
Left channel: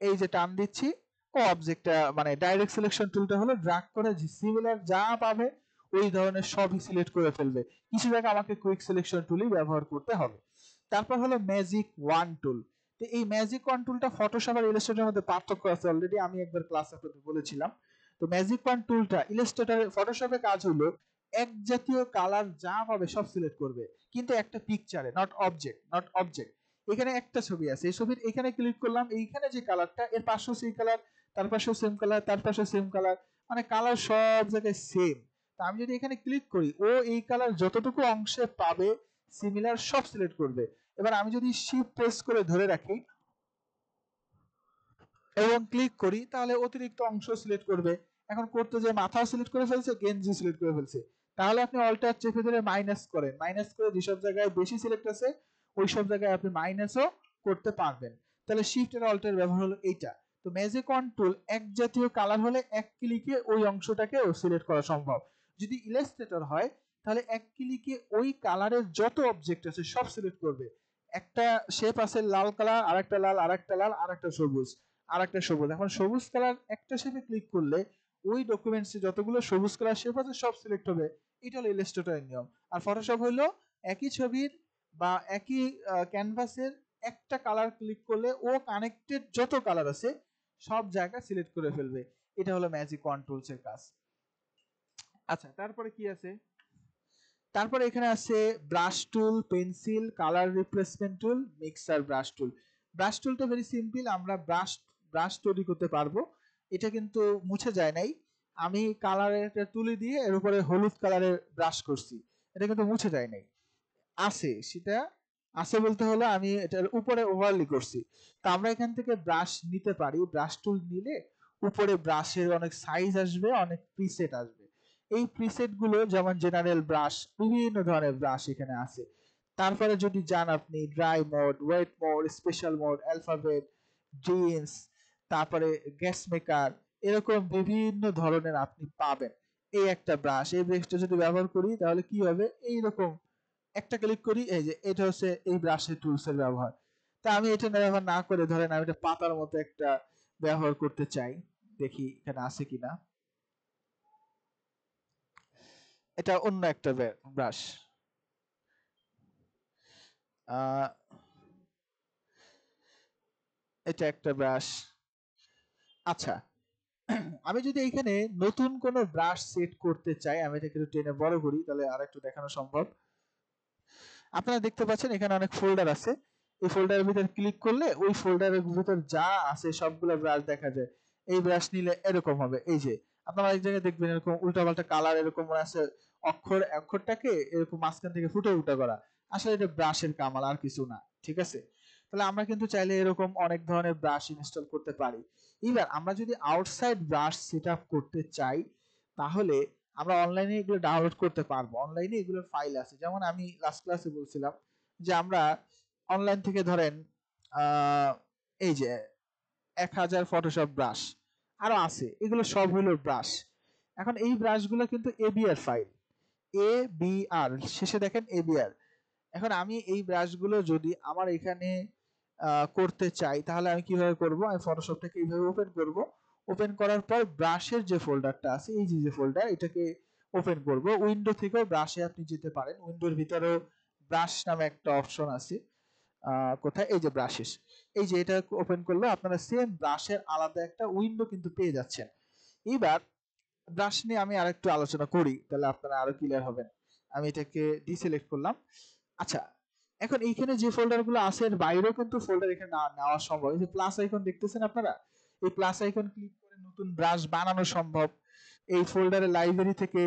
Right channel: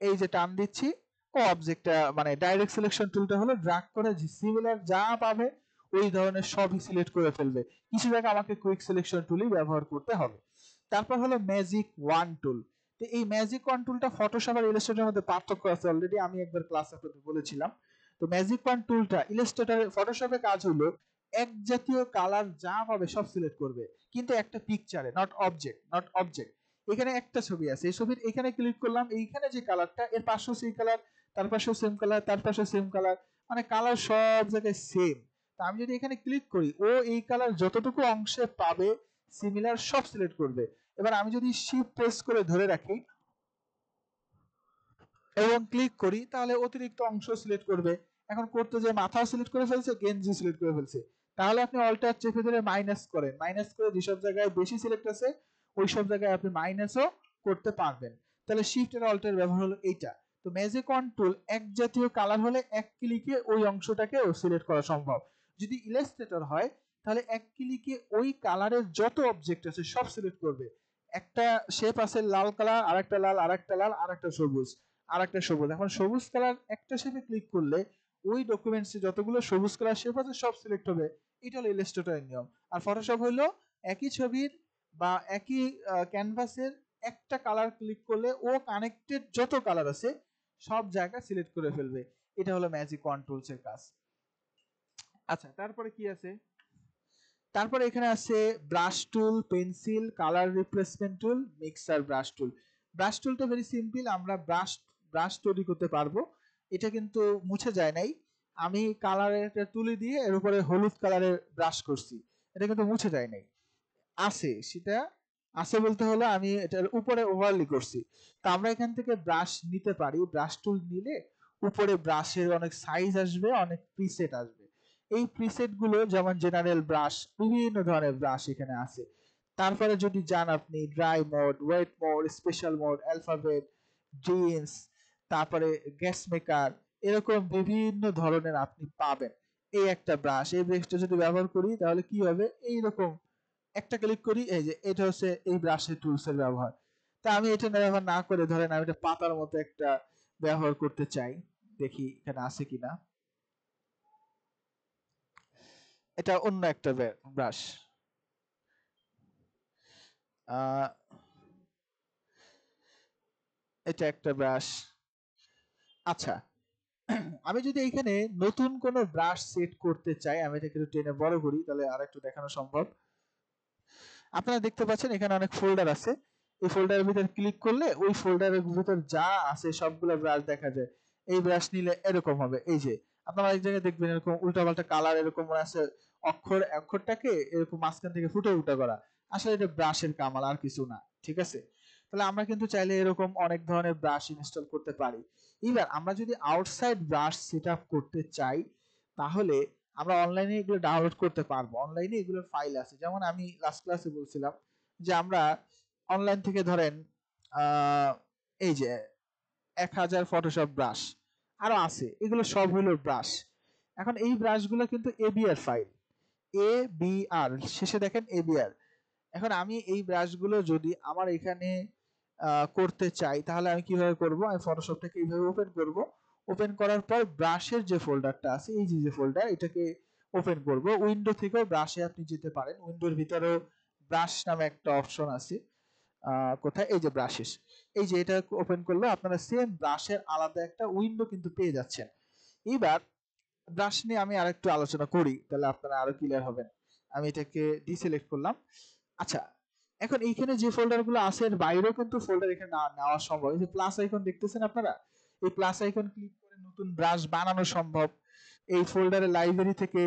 এই যে টান দিচ্ছি, ও অবজেক্টটা মানে ডাইরেক্ট সিলেকশন টুলটা হলো ড্র্যাগ করে সিমিলার যা পাবে ওই ধরনের সবই সিলেক্ট করে ফেলবে। কিছু জায়গা আমাকে কুইক সিলেকশন টুলই ব্যবহার করতে হবে। তারপর হলো ম্যাজিক ওয়ান টুল। তো এই ম্যাজিক ওয়ান টুলটা ফটোশপ আর ইলাস্ট্রেটরের মধ্যে পার্থক্য আছে, অলরেডি আমি একবার ক্লাসে আপনাদের বলেছিলাম। তো ম্যাজিক ওয়ান টুলটা ইলাস্ট্রেটর ফটোশপে কাজ হলো এক জাতীয় কালার যা পাবে সব সিলেক্ট করবে, কিন্তু একটা পিকচারে, নট অবজেক্ট। এখানে একটা ছবি আছে, এই ছবির এখানে ক্লিক করলাম, এইখানে যে কালারটা এর পাশেও সেই কালার, তার পাশেও সেম কালার, তার পাশেও সেম কালার, মানে কালার সব জায়গায় সেম। তা আমি যদি এখানে ক্লিক করি ও এই কালার যতটুকু অংশে পাবে সিমিলার সব সিলেক্ট করবে। এবার আমি যদি শিফট প্রেস করে ধরে রাখি এবং ক্লিক করি, তাহলে অতিরিক্ত অংশ সিলেক্ট করবে। এখন করতে যে মাথাও সিলেক্ট করে ফেলছে, গেঞ্জি সিলেক্ট করে ফেলছে, তাহলে আপনি অল্টার চেপে ধরে মাইনাস করেন, মাইনাস করে যেসব জায়গায় বেশি সিলেক্ট আছে ওই সব জায়গায় আপনি মাইনাসও করতে পারবেন। তাহলে শিফট এর অল্টার ব্যবহার হলো এইটা। তো ম্যাজিক কন্ট্রোল এক জাতীয় কালার হলে এক ক্লিকে ওই অংশটাকে সিলেক্ট করা সম্ভব। যদি ইলাস্ট্রেটর হয় তাহলে এক ক্লিকে ওই কালারের যত অবজেক্ট আছে সব সিলেক্ট করবে। একটা শেপ আছে লাল কালার, আরেকটা লাল, আরেকটা লাল, আরেকটা সবুজ, আরেকটা সবুজ। এখন সবুজ কালার একটা শেপে ক্লিক করলে ওই ডকুমেন্টসে যতগুলো সবুজ কালার শেপ আছে সব সিলেক্ট হবে। এটা হলো ইলাস্ট্রেটরের নিয়ম। আর ফটোশপ হলো একই ছবির বা একই ক্যানভাসের একটা কালার ক্লিক করলে ও কানেক্টেড যত কালার আছে সব জায়গা সিলেক্ট করে ফেলবে। এটা হলো ম্যাজিক কন্ট্রোলস এর কাজ। আচ্ছা, তারপরে কি আছে? তারপরে এখানে আছে brush tool, pencil, colour replacement tool, mixer brush tool. Brush টুলটা ভেরি সিম্পল, আমরা ব্রাশ তৈরি করতে পারবো। এটা কিন্তু মুছে যায় নাই। আমি কালারের তুলি দিয়ে এর উপরে হলুদ কালারের ব্রাশ করছি, এটা কিন্তু মুছে যায় নাই, আছে। সেটা আছে বলতে হলো আমি এটার উপরে ওভারলি করছি। তো আমরা এখান থেকে ব্রাশ নিতে পারি। ব্রাশ টুল নিলে উপরে ব্রাশের অনেক সাইজ আসবে, অনেক প্রিসেট আসবে। এই প্রিসেট গুলো যেমন জেনারেল ব্রাশ, বিভিন্ন ধরনের ব্রাশ এখানে আছে। তারপরে যদি যান আপনি dry mode, wet mode, special mode, alphabet, jeans, তারপরে গ্যাস মেকার, এরকম বিভিন্ন ধরনের আপনি পাবেন। এই একটা ব্রাশ, এই ব্রাশটা যদি ব্যবহার করি তাহলে কি হবে, এইরকম একটা ক্লিক করি, এই যে এটা হচ্ছে এই ব্রাশের টুলস এর ব্যবহার। তা আমি এটা ব্যবহার না করে ধরেন আমি এটা পাতার মতো একটা ব্যবহার করতে চাই, দেখি এখানে আছে কিনা। এটা অন্য একটা ব্রাশ, এটা একটা ব্রাশ। আচ্ছা, আমি যদি এখানে নতুন কোন ব্রাশ সেট করতে চাই, আমি এটাকে একটু টেনে বড় করি তাহলে আর একটু দেখানো সম্ভব। আপনারা দেখতে পাচ্ছেন এখানে অনেক ফোল্ডার আছে। এই ফোল্ডারের ভিতর ক্লিক করলে ওই ফোল্ডারের ভিতর যা আছে সবগুলো ব্রাশ দেখা যায়। এই ব্রাশ নিলে এরকম হবে, এই যে আপনারা এক জায়গায় দেখবেন এরকম উল্টাপাল্টা কালার এরকম আছে, অক্ষরটাকে এরকম মাঝখান থেকে ফুটে উল্টা করা। আসলে এটা ব্রাশের কামাল, আর কিছু না, ঠিক আছে? তাহলে আমরা কিন্তু চাইলে এরকম অনেক ধরনের ব্রাশ ইনস্টল করতে পারি। এবার আমরা যদি আউটসাইড ব্রাশ সেটআপ করতে চাই তাহলে আমরা অনলাইনে এগুলো ডাউনলোড করতে পারবো। অনলাইনে এগুলোর ফাইল আছে, যেমন আমি লাস্ট ক্লাসে বলছিলাম যে আমরা অনলাইন থেকে ধরেন এই যে 1000 ফটোশপ ব্রাশ আরো আছে, এগুলো সব হলো ব্রাশ। এখন এই ব্রাশগুলো কিন্তু এবিআর ফাইল, এ বি আর শেষে দেখেন এবিআর। এখন আমি এই ব্রাশগুলো যদি আমার এখানে করতে চাই তাহলে আমি কিভাবে করব, আমি ফটোশপটাকে এইভাবে ওপেন করব। ওপেন করার পর ব্রাশের যে ফোল্ডারটা আছে, এই যে ফোল্ডার, এটাকে ওপেন করব। উইন্ডো থেকেও ব্রাশে আপনি যেতে পারেন, উইন্ডোর ভিতরেও ব্রাশ নামে একটা অপশন আছে। কোথায়, এই যে ব্রাশেস, এই যে এটা ওপেন করলে আপনারা সেম ব্রাশের আলাদা একটা উইন্ডো কিন্তু পেয়ে যাচ্ছেন। এবার ব্রাশ নিয়ে আমি আরেকটু আলোচনা করি, তাহলে আপনারা আরো ক্লিয়ার হবেন। আমি এটাকে ডিসিলেক্ট করলাম। আচ্ছা, এখন এইখানে যে ফোল্ডার গুলো আছে এর বাইরেও কিন্তু ফোল্ডার এখানে নেওয়া সম্ভব। এই যে প্লাস আইকন দেখতেছেন আপনারা, এই প্লাস আইকন ক্লিক করে নতুন ব্রাশ বানানো সম্ভব। এই ফোল্ডারের লাইব্রেরি থেকে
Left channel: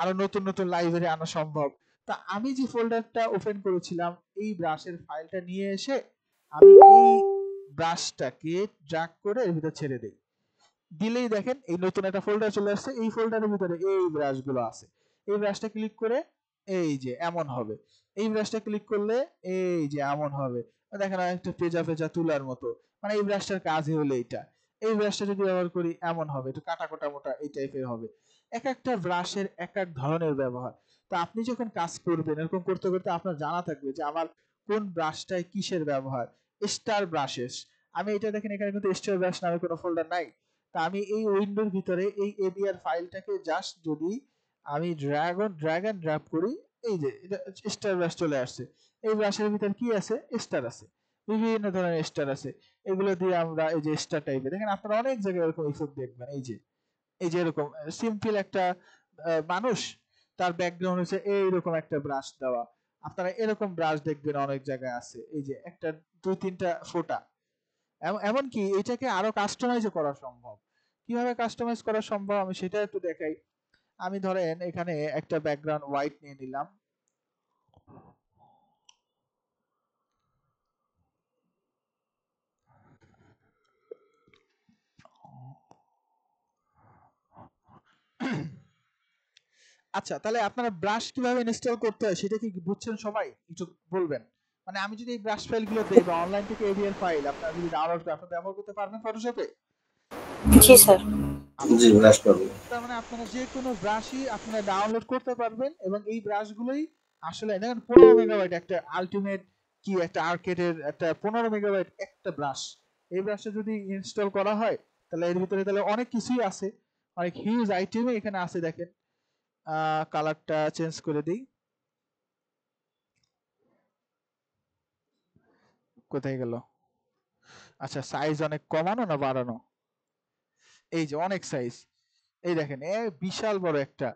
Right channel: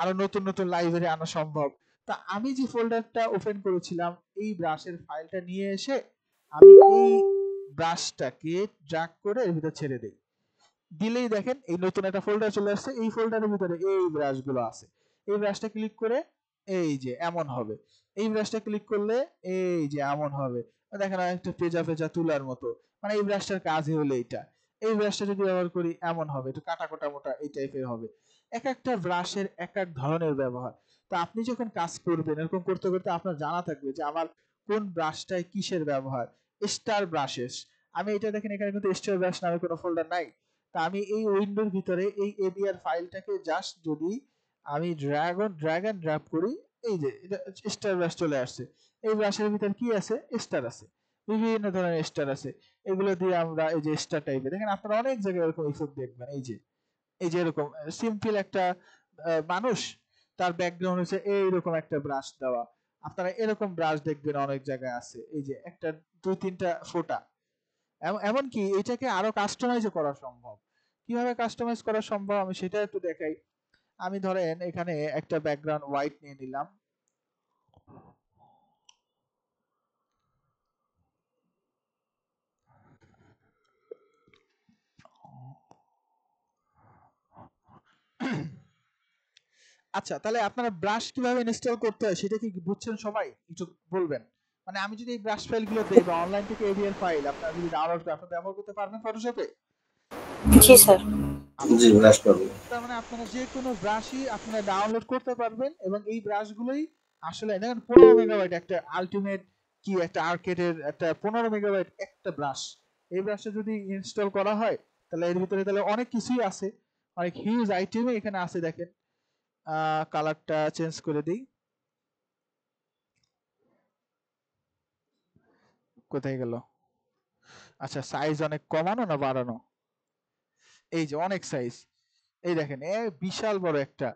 আরো নতুন নতুন লাইব্রেরি আনা সম্ভব। তা আমি যে ফোল্ডারটা ওপেন করেছিলাম এই ব্রাশের ফাইলটা নিয়ে এসে আমি এই ব্রাশটাকে ড্র্যাগ করে এর ভিতর ছেড়ে দেই, দিলেই দেখেন এই নতুন একটা ফোল্ডার চলে আসছে। এই ফোল্ডারের ভিতরে এই ব্রাশগুলো আছে। এই ব্রাশটা ক্লিক করে এই যে এমন হবে, এই ব্রাশটা ক্লিক করলে এই যে এমন হবে, দেখেন একটা পেজা পেজা তুলার মতো। মানে এই ব্রাশটার কাজই হলো এইটা। এই ব্রাশটা যদি ব্যবহার করি এমন হবে, একটু কাটা কোটা মোটা এই টাইপের হবে। এক একটা ব্রাশের এক এক ধরনের ব্যবহার। তো আপনি যখন কাজ করবেন এরকম করতে করতে আপনার জানা থাকবে যে আমার কোন ব্রাশটায় কিসের ব্যবহার। স্টার ব্রাশেস, আমি এটা দেখেন এখানে কিন্তু স্টার ব্রাশ নামে কোনো ফোল্ডার নাই। তা আমি এই উইন্ডোর ভিতরে এই এবিআর ফাইলটাকে জাস্ট যদি আমি ড্র্যাগ অ্যান্ড ড্রপ করি, এই যে এটা স্টার ব্রাশ চলে আসছে। এই ব্রাশের ভিতর কি আছে, স্টার আছে, বিভিন্ন ধরনের স্টার আছে। এগুলো দিয়ে আমরা এই যে স্টার টাইপের দেখেন আপনারা অনেক জায়গায় এরকম ইফেক্ট দেখবেন। এই যে এরকম সিম্পল একটা মানুষ, তার ব্যাকগ্রাউন্ড হচ্ছে এইরকম একটা ব্রাশ দেওয়া। আপনারা এরকম ব্রাশ দেখবেন অনেক জায়গায় আছে, এই যে একটা 2-3টা ফোঁটা। এমনকি এটাকে আরো কাস্টমাইজ করা সম্ভব। কিভাবে কাস্টমাইজ করা সম্ভব আমি সেটা একটু দেখাই। আমি ধরেন এখানে একটা ব্যাকগ্রাউন্ড হোয়াইট নিয়ে নিলাম, আচ্ছা, তাহলে আপনারা ব্রাশ কিভাবে ইনস্টল করতে হয় সেটা কি বুঝছেন সবাই? একটু বলবেন। মানে আমি যদি এই ব্রাশ ফাইলগুলো দেই বা অনলাইন থেকে এভিএল ফাইল আপনারা যদি ডাউনলোড করে আপনারা ব্যবহার করতে পারবেন ফটোশপে? জি স্যার। জি ব্রাশ পাবো। তার মানে আপনারা যে কোনো ব্রাশই আপনারা ডাউনলোড করতে পারবেন এবং এই ব্রাশগুলোই আসলে দেখেন 15 মেগাবাইট একটা আলটিমেট কি একটা আর্কেডের একটা 15 মেগাবাইট একটা ব্রাশ। এই ব্রাশটা যদি ইনস্টল করা হয় তাহলে এর ভিতরে তাহলে অনেক কিছুই আছে, অনেক হিউজ আইটেমই এখানে আছে। দেখেন কালারটা চেঞ্জ করে দিই, কোথায় গেল? আচ্ছা, সাইজ অনেক কমানো না বাড়ানো? এই যে অনেক সাইজ, এই দেখেন বিশাল বড় একটা,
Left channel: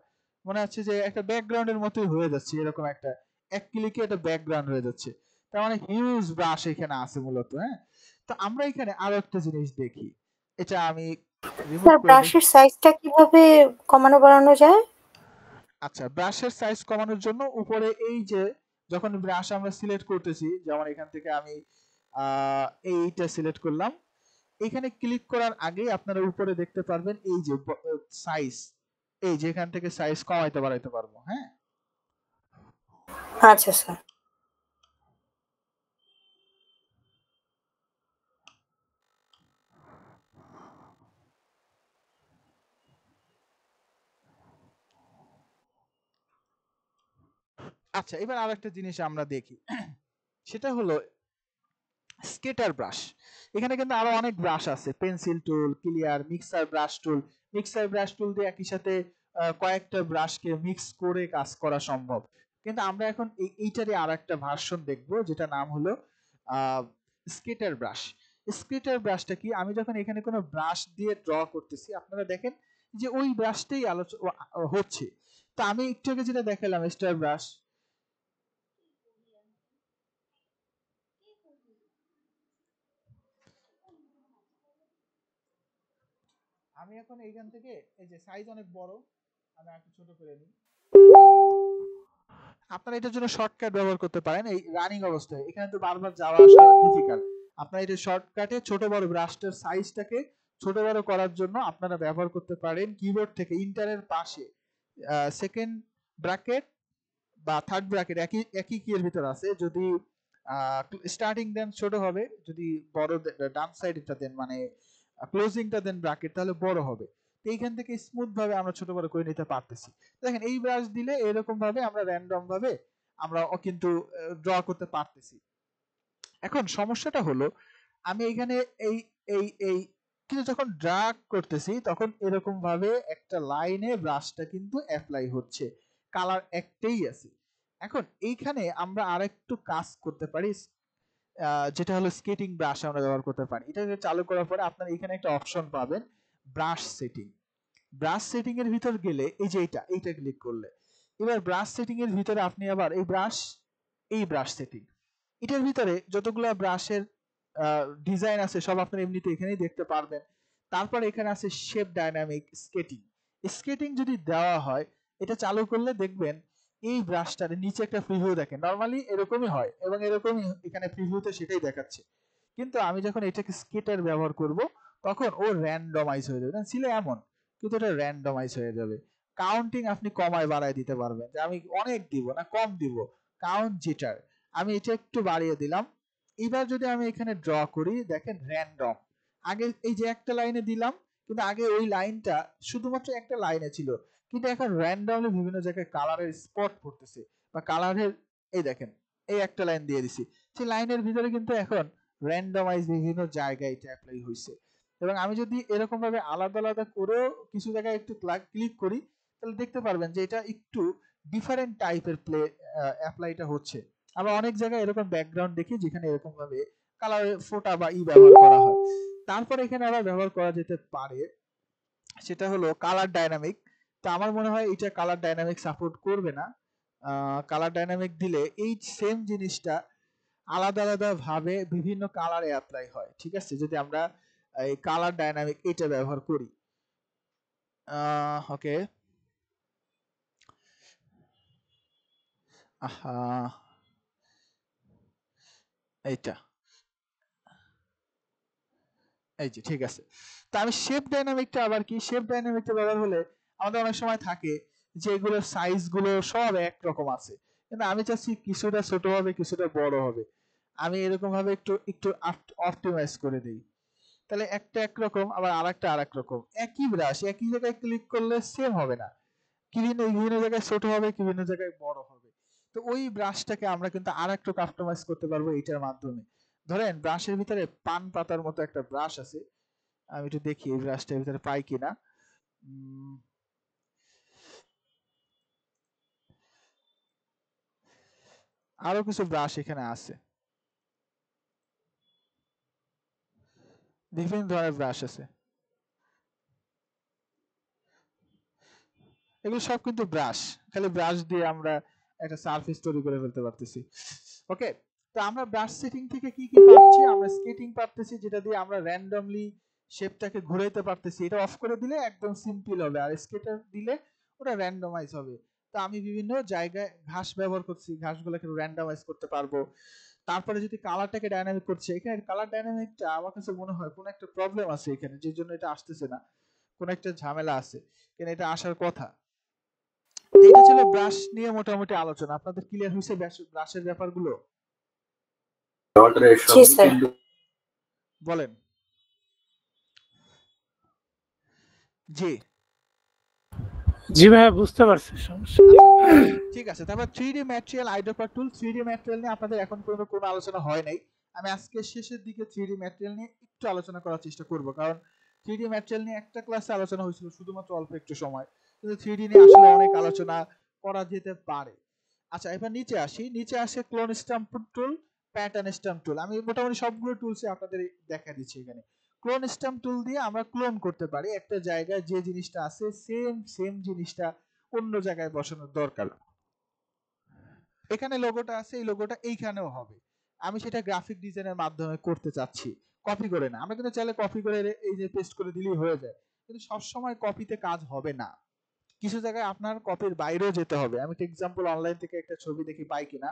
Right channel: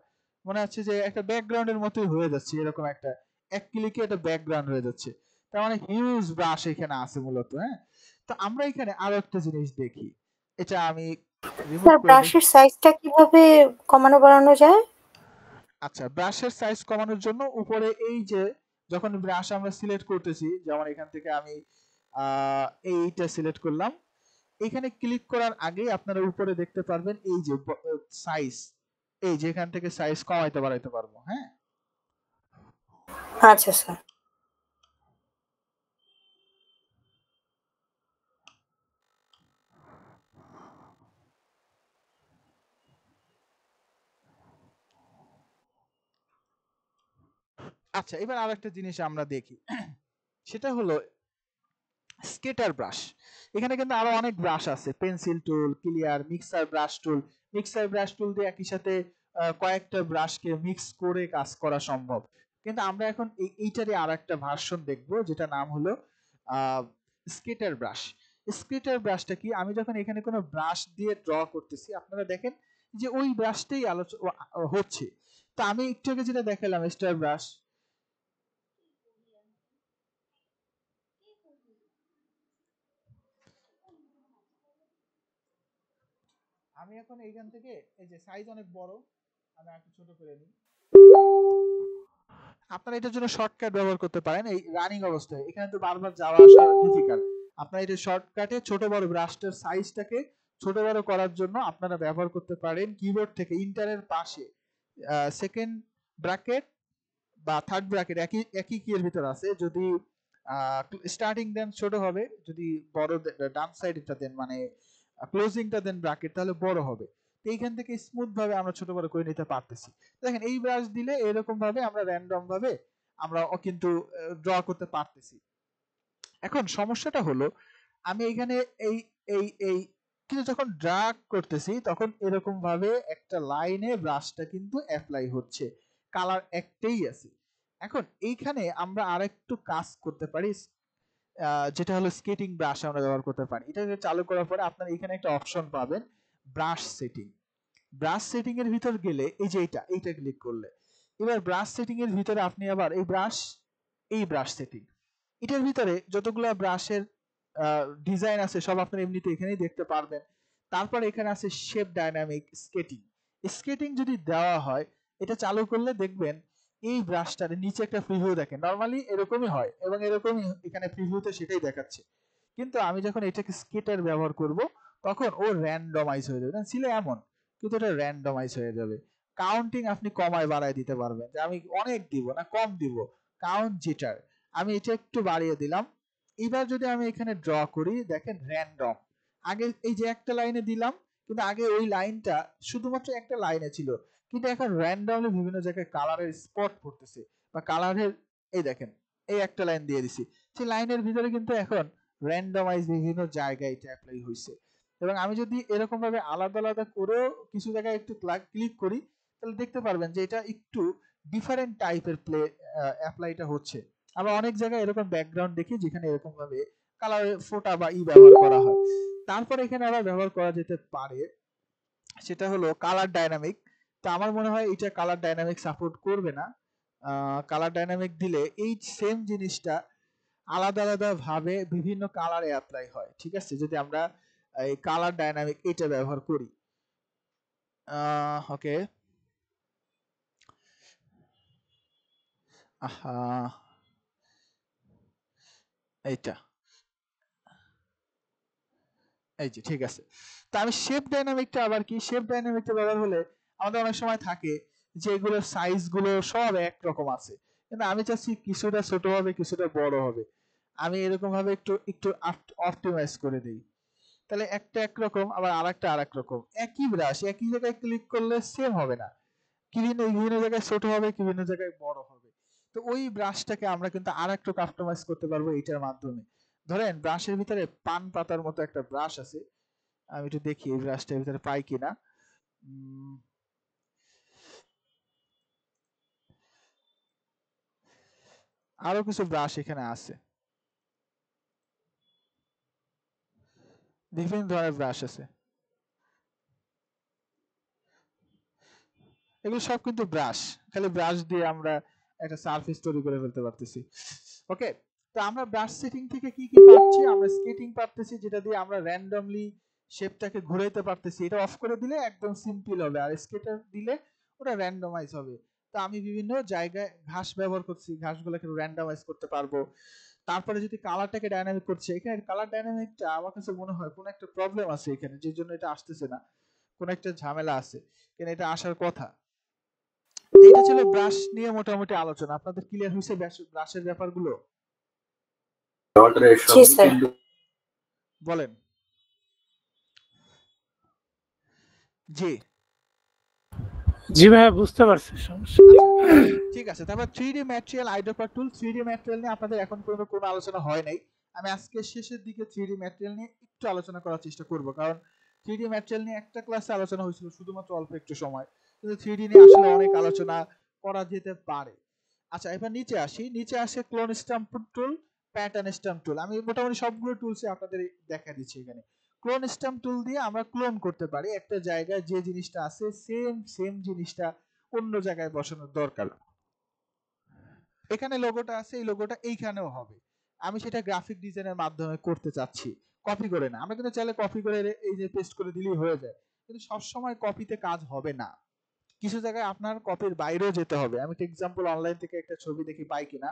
মনে হচ্ছে যে একটা ব্যাকগ্রাউন্ডের মতোই হয়ে যাচ্ছে, এরকম একটা এক ক্লিকে একটা ব্যাকগ্রাউন্ড হয়ে যাচ্ছে। তার মানে হিউজ ব্রাশ এখানে আছে মূলত। হ্যাঁ, তো আমরা এখানে আরো একটা জিনিস দেখি, এটা আমি রিমুভ স্যার করে দিই। ব্রাশের সাইজটা কিভাবে কমানো বাড়ানো যায়? আচ্ছা, ব্রাশের সাইজ কমানোর জন্য উপরে এই যে যখন ব্রাশ আমরা সিলেক্ট করতেছি, যেমন এখান থেকে আমি এইটা সিলেক্ট করলাম, এখানে ক্লিক করার আগে আপনারা উপরে দেখতে পারবেন এই যে সাইজ, এই যে এখান থেকে সাইজ কমাইতে বাড়াইতে পারবো। হ্যাঁ, আচ্ছা স্যার। আচ্ছা, এবার আরেকটা জিনিস আমরা দেখি, সেটা হলো স্কেটার ব্রাশ। এখানে কিন্তু আরো অনেক ব্রাশ আছে, পেন্সিল টুল, ক্লিয়ার, মিক্সার ব্রাশ টুল। মিক্সার ব্রাশ টুল দিয়ে একই সাথে কয়েকটা ব্রাশকে মিক্স করে কাজ করা সম্ভব। কিন্তু আমরা এখন এইটারই আর একটা ভার্সন দেখবো, যেটা নাম হলো স্কেটার ব্রাশ। স্কেটার ব্রাশটা কি, আমি যখন এখানে কোনো ব্রাশ দিয়ে ড্র করতেছি আপনারা দেখেন যে ওই ব্রাশটাই হচ্ছে। তো আমি একটু আগে যেটা দেখালাম স্টার ব্রাশ, আমি এখন এইখান থেকে এই যে সাইজ অনেক বড়, আমি একটু ছোট করে নিই। আপনারা এটার জন্য শর্টকাট ব্যবহার করতে পারেন। এই রানিং অবস্থায় এখানে তো বারবার যাওয়া আসা ডিফিকাল্ট, আপনারা এটা শর্টকাটে ছোট বড় ব্রাশটার সাইজটাকে ছোট বড় করার জন্য আপনারা ব্যবহার করতে পারেন কিবোর্ড থেকে ইন্টারের পাশে সেকেন্ড ব্র্যাকেট বা থার্ড ব্র্যাকেট, একই কি এর ভিতর আছে। যদি স্টার্টিং দেন ছোট হবে, যদি বড় ডান সাইডটা দেন মানে ক্লোজিংটা দেন ব্র্যাকেট, তাহলে বড় হবে। তো এইখান থেকে স্মুথ ভাবে আমরা ছোট বড় করে নিতে পারতেছি। দেখেন এই ব্রাশ দিলে এরকম ভাবে আমরা র্যান্ডম ভাবে আমরা কিন্তু ড্র করতে পারতেছি। এখন সমস্যাটা হলো আমি এখানে এই এই এই কিন্তু যখন ড্রাগ করতেছি তখন এরকম ভাবে একটা লাইনে ব্রাশটা কিন্তু অ্যাপ্লাই হচ্ছে, কালার একটাই আছে। এখন এইখানে আমরা আরেকটু কাজ করতে পারি, যেটা হলো স্কেটিং ব্রাশ আমরা ব্যবহার করতে পারি। এটা চালু করার পরে আপনারা এখানে একটা অপশন পাবেন ব্রাশ সেটিং। ব্রাশ সেটিং এর ভিতর গেলে এই যে এইটা ক্লিক করলে এবার ব্রাশ সেটিং এর ভিতরে আপনি আবার এই ব্রাশ সেটিং, এটার ভিতরে যতগুলো ব্রাশের ডিজাইন আছে সব আপনারা এমনিতে এখানেই দেখতে পারবেন। তারপর এখানে আছে শেপ ডাইনামিক স্কেটিং। স্কেটিং যদি দেওয়া হয়, এটা চালু করলে দেখবেন এই ব্রাশটার নিচে একটা প্রিভিউ দেখেন, নরমালি এরকমই হয় এবং এরকমই এখানে প্রিভিউতে সেটাই দেখাচ্ছে। কিন্তু আমি যখন এটাকে স্কেটার ব্যবহার করব তখন ও র্যান্ডমাইজ হয়ে যাবে, ছিল এমন, কিন্তু এটা র্যান্ডমাইজ হয়ে যাবে। কাউন্টিং আপনি কমায় বাড়ায় দিতে পারবেন, যে আমি অনেক দিব না কম দিব, কাউন্ট জিটার আমি এটা একটু বাড়িয়ে দিলাম। এবার যদি আমি এখানে ড্র করি দেখেন র্যান্ডম, আগে এই যে একটা লাইনে দিলাম, কিন্তু আগে ওই লাইনটা শুধুমাত্র একটা লাইনে ছিল, কিন্তু এখন র্যান্ডমলি বিভিন্ন জায়গায় কালারের স্পট পড়তেছে বা কালারের, এই দেখেন এই একটা লাইন দিয়ে দিছি, সেই লাইনের ভিতরে কিন্তু এখন র্যান্ডমাইজ বিভিন্ন জায়গায় এটা অ্যাপ্লাই হয়েছে। এবং আমি যদি এরকম ভাবে আলাদা আলাদা করেও কিছু জায়গায় একটু ক্লিক করি তাহলে দেখতে পারবেন যে এটা একটু ডিফারেন্ট টাইপের অ্যাপ্লাইটা হচ্ছে। আবার অনেক জায়গায় এরকম ব্যাকগ্রাউন্ড দেখি যেখানে এরকম ভাবে কালারের ফোটা বা ব্যবহার করা হয়। তারপর এখানে আবার ব্যবহার করা যেতে পারে সেটা হলো কালার ডাইনামিক। তো আমার মনে হয় এটা কালার ডাইনামিক সাপোর্ট করবে না। কালার ডাইনামিক দিলে এই সেম জিনিসটা আলাদা আলাদা ভাবে বিভিন্ন কালারে অ্যাপ্লাই হয়, ঠিক আছে, যদি আমরা এই কালার ডাইনামিক এটা ব্যবহার করি। ওকে, এইটা এই যে ঠিক আছে। তো আমি শেপ ডাইনামিকটা আবার কি, শেপ ডাইনামিকটা ব্যবহার হলে আমাদের অনেক সময় থাকে যে এগুলোর সাইজ গুলো সব একরকম আছে, কিন্তু আমি চাচ্ছি কিছুটা ছোট হবে কিছুটা বড় হবে। আমি এরকম ভাবে একটু একটু অপটিমাইজ করে দিই, তাহলে একটা একরকম আবার আরেকটা আরেক রকম। একই ব্রাশ একই জায়গায় ক্লিক করলে সেম হবে না, বিভিন্ন বিভিন্ন জায়গায় ছোট হবে বিভিন্ন জায়গায় বড় হবে। তো ওই ব্রাশটাকে আমরা কিন্তু আরেকটু কাস্টমাইজ করতে পারবো এইটার মাধ্যমে। ধরেন ব্রাশের ভিতরে পান পাতার মতো একটা ব্রাশ আছে, আমি একটু দেখি এই ব্রাশটার ভিতরে পাই কিনা। আরো কিছু ব্রাশ এখানে আছে, বিভিন্ন ধরনের ব্রাশ আছে, এগুলো সব কিন্তু ব্রাশ, খালি ব্রাশ দিয়ে আমরা একটা সারফেস তৈরি করে ফেলতে পারতেছি। ওকে, তো আমরা ব্রাশ সেটিং থেকে কি কি পাচ্ছি? আমরা স্কেটিং পাচ্ছি, যেটা দিয়ে আমরা র্যান্ডমলি শেপটাকে ঘুরাইতে পারতেছি। এটা অফ করে দিলে একদম সিম্পল হবে, আর স্কেটার দিলে ওটা র্যান্ডমাইজ হবে। তো আমি বিভিন্ন জায়গায় ঘাস ব্যবহার করছি, ঘাসগুলোকে র্যান্ডমাইজ করতে পারবো। তারপরে যদি কালারটাকে ডাইনামিক করছে, এখানে কালার ডাইনামিকটা আমার কাছে মনে হয় কোনো একটা প্রবলেম আছে এখানে, যে জন্য এটা আসতেছে না, কোনো একটা ঝামেলা আছে, কেন এটা আসার কথা। এটা ছিল ব্রাশ নিয়ে মোটামুটি আলোচনা। আপনাদের ক্লিয়ার হয়েছে ব্রাশের ব্যাপারগুলো? জি স্যার। বলেন। জি জি ভাইয়া, বুঝতে পারছি সমস্যা। ঠিক আছে। তারপর 3D ম্যাটেরিয়াল আইডোপার টুল। 3D ম্যাটেরিয়াল নিয়ে আপনাদের এখন পর্যন্ত কোনো আলোচনা হয় নাই। আমি আজকে শেষের দিকে 3D ম্যাটেরিয়াল নিয়ে একটু আলোচনা করার চেষ্টা করব, কারণ 3D ম্যাটেরিয়াল নিয়ে একটা ক্লাসে আলোচনা হয়েছিল শুধুমাত্র অল্প একটু সময়, কিন্তু 3D নিয়ে আসলে অনেক আলোচনা করা যেতে পারে। আচ্ছা, এবার নিচে আসি। নিচে আসে ক্লোন স্ট্যাম্প টুল, প্যাটার্ন স্ট্যাম্প টুল। আমি মোটামুটি সবগুলো টুলসে আপনাদের দেখা দিচ্ছি এখানে। ক্লোন স্ট্যাম্প টুল দিয়ে আমরা ক্লোন করতে পারি একটা জায়গায় যে জিনিসটা আছে সেম জিনিসটা অন্য জায়গায় বসানোর দরকার। এখানে লোগোটা আছে, এই লোগোটা এইখানেও হবে। আমি সেটা গ্রাফিক ডিজাইনের মাধ্যমে করতে চাচ্ছি, কপি করে না। আমরা কিন্তু চাইলে কপি করে এই যে পেস্ট করে দিলেই হয়ে যায়, কিন্তু সবসময় কপিতে কাজ হবে না, কিছু জায়গায় আপনার কপির বাইরেও যেতে হবে। আমি একটা এক্সাম্পল অনলাইন থেকে একটা ছবি দেখি পাই কিনা।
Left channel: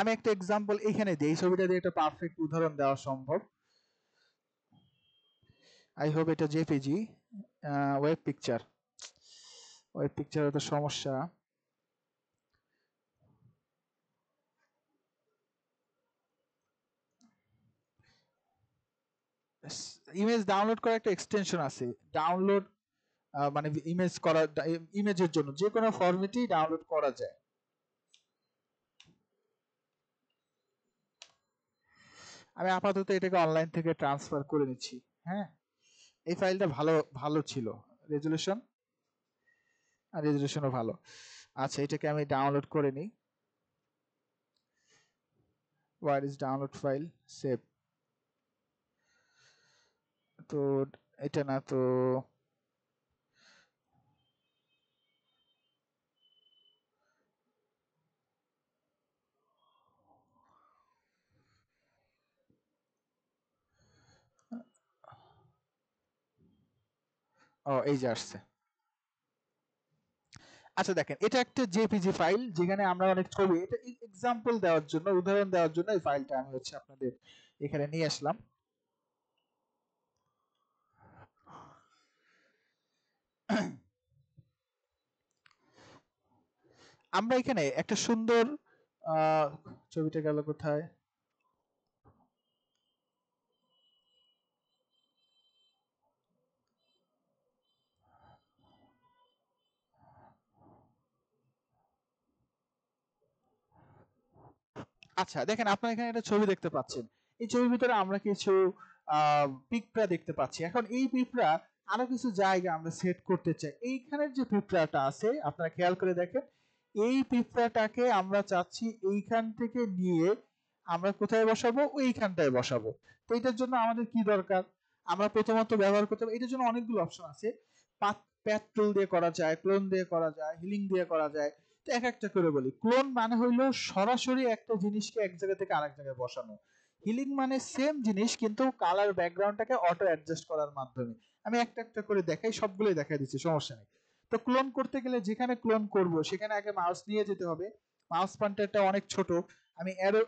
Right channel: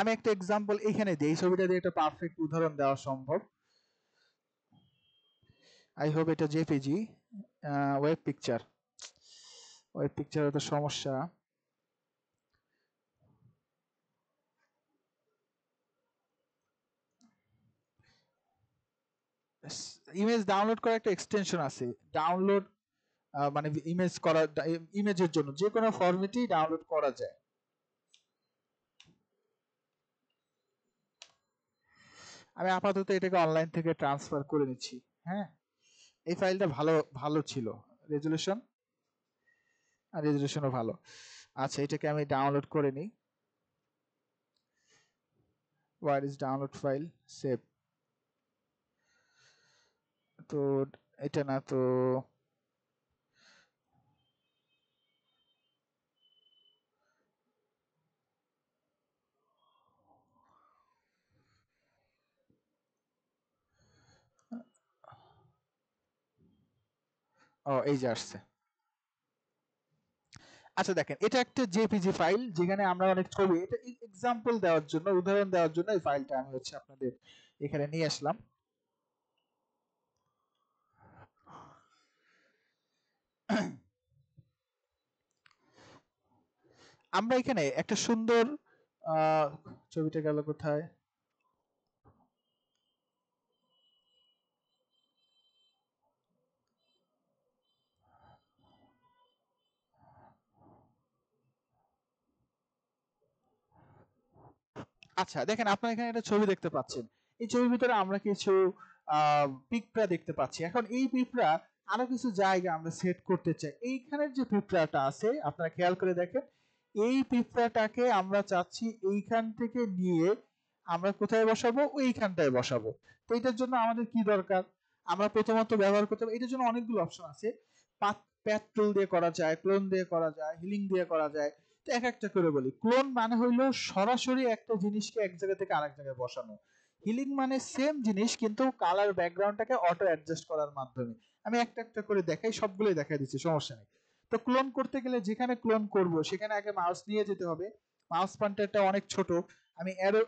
আমি একটা এক্সাম্পল এখানে দিই, ছবিটা দিয়ে একটা পারফেক্ট উদাহরণ দেওয়া সম্ভব। আই হোপ এটা জেপিজি ওয়েব পিকচার। ওয়েব পিকচারে তো সমস্যা। ইমেজ ডাউনলোড করার একটা এক্সটেনশন আছে, ডাউনলোড মানে ইমেজ করা, ইমেজের জন্য যে কোনো ফরম্যাটেই ডাউনলোড করা যায়। আমি আপাতত এটাকে অনলাইন থেকে ট্রান্সফার করে নিচ্ছি। হ্যাঁ, এই ফাইলটা ভালো ছিল, রেজুলেশনও ভালো। আচ্ছা, এটাকে আমি ডাউনলোড করে নিই। Where is download file, save. তো এটা না তো, ও এই যে আসছে। আচ্ছা দেখেন, এটা একটা জেপিজি ফাইল যেখানে আমরা অনেক ছবি, এটা এক্সাম্পল দেওয়ার জন্য, উদাহরণ দেওয়ার জন্য এই ফাইলটা আমি আপনাদের এখানে নিয়ে আসলাম। আমরা এখানে একটা সুন্দর ছবিটা গেল কোথায়? আচ্ছা দেখেন, আপনারা এখানে একটা ছবি দেখতে পাচ্ছেন। এই ছবির ভিতরে আমরা কিছু পিঁপড়া দেখতে পাচ্ছি। এখন এই পিঁপড়া আরো কিছু জায়গা আমরা সেট করতে চাই। এইখানের যে পিঁপড়াটা আছে, আপনারা খেয়াল করে দেখেন, এই পিঁপড়াটাকে আমরা চাচ্ছি এইখান থেকে নিয়ে আমরা কোথায় বসাবো? ওইখানটায় বসাবো। তো এটার জন্য আমাদের কি দরকার? আমরা প্রথমত ব্যবহার করতে হবে, এটার জন্য অনেকগুলো অপশন আছে। প্যাথ টুল দিয়ে করা যায়, ক্লোন দিয়ে করা যায়, হিলিং দিয়ে করা যায়। তো এক একটা করে বলি। ক্লোন মানে হইলো সরাসরি একটা জিনিসকে এক জায়গা থেকে আরেক জায়গায় বসানো। হিলিং মানে সেম জিনিস কিন্তু কালার ব্যাকগ্রাউন্ডটাকে অটো অ্যাডজাস্ট করার মাধ্যমে। আমি একটা একটা করে দেখাই, সবগুলোই দেখাই দিচ্ছি, সমস্যা নেই। তো ক্লোন করতে গেলে যেখানে ক্লোন করব সেখানে আগে মাউস নিয়ে যেতে হবে। মাউস পয়েন্টারটা অনেক ছোট, আমি অ্যারো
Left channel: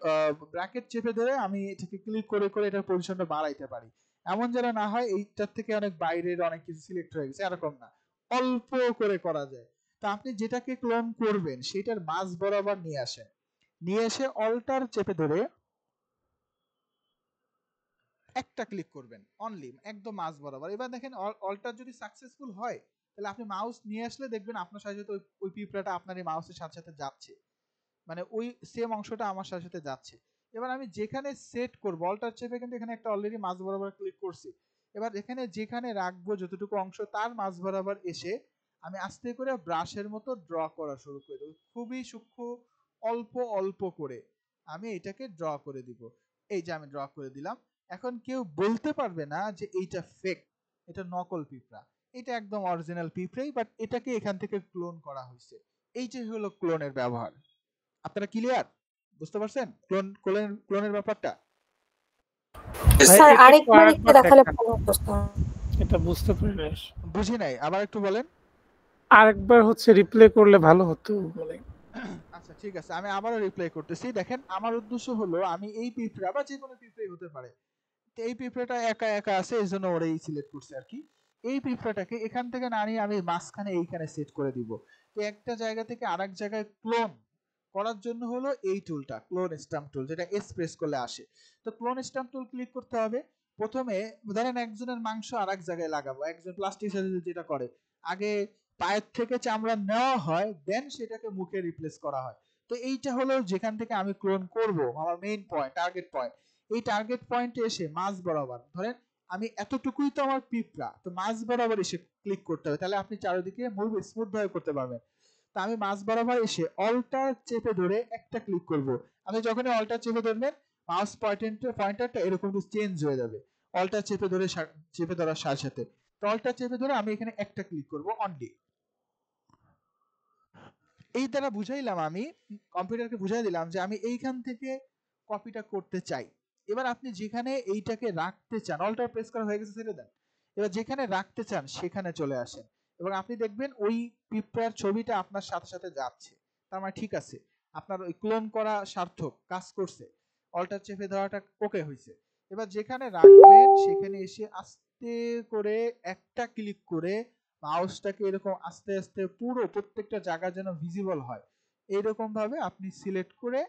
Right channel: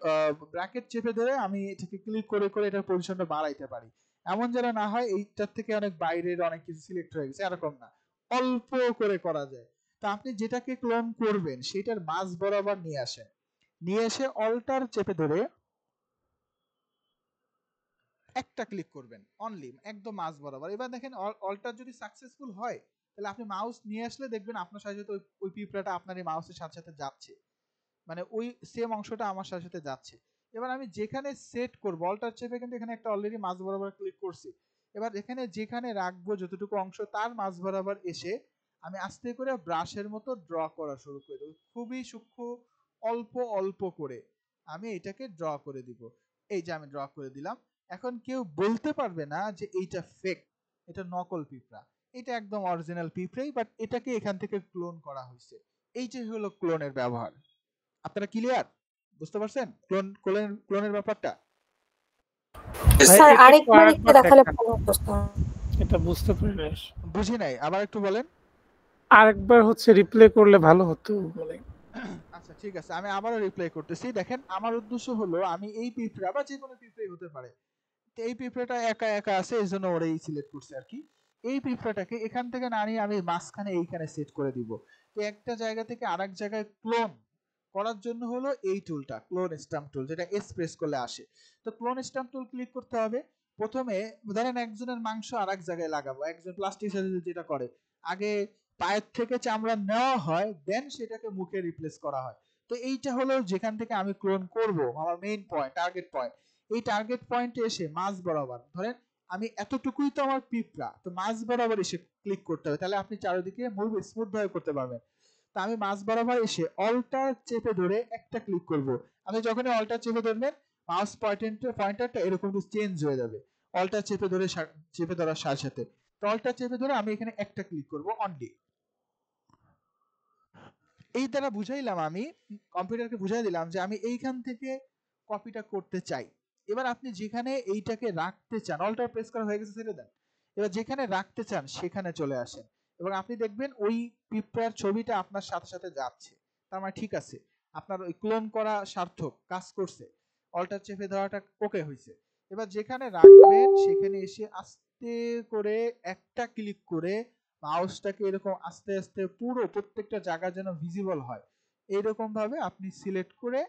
ব্র্যাকেট চেপে ধরে আমি এটাকে ক্লিক করে করে এটার পজিশনটা বাড়াইতে পারি। এমন যেন না হয় এইটার থেকে অনেক বাইরের অনেক কিছু সিলেক্ট হয়ে গেছে, এরকম না, অল্প করে করা যায়। তো আপনি যেটাকে ক্লোন করবেন সেটার মাঝ বরাবর নিয়ে আসেন, নিয়ে এসে অল্টার চেপে ধরে একটা ক্লিক করবেন অনলি, একদম মাঝ বরাবর। এবার দেখেন অল্টার যদি সাকসেসফুল হয় তাহলে আপনি মাউস নিয়ে আসলে দেখবেন আপনার সাথে সাথে ওই পিঁপড়াটা আপনার এই মাউসের সাথে সাথে যাচ্ছে, মানে ওই সেম অংশটা আমার সাথে সাথে যাচ্ছে। এবার আমি যেখানে সেট করব অল্টার চেপে কিন্তু এখানে একটা অলরেডি মাঝ বরাবর ক্লিক করছি। এবার এখানে যেখানে রাখবো যতটুকু অংশ তার মাঝ বরাবর এসে আমি আস্তে করে ব্রাশের মতো ড্র করা শুরু করে দেবো, খুবই সূক্ষ্ম অল্প অল্প করে আমি এটাকে ড্র করে দিব। এই যে আমি ড্র করে দিলাম। এখন কেউ বলতে পারবে না যে এইটা ফেক, এটা নকল পিঁপড়া, এটা একদম অরিজিনাল পিঁপড়াই, বাট এটাকে এখান থেকে ক্লোন করা হয়েছে। এইটাই হলো ক্লোনের ব্যবহার। আপনারা ক্লিয়ার? বুঝতে পারছেন ক্লোনের ব্যাপারটা? স্যার আরেকবার একটু দেখালে ভালো হতো। এটা বুঝতে পারি না, বুঝি নাই, আবার একটু বলেন। আরেকবার হচ্ছে রিপ্লে করলে ভালো হতো বলে। আচ্ছা ঠিক আছে, আমি আবারও রিপ্লে করতেছি। দেখেন আমার উদ্দেশ্য হলো আমি এই পিঁপড়া বা যে কোনো পিঁপড়াই হতে পারে, তো এই পিঁপড়াটা একা একা আছে এই জন্য ওরাই সিলেক্ট করছে আর কি। এই পিঁপড়াটাকে এখান থেকে না নিয়ে আমি মাঝখানে এইখানে সেট করে দিব। তো একটা জায়গা থেকে আরেক জায়গায় ক্লোন করার জন্য হলো এই টুলটা, ক্লোন স্ট্যাম্প টুল, যেটা এস প্রেস করলে আসে। তো ক্লোন স্ট্যাম্প টুল ক্লিক করতে হবে। প্রথমে ধরেন একজনের মাংস আরেক জায়গায় লাগাবো, একজন প্লাস্টিক সার্জারি যেটা করে আগে পায়ের থেকে চামড়া নেওয়া হয় দেন সেটাকে মুখে রিপ্লেস করা হয়। তো এইটা হলো যেখান থেকে আমি ক্লোন করব, আমার মেইন পয়েন্ট, টার্গেট পয়েন্ট। এই টার্গেট পয়েন্টে এসে মাঝ বরাবর ধরেন আমি এতটুকুই তো আমার পিঁপড়া, তো মাঝ বরাবর এসে ক্লিক করতে হবে, তাহলে আপনি চারিদিকে মুভ স্মুথ ভাবে করতে পারবেন। তো আমি মাঝ বরাবর এসে অল্টার চেপে ধরে একটা ক্লিক করব। আমি যখনই অল্টার চেপে ধরবেন মাউস পয়েন্টারটা এরকম চেঞ্জ হয়ে যাবে অল্টার চেপে ধরার সাথে সাথে। তো অল্টার চেপে ধরে আমি এখানে একটা ক্লিক করব অনলি। এই দ্বারা বুঝাইলাম, আমি কম্পিউটারকে বুঝাই দিলাম যে আমি এইখান থেকে কপিটা করতে চাই। এবার আপনি যেখানে এইটাকে রাখতে চান, অল্টার প্রেস করা হয়ে গেছে ছেড়ে দেন, এবার যেখানে রাখতে চান সেখানে চলে আসেন এবং আপনি দেখবেন ওই পিঁপড়ার ছবিটা আপনার সাথে সাথে যাচ্ছে। তার মানে ঠিক আছে, আপনার ওই ক্লোন করা সার্থক কাজ করছে, অল্টার চেপে ধরাটা ওকে হয়েছে। এবার যেখানে রাখবেন সেখানে এসে আস্তে করে একটা ক্লিক করে মাউসটাকে এরকম আস্তে আস্তে পুরো প্রত্যেকটা জায়গা যেন ভিজিবল হয় এইরকম ভাবে আপনি সিলেক্ট করে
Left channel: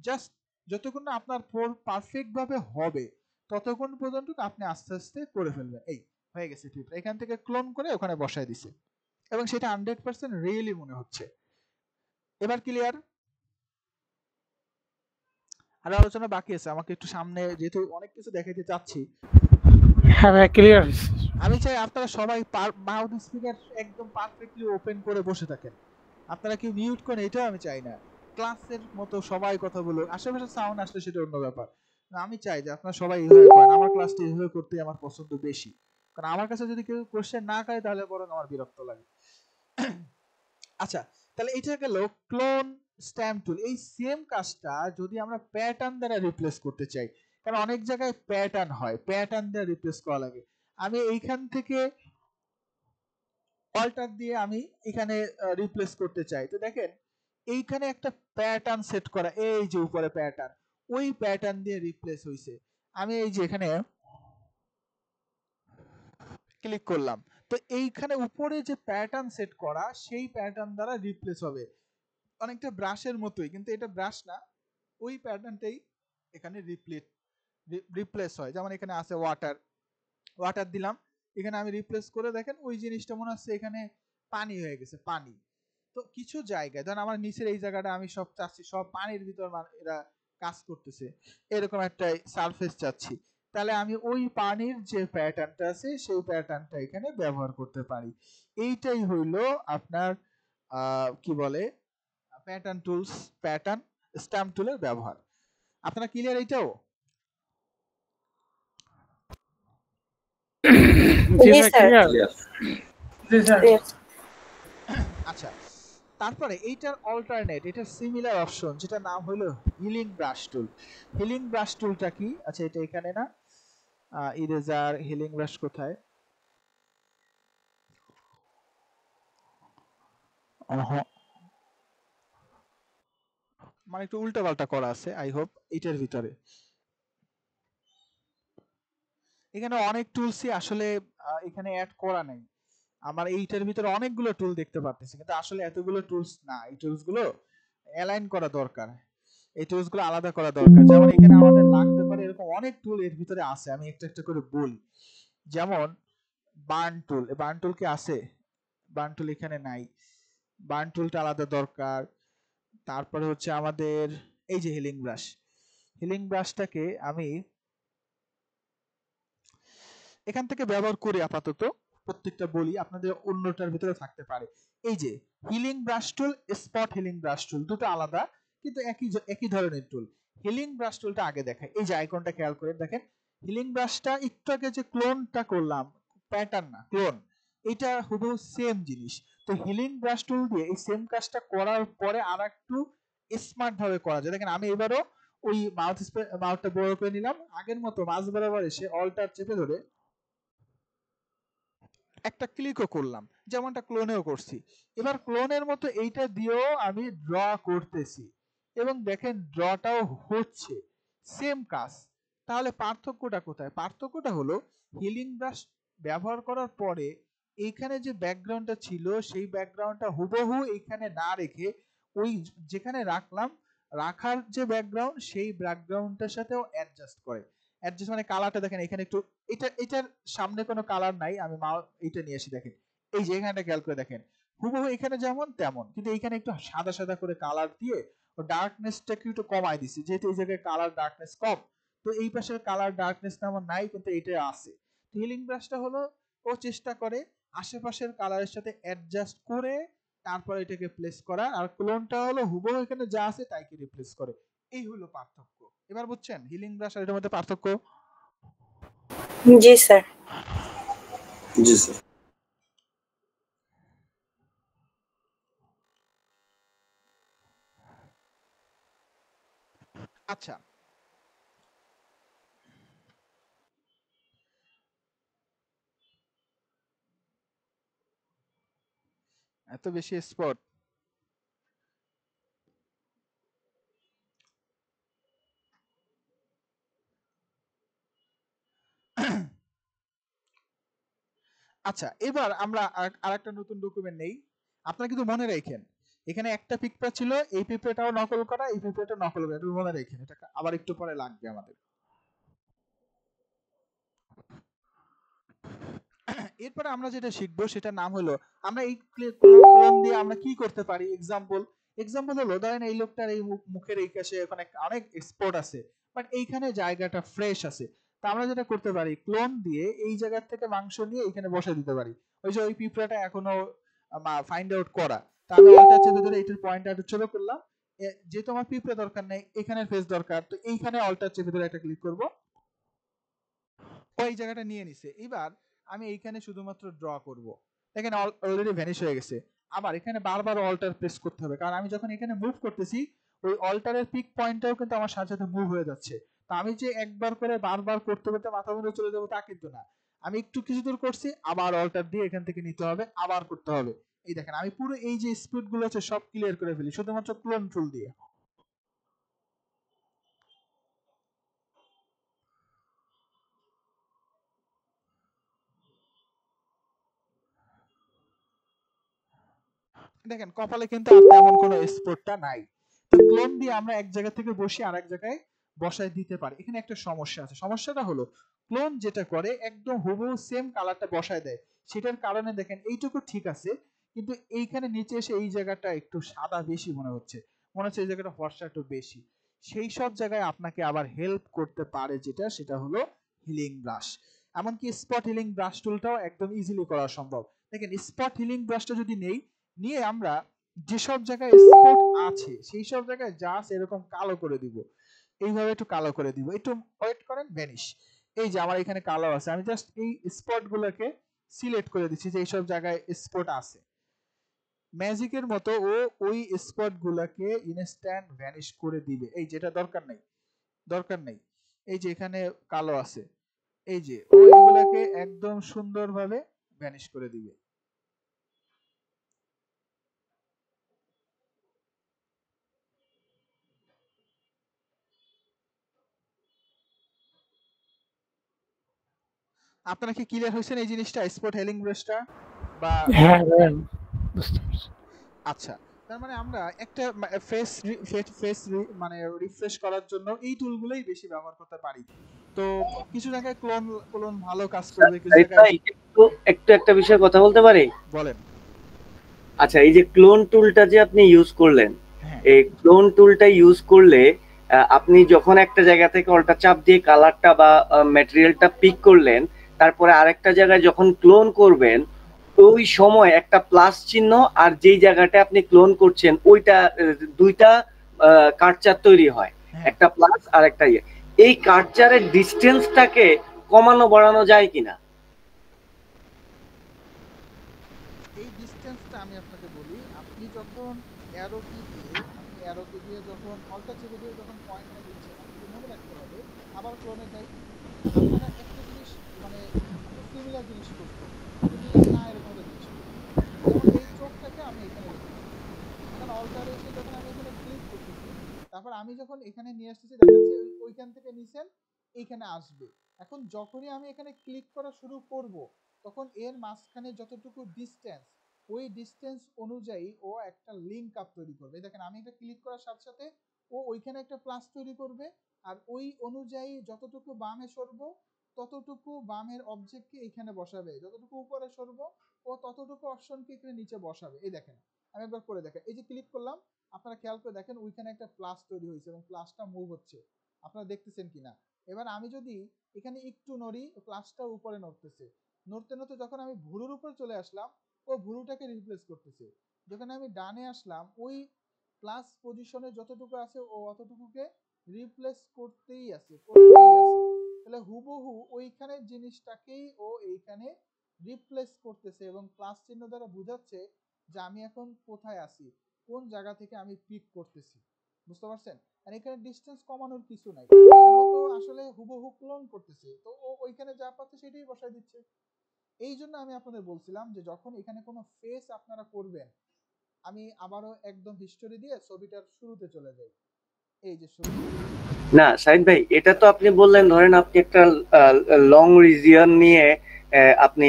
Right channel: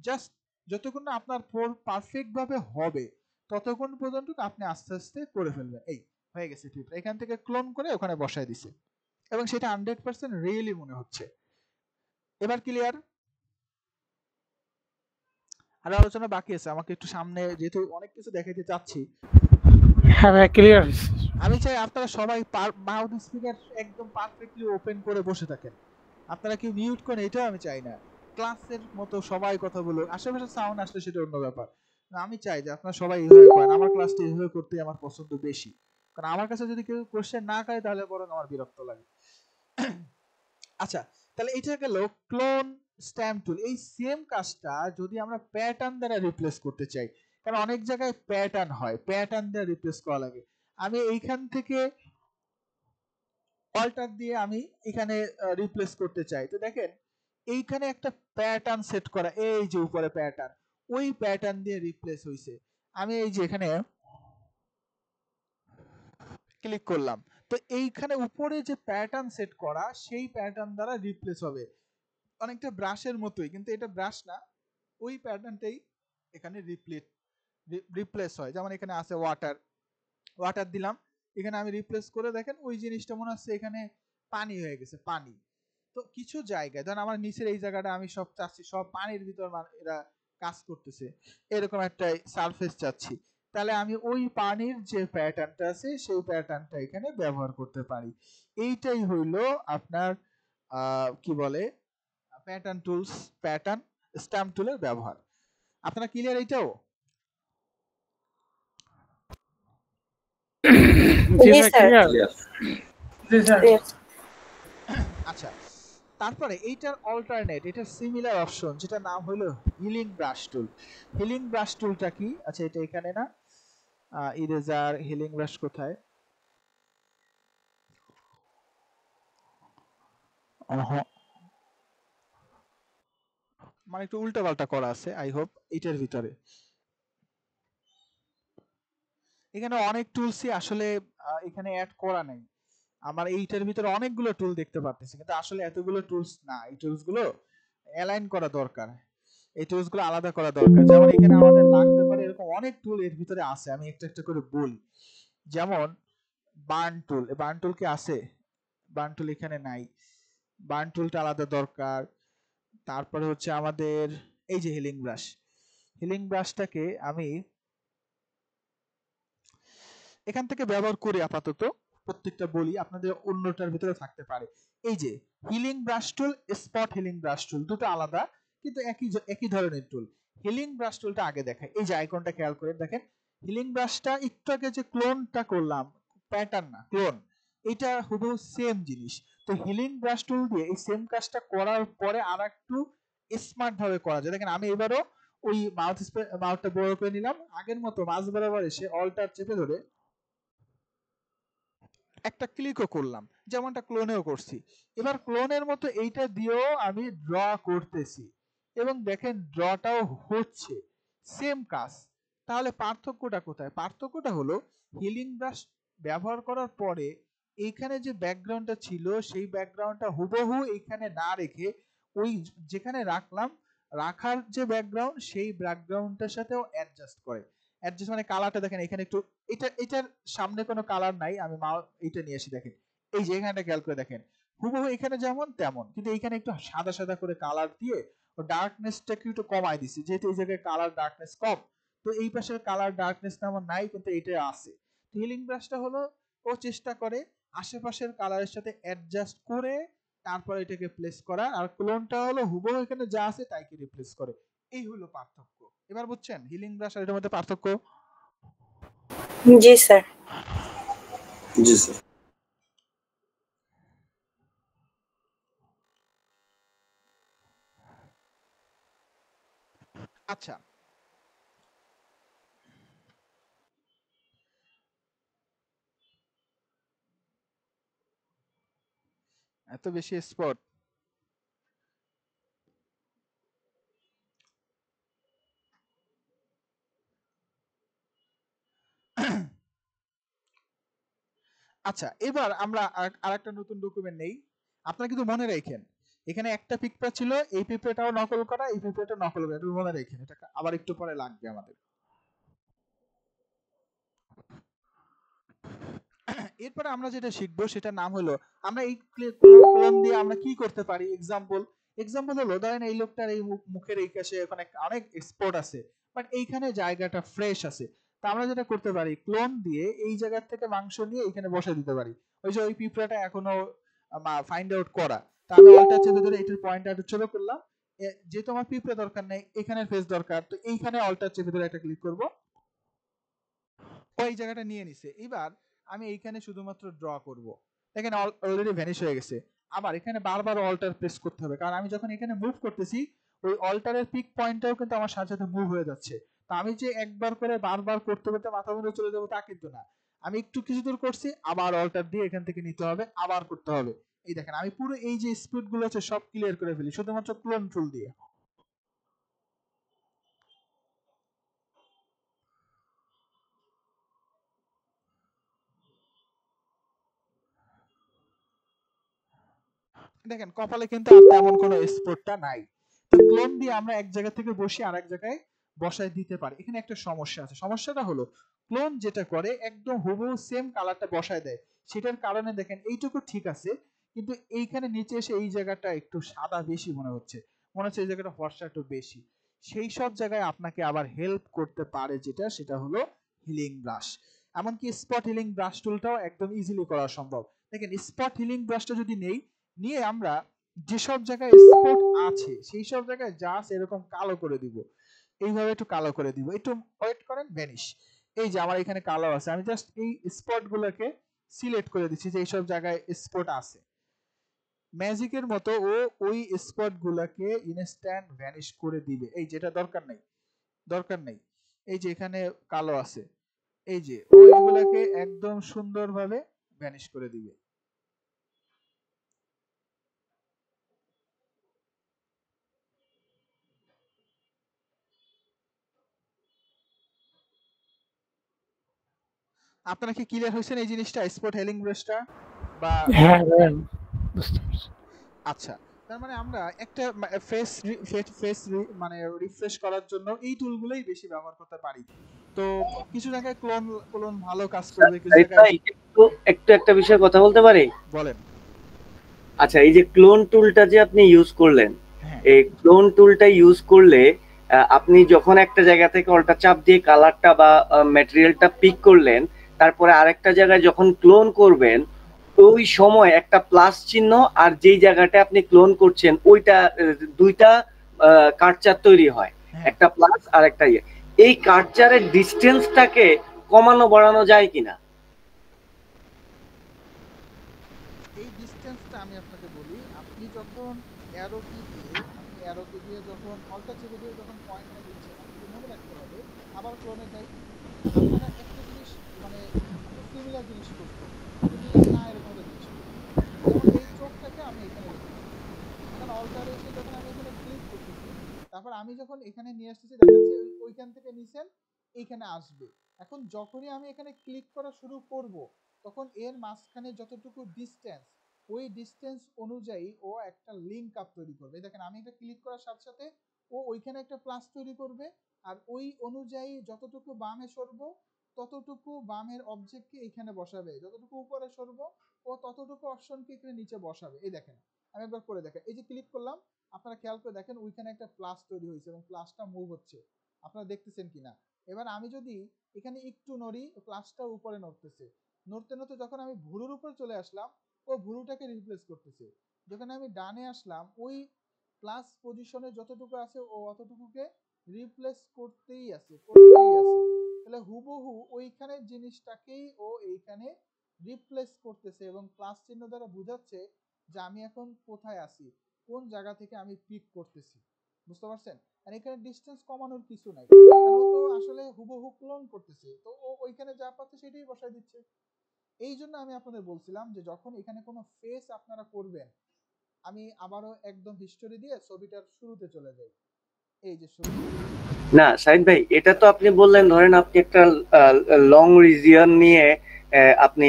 জাস্ট যতক্ষণ না আপনার ফোন পারফেক্ট ভাবে হবে ততক্ষণ পর্যন্ত আপনি আস্তে আস্তে করে ফেলবেন। এই হয়ে গেছে পিঁপড়া, এখান থেকে ক্লোন করে ওখানে বসায় দিছে এবং সেটা 100% রিয়েলি মনে হচ্ছে। এবার ক্লিয়ার? আরো আলোচনা বাকি আছে, আমাকে একটু সামনে যেহেতু অনেক কিছু দেখাইতে চাচ্ছি। হ্যাঁ ভাই ক্লিয়ার। আমি চাই আপনারা সবাই মাউথ স্পিকার একদম পারফেক্টলি ওপেন করে বসে থাকেন, আপনারা কি মিউট করেন এটাও আমি চাই না। ক্লাসের মতো সবাই কথা বলুক, আশেপাশে সাউন্ড আসলে সেটা অন্য ব্যাপার। আমি চাই যে আপনারা সবাই এইভাবে করেন, আমার ক্লাসটা এইভাবে করতে আমার পছন্দ বেশি, কারণ আমার কাছে যদি কেউ কোশ্চেন না করে তাহলে বরং আমার বিরক্ত লাগে। আচ্ছা তাহলে এটা গেল ক্লোন স্ট্যাম্প টুল। এই সেম কাজটা যদি আমরা প্যাটার্ন দ্বারা রিপ্লেস করতে চাই, কারণ অনেক জায়গায় প্যাটার্ন হয়, প্যাটার্ন দ্বারা রিপ্লেস করা লাগে। আমি এইখান থেকে অল্টার দিয়ে আমি এখানে রিপ্লেস করতে চাই। তো দেখেন এইখানে একটা প্যাটার্ন সেট করা, এই যে উপরে প্যাটার্ন, ওই প্যাটার্ন দিয়ে রিপ্লেস হইছে। আমি এই যে এখানে ক্লিক করলাম, তো এইখানে উপরে যে প্যাটার্ন সেট করা সেই প্যাটার্ন দ্বারা রিপ্লেস হবে। অনেকটা ব্রাশের মতোই, কিন্তু এটা ব্রাশ না, ওই প্যাটার্নটাই এখানে রিপ্লেস হয়। যেমন এখানে আছে ওয়াটার দিলাম, এখানে আমি রিপ্লেস করে দেখেন ওই জিনিসটা মনে হচ্ছে এখানে পানি হয়ে গেছে, পানি। তো কিছু জায়গায় ধরেন আমার নিচের এই জায়গাটা আমি সব চাচ্ছি সব পানির ভিতর এরা কাজ করতেছে, এরকম একটা সারফেস চাচ্ছি, তাহলে আমি ওই পানির যে প্যাটার্নটা আছে সেই প্যাটার্নটা এখানে ব্যবহার করতে পারি। এইটাই হইল আপনার কি বলে প্যাটার্ন স্ট্যাম্প টুলের ব্যবহার। আপনারা ক্লিয়ার এইটাও? আচ্ছা তারপরে এইটার অল্টারনেট, এটার সিমিলার অপশন যেটা নাম হলো হিলিং ব্রাশ টুল। হিলিং ব্রাশ টুলটা কি? আচ্ছা এটা এখানে না, ইরেজার হিলিং ব্রাশ কোথায়? মানে একটু উল্টাপাল্টা করা আছে, আই হোপ এটার ভিতরে। এখানে অনেক টুলসই আসলে এখানে অ্যাড করা নাই। আমার এইটার ভিতরে অনেকগুলো টুল দেখতে পাচ্ছি, কিন্তু আসলে এতগুলো টুলস না। এই টুলস গুলো অ্যালাইন করা দরকার, এই টুলস গুলো আলাদা করা দরকার। যেমন এখানে আমাদের লাগতে পারে এরকম অনেক টুল এর ভিতরে আছে, আমি একটা একটা করে বলি। যেমন বার্ন টুল, বার্ন টুল কি আছে? বার্ন টুল এখানে নাই, বার্ন টুলটা আলাদা দরকার। তারপরে হচ্ছে আমাদের এই যে হিলিং ব্রাশ, হিলিং ব্রাশটাকে আমি এখান থেকে ব্যবহার করি আপাতত, প্রত্যেকটা বলি, আপনাদের অন্যটার ভিতরে থাকতে পারে। এই যে হিলিং ব্রাশ টুল, স্পট হিলিং ব্রাশ টুল, দুটো আলাদা কিন্তু একই ধরনের টুল। হিলিং ব্রাশ টুলটা আগে দেখাই। এই যে আইকনটা খেয়াল করে দেখেন, হিলিং ব্রাশটা একটু আগে যে ক্লোনটা করলাম, প্যাটার্ন না ক্লোন, এটা হুবহু সেম জিনিস। তো হিলিং ব্রাশ টুল দিয়ে এই সেম কাজটা করার পরে আর একটু স্মার্ট ভাবে করা যায়। দেখেন আমি এবারও ওই মাউথটা বড় করে নিলাম, আগের মতো মাঝ বরাবর এসে অল্টার চেপে ধরে একটা ক্লিকও করলাম, যেমনটা ক্লোনেও করছি। এবার ক্লোনের মতো এইটা দিয়েও আমি ড্র করতেছি, এবং দেখেন ড্রটাও হচ্ছে, সেম কাজ। তাহলে পার্থক্যটা কোথায়? পার্থক্যটা হলো হিলিং ব্রাশ ব্যবহার করার পরে এইখানে যে ব্যাকগ্রাউন্ডটা ছিল সেই ব্যাকগ্রাউন্ডটা হুবহু এইখানে না রেখে ওই যেখানে রাখলাম, রাখার যে ব্যাকগ্রাউন্ড সেই ব্যাকগ্রাউন্ডটার সাথেও অ্যাডজাস্ট করে। অ্যাডজাস্ট মানে কালারটা দেখেন এখানে একটু, এটার সামনে কোনো কালার নাই, আমি এইটা নিয়ে আসি, দেখেন এই যে এখানটা খেয়াল করে দেখেন হুবহু এখানে যেমন তেমন, কিন্তু এইখানে একটু সাদা সাদা করে কালার দিয়ে ডার্কনেসটাকে একটু কমাই দিছি, যেহেতু এই জায়গায় কালার ডার্কনেস কম। তো এই পাশের কালার ডার্কনেস তেমন নাই, কিন্তু এটা আছে। তো হিলিং ব্রাশটা হলো ও চেষ্টা করে আশেপাশের কালারের সাথে অ্যাডজাস্ট করে তারপর এটাকে প্লেস করা, আর ক্লোনটা হলো হুবহু এখানে যা আছে তাইকে রিপ্লেস করে। এই হলো পার্থক্য। এবার বুঝছেন হিলিং ব্রাশ আর এটার মধ্যে পার্থক্য? জি স্যার। জি স্যার। আচ্ছা, এত বেশি স্পট। আচ্ছা, এবার আমরা আরেকটা নতুন ডকুমেন্ট নেই। আপনারা কিন্তু মনে রাখেন এখানে একটা পিঁপড়া ছিল, এই পিঁপড়াটাও নকল করা, এই পিঁপড়াটাও নকল করা, এটা মনে রাখেন, এটা আবার একটু পরে লাগবে আমাদের। এরপরে আমরা যেটা শিখবো সেটার নাম হলো, আমরা এই ক্লোন দিয়ে আমরা কি করতে পারি। এক্সাম্পল হলো ধরেন এই লোকটার এই মুখের এই কাছে ওখানে অনেক স্পট আছে, বাট এইখানে জায়গাটা ফ্রেশ আছে। তা আমরা যেটা করতে পারি, ক্লোন দিয়ে এই জায়গা থেকে মাংস নিয়ে এখানে বসে দিতে পারি। ওই যে ওই পিঁপড়াটা এখনো ফাইন্ড আউট করা, তা আমি অল্টার চেপে ধরে এটার পয়েন্ট একটু ছোট করলাম, যেহেতু আমার পিঁপড়া দরকার নেই, এখানের ফেস দরকার, তো এইখানে অল্টার চেপে ধরে একটা ক্লিক করবো, ওই জায়গাটা নিয়ে নিছে। এবার আমি এইখানে শুধুমাত্র ড্র করব, দেখেন অলরেডি ভ্যানিশ হয়ে গেছে। আবার এখানে বারবার অল্টার প্রেস করতে হবে, কারণ আমি যখন এখানে মুভ করতেছি ওই অল্টারের পিক পয়েন্টটাও কিন্তু আমার সাথে সাথে মুভ হয়ে যাচ্ছে। তো আমি যে একবার করে বারবার করতে করতে মাথা মুন্ডে চলে যাবো তা কিন্তু না, আমি একটু কিছু দূর করছি, আবার অল্টার দিয়ে এখান থেকে নিতে হবে, আবার করতে হবে। এই দেখেন আমি পুরো এই যে স্পিড গুলো আছে সব ক্লিয়ার করে ফেলি শুধুমাত্র ক্লোন টুল দিয়ে। দেখেন কপালে কিন্তু আর তেমন কোনো স্পটটা নাই। তো ক্লোন দিয়ে আমরা এক জায়গা থেকে বসে আরেক জায়গায় বসায় দিতে পারি। এখানে একটা সমস্যা আছে, সমস্যাটা হলো ক্লোন যেটা করে একদম হুবহু সেম কালারটা বসায় দেয়, সেটার কারণে দেখেন এইটুকু ঠিক আছে, কিন্তু এইখানে নিচে এসে এই জায়গাটা একটু সাদা বেশি মনে হচ্ছে, মনে হচ্ছে এই জায়গাটা ফর্সা একটু বেশি। সেই সব জায়গায় আপনাকে আবার হেল্প করতে পারে যেটা, সেটা হলো হিলিং ব্রাশ। এমনকি স্পট হিলিং ব্রাশ টুলটাও একদম ইজিলি করা সম্ভব। দেখেন স্পট হিলিং ব্রাশটা যদি নেই, নিয়ে আমরা যেসব জায়গায় স্পট আছে সেই সব জায়গায় জাস্ট এরকম কালো করে দিব, এইভাবে একটু কালো করে দিব, একটু ওয়েট করেন, ভ্যানিশ। এই যে আমার এখানে কালো আছে, আমি জাস্ট এই স্পট গুলোকে সিলেক্ট করে দিচ্ছি যে এইসব জায়গায় স্পট আছে। ম্যাজিকের মতো ও ওই স্পট গুলাকে ইনস্ট্যান্ট ভ্যানিশ করে দিবে। এই যেটা দরকার নেই, দরকার নেই, এই যে এখানে কালো আছে, এই যে ও এগুলাকে একদম সুন্দরভাবে ভ্যানিশ করে দিবে। আপনারা কি ক্লিয়ার হয়েছেন এই জিনিসটা স্পট হেলিং ব্রাশটা বা হ্যাঁ ভাইয়া বুঝতে পারছি। আচ্ছা, তার মানে আমরা একটা ফেস ফেস মানে রিফ্রেশ করার জন্য এই টুলগুলোই বেশি ব্যবহার করতে পারি। তো কিছু জায়গায় ক্লোন ক্লোন ভালো কাজ করবে, কিছু সাইদ জায়গায় ভাই একটু একটু একটা বিষয় কথা বলতে পারি? বলেন। আচ্ছা, এই যে ক্লোন টুলটা যে আপনি ইউজ করলেন, হ্যাঁ এই ক্লোন টুলটা ইউজ করলে আপনি যখন একটা জায়গা থেকে অল্টা চাপ দিয়ে কালারটা বা ম্যাটেরিয়ালটা পিক করলেন, তারপরে আরেকটা জায়গায় যখন ক্লোন করবেন, ওই সময় একটা প্লাস চিহ্ন আর যেই জায়গাটা আপনি ক্লোন করছেন ওইটা দুইটা কার্চার তৈরি হয়, হ্যাঁ একটা প্লাস আর একটা ইয়ে। এই কার্চারের ডিস্টেন্সটাকে কমানো বাড়ানো যায় কিনা? এই ডিসটেন্সটা আমি আপনাকে বলি, আপনি যখন অ্যারো কি দিয়ে আপনি অ্যারো কি দিয়ে যখন অল্টা চেপে দিয়ে যখন পয়েন্টটা দিচ্ছেন, আপনাকে মনে রাখতে হবে আবার ক্লোনে যাই, আপনারা একটা জিনিস মানে আপনি সিমিলার জিনিস করছেন, সিমিলার না এরকম একটা জিনিস করছেন। যেমন এই চোখটাকে আমি এখানে রেখেছি, এখন অল্টারে এসে যখন আমি এখানে ক্লিক করতেছি, তারপর আমি যখন এখানে নিয়ে আসতেছি দেখাচ্ছে ওইখান থেকে নিছেন এইখানে আসবে। এখন যখনই আমি এখানে ক্লিক করা শুরু করব, তখন এর মাঝখানে যতটুকু ডিস্টেন্স, ওই ডিস্টেন্স অনুযায়ী ও একটা লিঙ্ক আপ তৈরি করবে। দেখেন আমি এটা ক্লিক করার সাথে সাথে ও ওইখানে একটা প্লাস তৈরি করবে, আর ওই অনুযায়ী যতটুকু বামে সরবো ততটুকু বামের অবজেক্টকে এখানে বসাবে, যতটুকু উপরে সরবো ও ততটুকু অপশনকে এখানে নিচে বসাবে। এই দেখেন আমি একবার করে দেখেন, এই যে ক্লিক করলাম, আপনারা খেয়াল করে দেখেন ওইখানে একটা প্লাস তৈরি হয়েছে এবং প্লাসটা মুভ হচ্ছে, আপনারা দেখতেছেন কিনা। এবার আমি যদি এখানে একটু নড়ি, প্লাসটা উপরে নড়তেছে, নড়তে নড়তে যখন আমি ভুরুর উপর চলে আসলাম, ও ভুরুটাকে রিপ্লেস করতেছে। যখন আমি ডানে আসলাম, ওই প্লাস পজিশনে যতটুকু আছে ও অতটুকুকে রিপ্লেস করতেই আছে। তাহলে হুবহু ওইখানে জিনিসটাকেই ও এইখানে রিপ্লেস করতেছে এবং প্লাস চিহ্ন দ্বারা বোঝাচ্ছে যে আমি এখন কোথায় আছি, কোন জায়গা থেকে আমি পিক করতেছি। বুঝতে পারছেন? আর এখানে ডিস্টেন্স কমানোর কিছু নাই, কারণ ও তো আসলে হুবহু ক্লোন করতেছে, তো ও ওইখানে যা পাচ্ছে সেটাই বসায় দিচ্ছে। এই জন্য আমি আপনাদের বলছিলাম যে যখন এখানে কোনো ফেস আপনারা করবেন, আমি আবারও একদম হিস্টোরি দিয়ে ছবিটার শুরুতে চলে যাই। এই যে শুরু। না সাইদ ভাই, এটা তো আপনি বললেন ধরেন আপনি একটা লং রিজিয়ন নিয়ে আপনি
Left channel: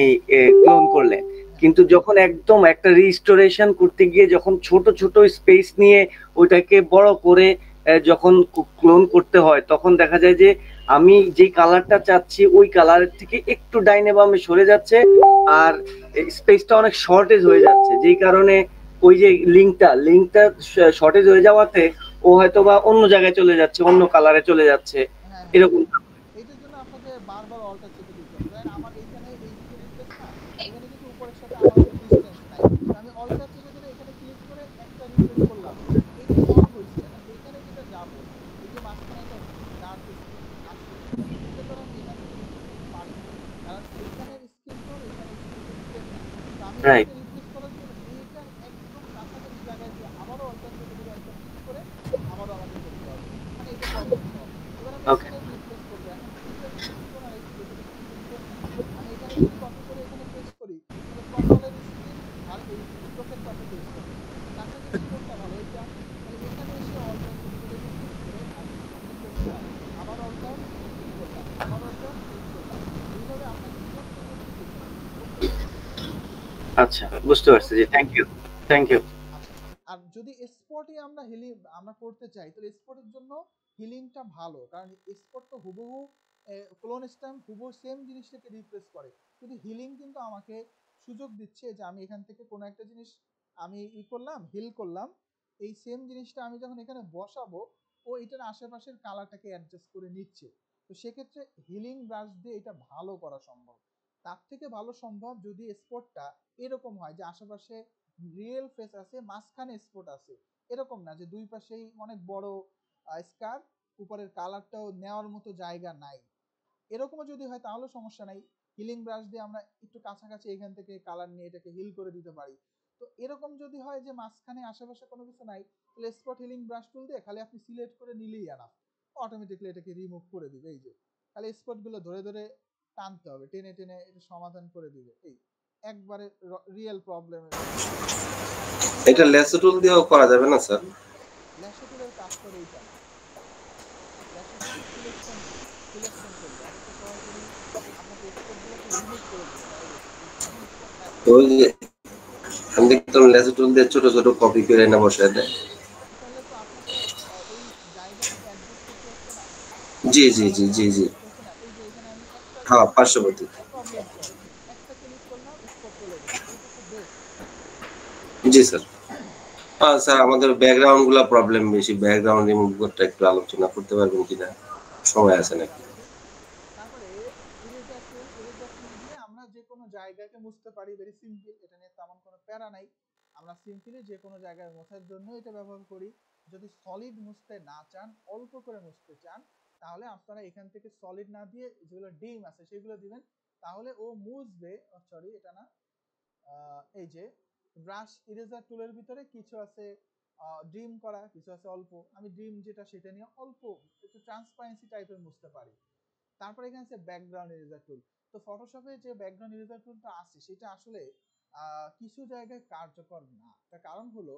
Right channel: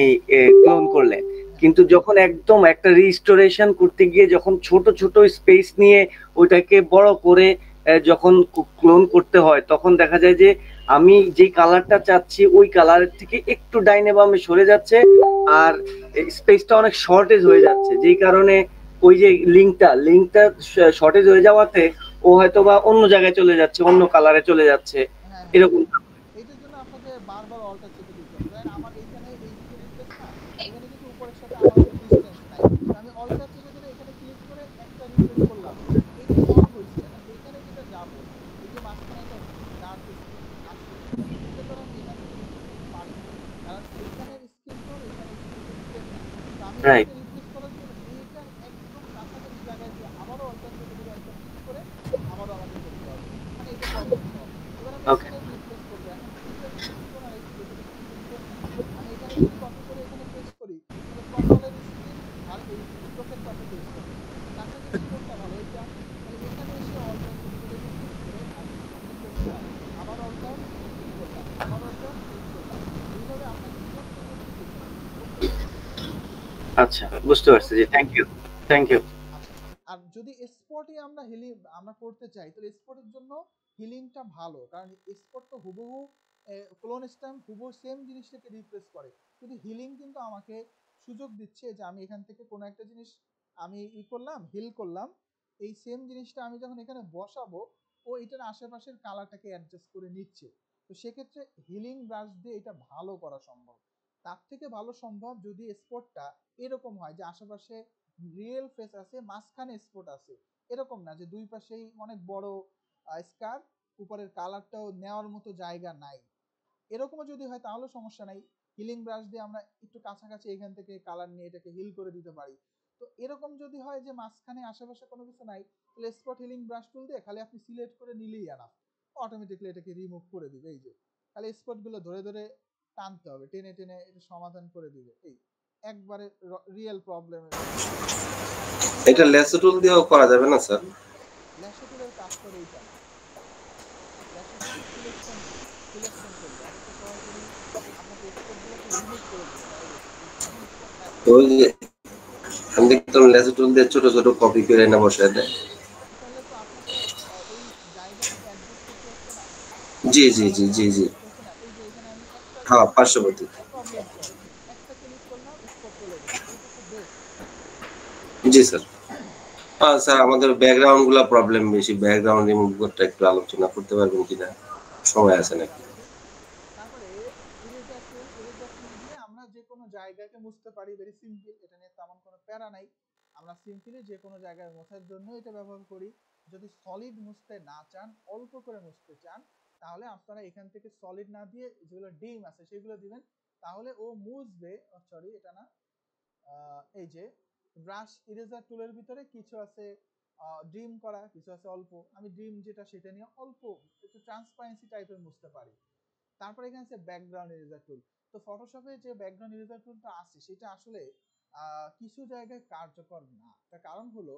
ক্লোন করলেন, কিন্তু যখন একদম একটা রিস্টোরেশন করতে গিয়ে যখন ছোট ছোট স্পেস নিয়ে ওইটাকে বড় করে যখন ক্লোন করতে হয়, তখন দেখা যায় যে আমি যে কালারটা চাচ্ছি ওই কালারের থেকে একটু ডাইনে বামে সরে যাচ্ছে আর স্পেসটা অনেক শর্টেজ হয়ে যাচ্ছে, যেই কারণে ওই যে লিঙ্কটা শর্টেজ হয়ে যাওয়াতে ও হয়তো বা অন্য জায়গায় চলে যাচ্ছে, অন্য কালারে চলে যাচ্ছে, এরকম। এইটার জন্য আপনাকে বারবার অল্টার চেপে দিতে হবে। দেখেন আমার এইখানে এই দিকে রিপ্লেস না, এখানে কিন্তু উপরের সাথে আমার ডিসটেন্স নাই, আমি অল্টার চেপে ধরে এখানে ক্লিক করে একটা রিপ্লেস করলাম, এইটা সলভ হয়েছে। এখন এখানে যেটা যাবো, এই যে মাঝখানে একটা ডার্ক স্পেস আছে, এটা তো আমি এখান থেকে রিপ্লেস করতে পারি না, কারণ এখানে স্ক্রিন টোন এখানে সেম না। তো আমি এটাকে রিপ্লেস করার জন্য এইটার একদম কাছাকাছি জায়গায় যে আবারও অল্টার চেপে ধরে একটা ক্লিক করে আবারও আমাকে করতে হবে, মানে এটা প্রবলেম সলভ। এবার আমি এখানে রিপ্লেস করব, এখন এটা স্ক্রিন টোন আর এটা স্ক্রিন টোন না, আমি এখানে যদি কপি করে এখানে পেস্ট করি, তাহলে কন্ট্রোলের স্ক্রিন আর এই চোখের পাশে পেস্ট হবে, কাছাকাছি কোনটা ভালো এটা, তাহলে এখানে এসে অল্টার চেপে ধরে ক্লিক করে আর ক্লিক করলাম, আবার অল্টার ক্লিক করলাম, আবার অল্টার ক্লিক করলাম, এইভাবে আপনাকে করতে করতে যেতে হবে। আচ্ছা, বুঝতে পারছি। জি, থ্যাংক ইউ। আর যদি স্পটে আমরা হিলিং আমরা করতে চাই, তাহলে স্পটের জন্য হিলিংটা ভালো, কারণ স্পট তো হুবহু ক্লোন স্ট্যাম্প হুবহু সেম জিনিসটাকে রিপ্লেস করে, কিন্তু হিলিং কিন্তু আমাকে সুযোগ দিচ্ছে যে আমি এখান থেকে কোনো একটা জিনিস আমি করলাম, হিল করলাম, এই সেম জিনিসটা আমি যখন এখানে বসাবো ও এটার আশেপাশের কালারটাকে অ্যাডজাস্ট করে নিচ্ছে। তো সেক্ষেত্রে হিলিং ব্রাশ দিয়ে এটা ভালো করা সম্ভব। তার থেকে ভালো সম্ভব যদি স্পটটা এরকম হয় যে আশেপাশে রিয়েল ফেস আছে, মাঝখানে স্পট আছে, এরকম না যে দুই পাশেই অনেক বড় স্কার, উপরের কালারটাও নেওয়ার মতো জায়গা নাই, এরকমও যদি হয় তাহলে সমস্যা নাই। হিলিং ব্রাশ দিয়ে আমরা একটু কাছাকাছি এখান থেকে কালার নিয়ে এটাকে হিল করে দিতে পারি। তো এরকম যদি হয় যে মাঝখানে আশেপাশে কোনো কিছু নাই, তাহলে স্পট হিলিং ব্রাশ টুল দিয়ে খালি আপনি সিলেক্ট করে নিলেই আনা, অটোমেটিক্যালি এটাকে রিমুভ করে দিবে। এই যে খালি স্পটগুলো ধরে ধরে টানতে হবে, টেনে টেনে এটা সমাধান করে দিবে। এই একবারে রিয়েল প্রবলেম। এটা ল্যাসো টুল দিয়েও করা যাবে না স্যার? ল্যাসো টুলের কাজ করে এইটা, ল্যাসো টুল সিলেকশন করবে, আমি তো সরাসরি আপনাকে স্পটগুলোকে রিমুভ করে দিতে হয়। তো ওই যে আমি দেখতাম লেজার টুল দিয়ে ছোট ছোট কপি করে না বসায় দেয়। তাহলে তো আপনাকে ওই জায়গাটাকে অ্যাডজাস্ট করতে হচ্ছে না। জি জি জি জি জি হচ্ছে না। এই যে এখানে আমি একটা হ্যাঁ পার্শ্ববর্তী। প্রবলেম সলভ, একটা ক্লিক করলাম স্পট চলে গেছে, এটা তো বেস্ট। জি স্যার। স্যার আমাদের ব্যাকগ্রাউন্ড গুলা প্রবলেম বেশি, ব্যাকগ্রাউন্ড রিমুভ করতে একটু আলোচনা করতে পারবেন কিনা, সময় আছে নাকি? তারপরে ইরেজার টুল দিয়ে আমরা যে কোনো জায়গাকে মুছতে পারি, ভেরি সিম্পল, এটা নিয়ে তেমন কোনো প্যারা নাই। আমরা সিম্পলি যে কোনো জায়গায় মোছার জন্য এটা ব্যবহার করি। যদি সলিড মুছতে না চান, অল্প করে মুছতে চান, তাহলে আপনারা এখান থেকে সলিড না দিয়ে যেগুলো ডিম আছে সেগুলো দিবেন, তাহলে ও মুছবে। সরি এটা না, এই যে ব্রাশ ইরেজার টুলের ভিতরে কিছু আছে ড্রিম করা, কিছু আছে অল্প। আমি ড্রিম যেটা সেটা নিয়ে অল্প একটু ট্রান্সপারেন্সি টাইপের মুছতে পারি। তারপরে এখানে আছে ব্যাকগ্রাউন্ড ইরেজার টুল। তো ফটোশপে যে ব্যাকগ্রাউন্ড ইরেজার টুলটা আছে সেটা আসলে কিছু জায়গায় কার্যকর না। তার কারণ হলো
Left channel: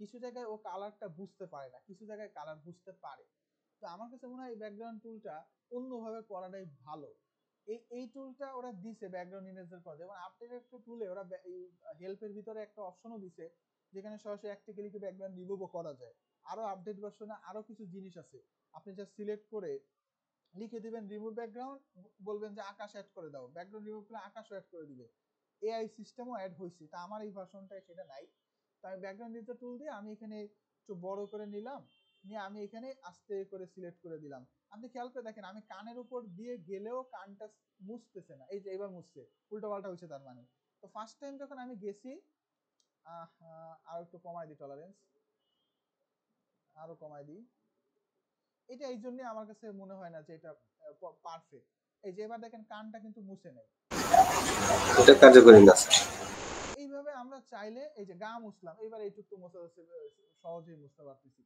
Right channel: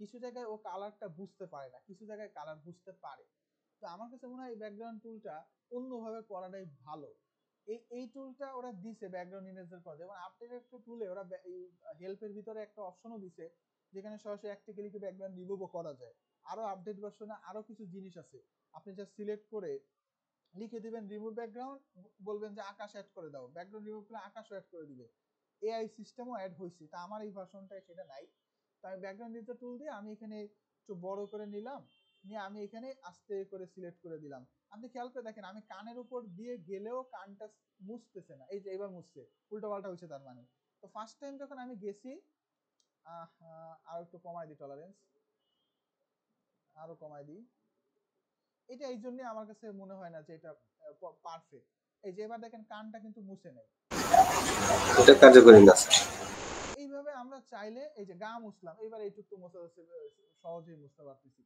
কিছু জায়গায় ও কালারটা বুঝতে পারে না, কিছু জায়গায় কালার বুঝতে পারে। তো আমার কাছে মনে হয় এই ব্যাকগ্রাউন্ড টুলটা অন্যভাবে করাটাই ভালো। এই টুলটা ওরা দিছে ব্যাকগ্রাউন্ড ইরেজার করে, যেমন আপডেটেড একটা টুলে ওরা হেল্পের ভিতরে একটা অপশনও দিছে যেখানে সরাসরি একটা ক্লিকে ব্যাকগ্রাউন্ড রিমুভও করা যায়। আরো আপডেট ভার্সনে আরো কিছু জিনিস আছে, আপনি জাস্ট সিলেক্ট করে লিখে দিবেন রিমুভ ব্যাকগ্রাউন্ড, বলবেন যে আকাশ অ্যাড করে দাও, ব্যাকগ্রাউন্ড রিমুভ করে আকাশও অ্যাড করে দিবে। এআই সিস্টেমও অ্যাড হয়েছে, তা আমার এই ভার্সনটায় সেটা নাই। তাই ব্যাকগ্রাউন্ড ইরেজার টুল দিয়ে আমি এখানে একটু বড় করে নিলাম, নিয়ে আমি এখানে আস্তে করে সিলেক্ট করে দিলাম। আপনি খেয়াল করে দেখেন আমি কানের উপর দিয়ে গেলেও কানটা মুছতেছে না, এই যে এবার মুছছে, উল্টো পাল্টা হয়েছে তার মানে। তো ফার্স্ট টাইম যখন আমি গেছি, আর একটু কমাই দিই টলারেন্স, আরো কমাই দিই। এটা এই জন্য আমার কাছে মনে হয় না যে এটা পারফেক্ট। এই যে এবার দেখেন কানটা কিন্তু মুছে নেই, এটা কার্যকরী না। এইভাবে আমরা চাইলে এই যে গা মুছলাম, এবার এইটুকু মুছে সহজেই মুছতে পারতেছি।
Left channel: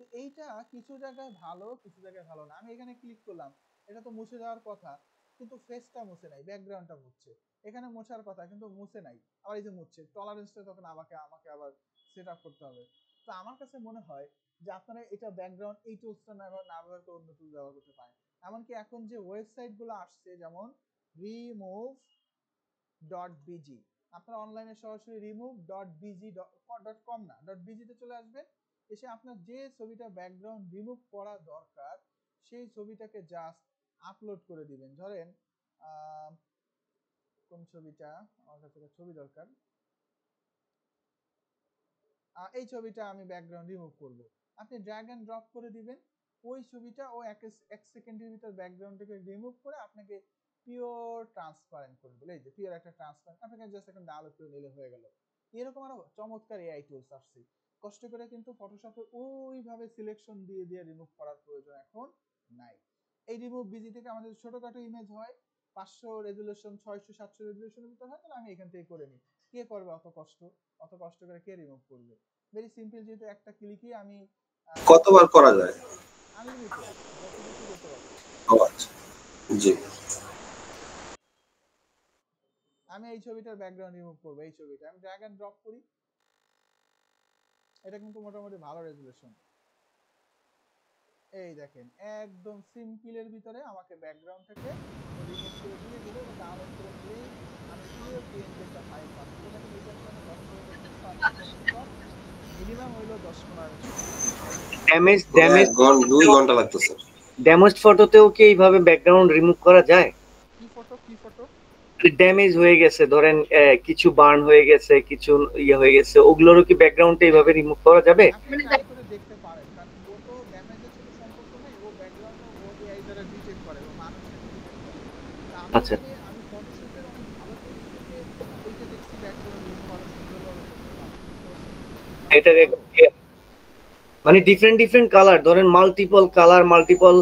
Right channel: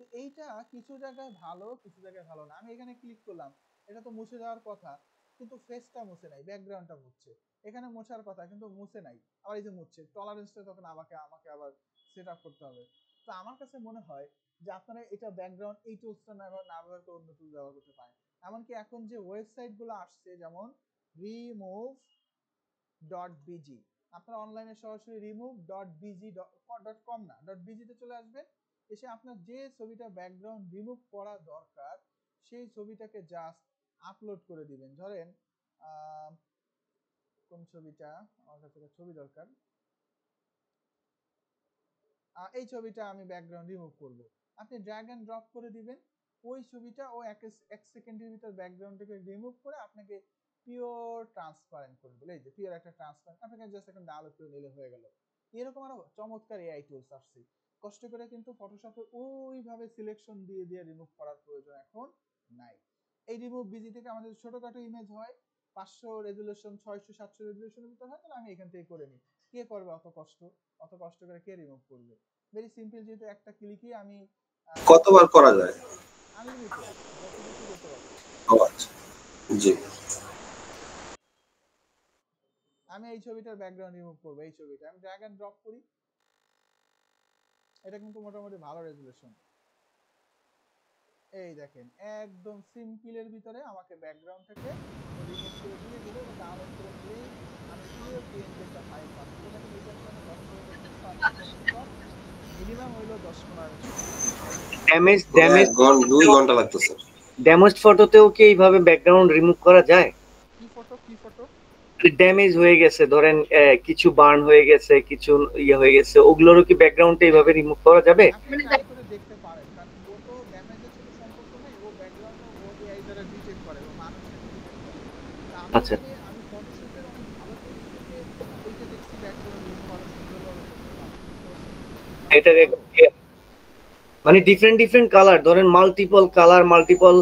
তো এইটা কিছু জায়গায় ভালো, কিছু জায়গায় ভালো না। আমি এখানে ক্লিক করলাম, এটা তো মুছে যাওয়ার কথা, কিন্তু ফেসটা মুছে নাই, ব্যাকগ্রাউন্ডটা মুছছে। এখানে মোছার কথা কিন্তু মুছে নাই, আবার এই যে মুছছে। টলারেন্সটা তখন আমাকে আবার সেট আপ করতে হবে। তো আমার কাছে মনে হয় যে আপনারা এটা ব্যাকগ্রাউন্ড এই টুলসটা না ব্যবহার করে অন্য টুল ব্যবহার করতে পারেন। এমনকি এখন যে ওয়েবসাইটগুলো আসছে যেমন remove.bg, আপনারা অনলাইনে সরাসরি remove.bg.com না .bg তে চলে আসবেন, এসে আপনার যে ছবিটা ব্যাকগ্রাউন্ড রিমুভ করা দরকার সেই ছবিটাকে জাস্ট আপলোড করে দিবেন। ধরেন কোন ছবিটা আমার কাছে ছবি দরকার, এই ছবিটা আমি ব্যাকগ্রাউন্ড রিমুভ করব, আপনি ড্র্যাগ এন্ড ড্রপ করে দিবেন, ওই ছবিটা ও এক সেকেন্ডের ভিতর ব্যাকগ্রাউন্ডটাকে রিমুভ করে আপনাকে পিওর ট্রান্সপারেন্ট করে দিল। এই যে পিওর একটা ট্রান্সপারেন্ট, আপনাকে জাস্ট এখন ডাউনলোড করে নিলে হয়ে গেল। এরকম আরো চমৎকার এআই টুলস আসছে, কষ্ট করে কিন্তু ফটোশপে ওইভাবে সিলেকশন দিয়ে দিয়ে রিমুভ করার প্রয়োজন এখন নাই। এই রিমুভ বিজি থেকে আমাদের ছোটখাটো ইমেজ হয় 500 রেজুলেশন 600 700 রেজুলেশনের ভিতর হয়, তাহলে আমি এখান থেকে করে নিই। কে করবে অত কষ্ট করে কে রিমুভ করবে? ভেরি সিম্পল, যেহেতু একটা ক্লিকই আমি কতবার করা যায়? আনলিমিটেড, যত বেশি করতে পারবো। আচ্ছা জি। আমি এই ছবিটার ব্যাকগ্রাউন্ড রিমুভ করব, এই ছবিটা আমি ড্র্যাগ এন্ড ড্রপ করি, এটা কিন্তু মোটামুটি ভালো রেজুলেশন। এই দেখেন একদম সিম্পলের ভিতরে আমাকে ব্যাকগ্রাউন্ডটাকে রিমুভ করে দিয়ে দিল, এটা ডাউনলোড করে নিলেই আমি পুরো পিএনজি একটা ফাইল পাবো। এটাকে রিটার্ন করে 10 মিনিমাম হইলো 10-15 ড্যামেজ 2 ঘন্টা লাগতেছে। ড্যামেজ ফটোতেও কি এইভাবে ব্যাকগ্রাউন্ড রিমুভ করা যায়? কি ফটো ড্যামেজ হয়ে গেছে, ধরেন কিছু বার্ন হয়ে গেছে, কিছু ইয়ে হয়ে গেছে, ওগুলোরও কি ব্যাকগ্রাউন্ডটা এইভাবে রিমুভ করা যাবে? আপনি ট্রাই করে দেখতে পারেন, কারণ ও তো ড্যামেজের সাথে সম্পর্ক নেই, ও ব্যাকগ্রাউন্ডে ও এআই দ্বারা ডিটেক্ট করে, ও মানুষের ডিটেক্ট করে। আচ্ছা, আমি ফটোশপের অনেক ভালো টুল থেকে ওইটা দেখছি ব্যাকগ্রাউন্ড রিমুভ করা সুন্দরভাবে করতে পারে। এটা মানে ডিফারেন্ট কালার, ধরেন মাল্টিপল কালার, মাল্টিপল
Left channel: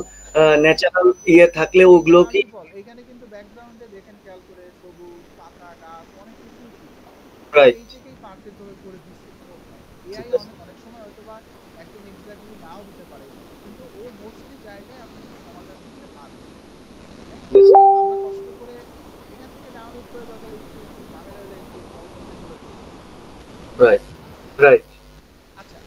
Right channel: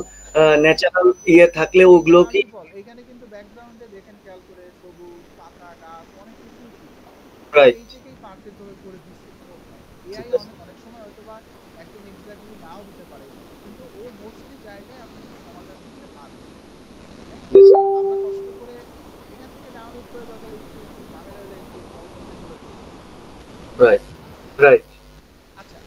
ন্যাচারাল ইয়ে থাকলে ওগুলো কি এখানে কিন্তু ব্যাকগ্রাউন্ডে দেখেন খেয়াল করে সবুজ পাতা গাছ অনেক কিছু রাইট এই থেকেই পারফেক্ট ভাবে করে দিচ্ছে। এআই অনেক সময় হয়তো বা একদম এক্স্যাক্টলি নাও দিতে পারে, কিন্তু ও মোস্টলি জায়গায় আপনাকে সমাধান দিতে পারবে। আমরা কষ্ট করে এখান থেকে ডাউনলোড করে দরকার একটু ঝামেলা হলে একটু রাইট। আচ্ছা,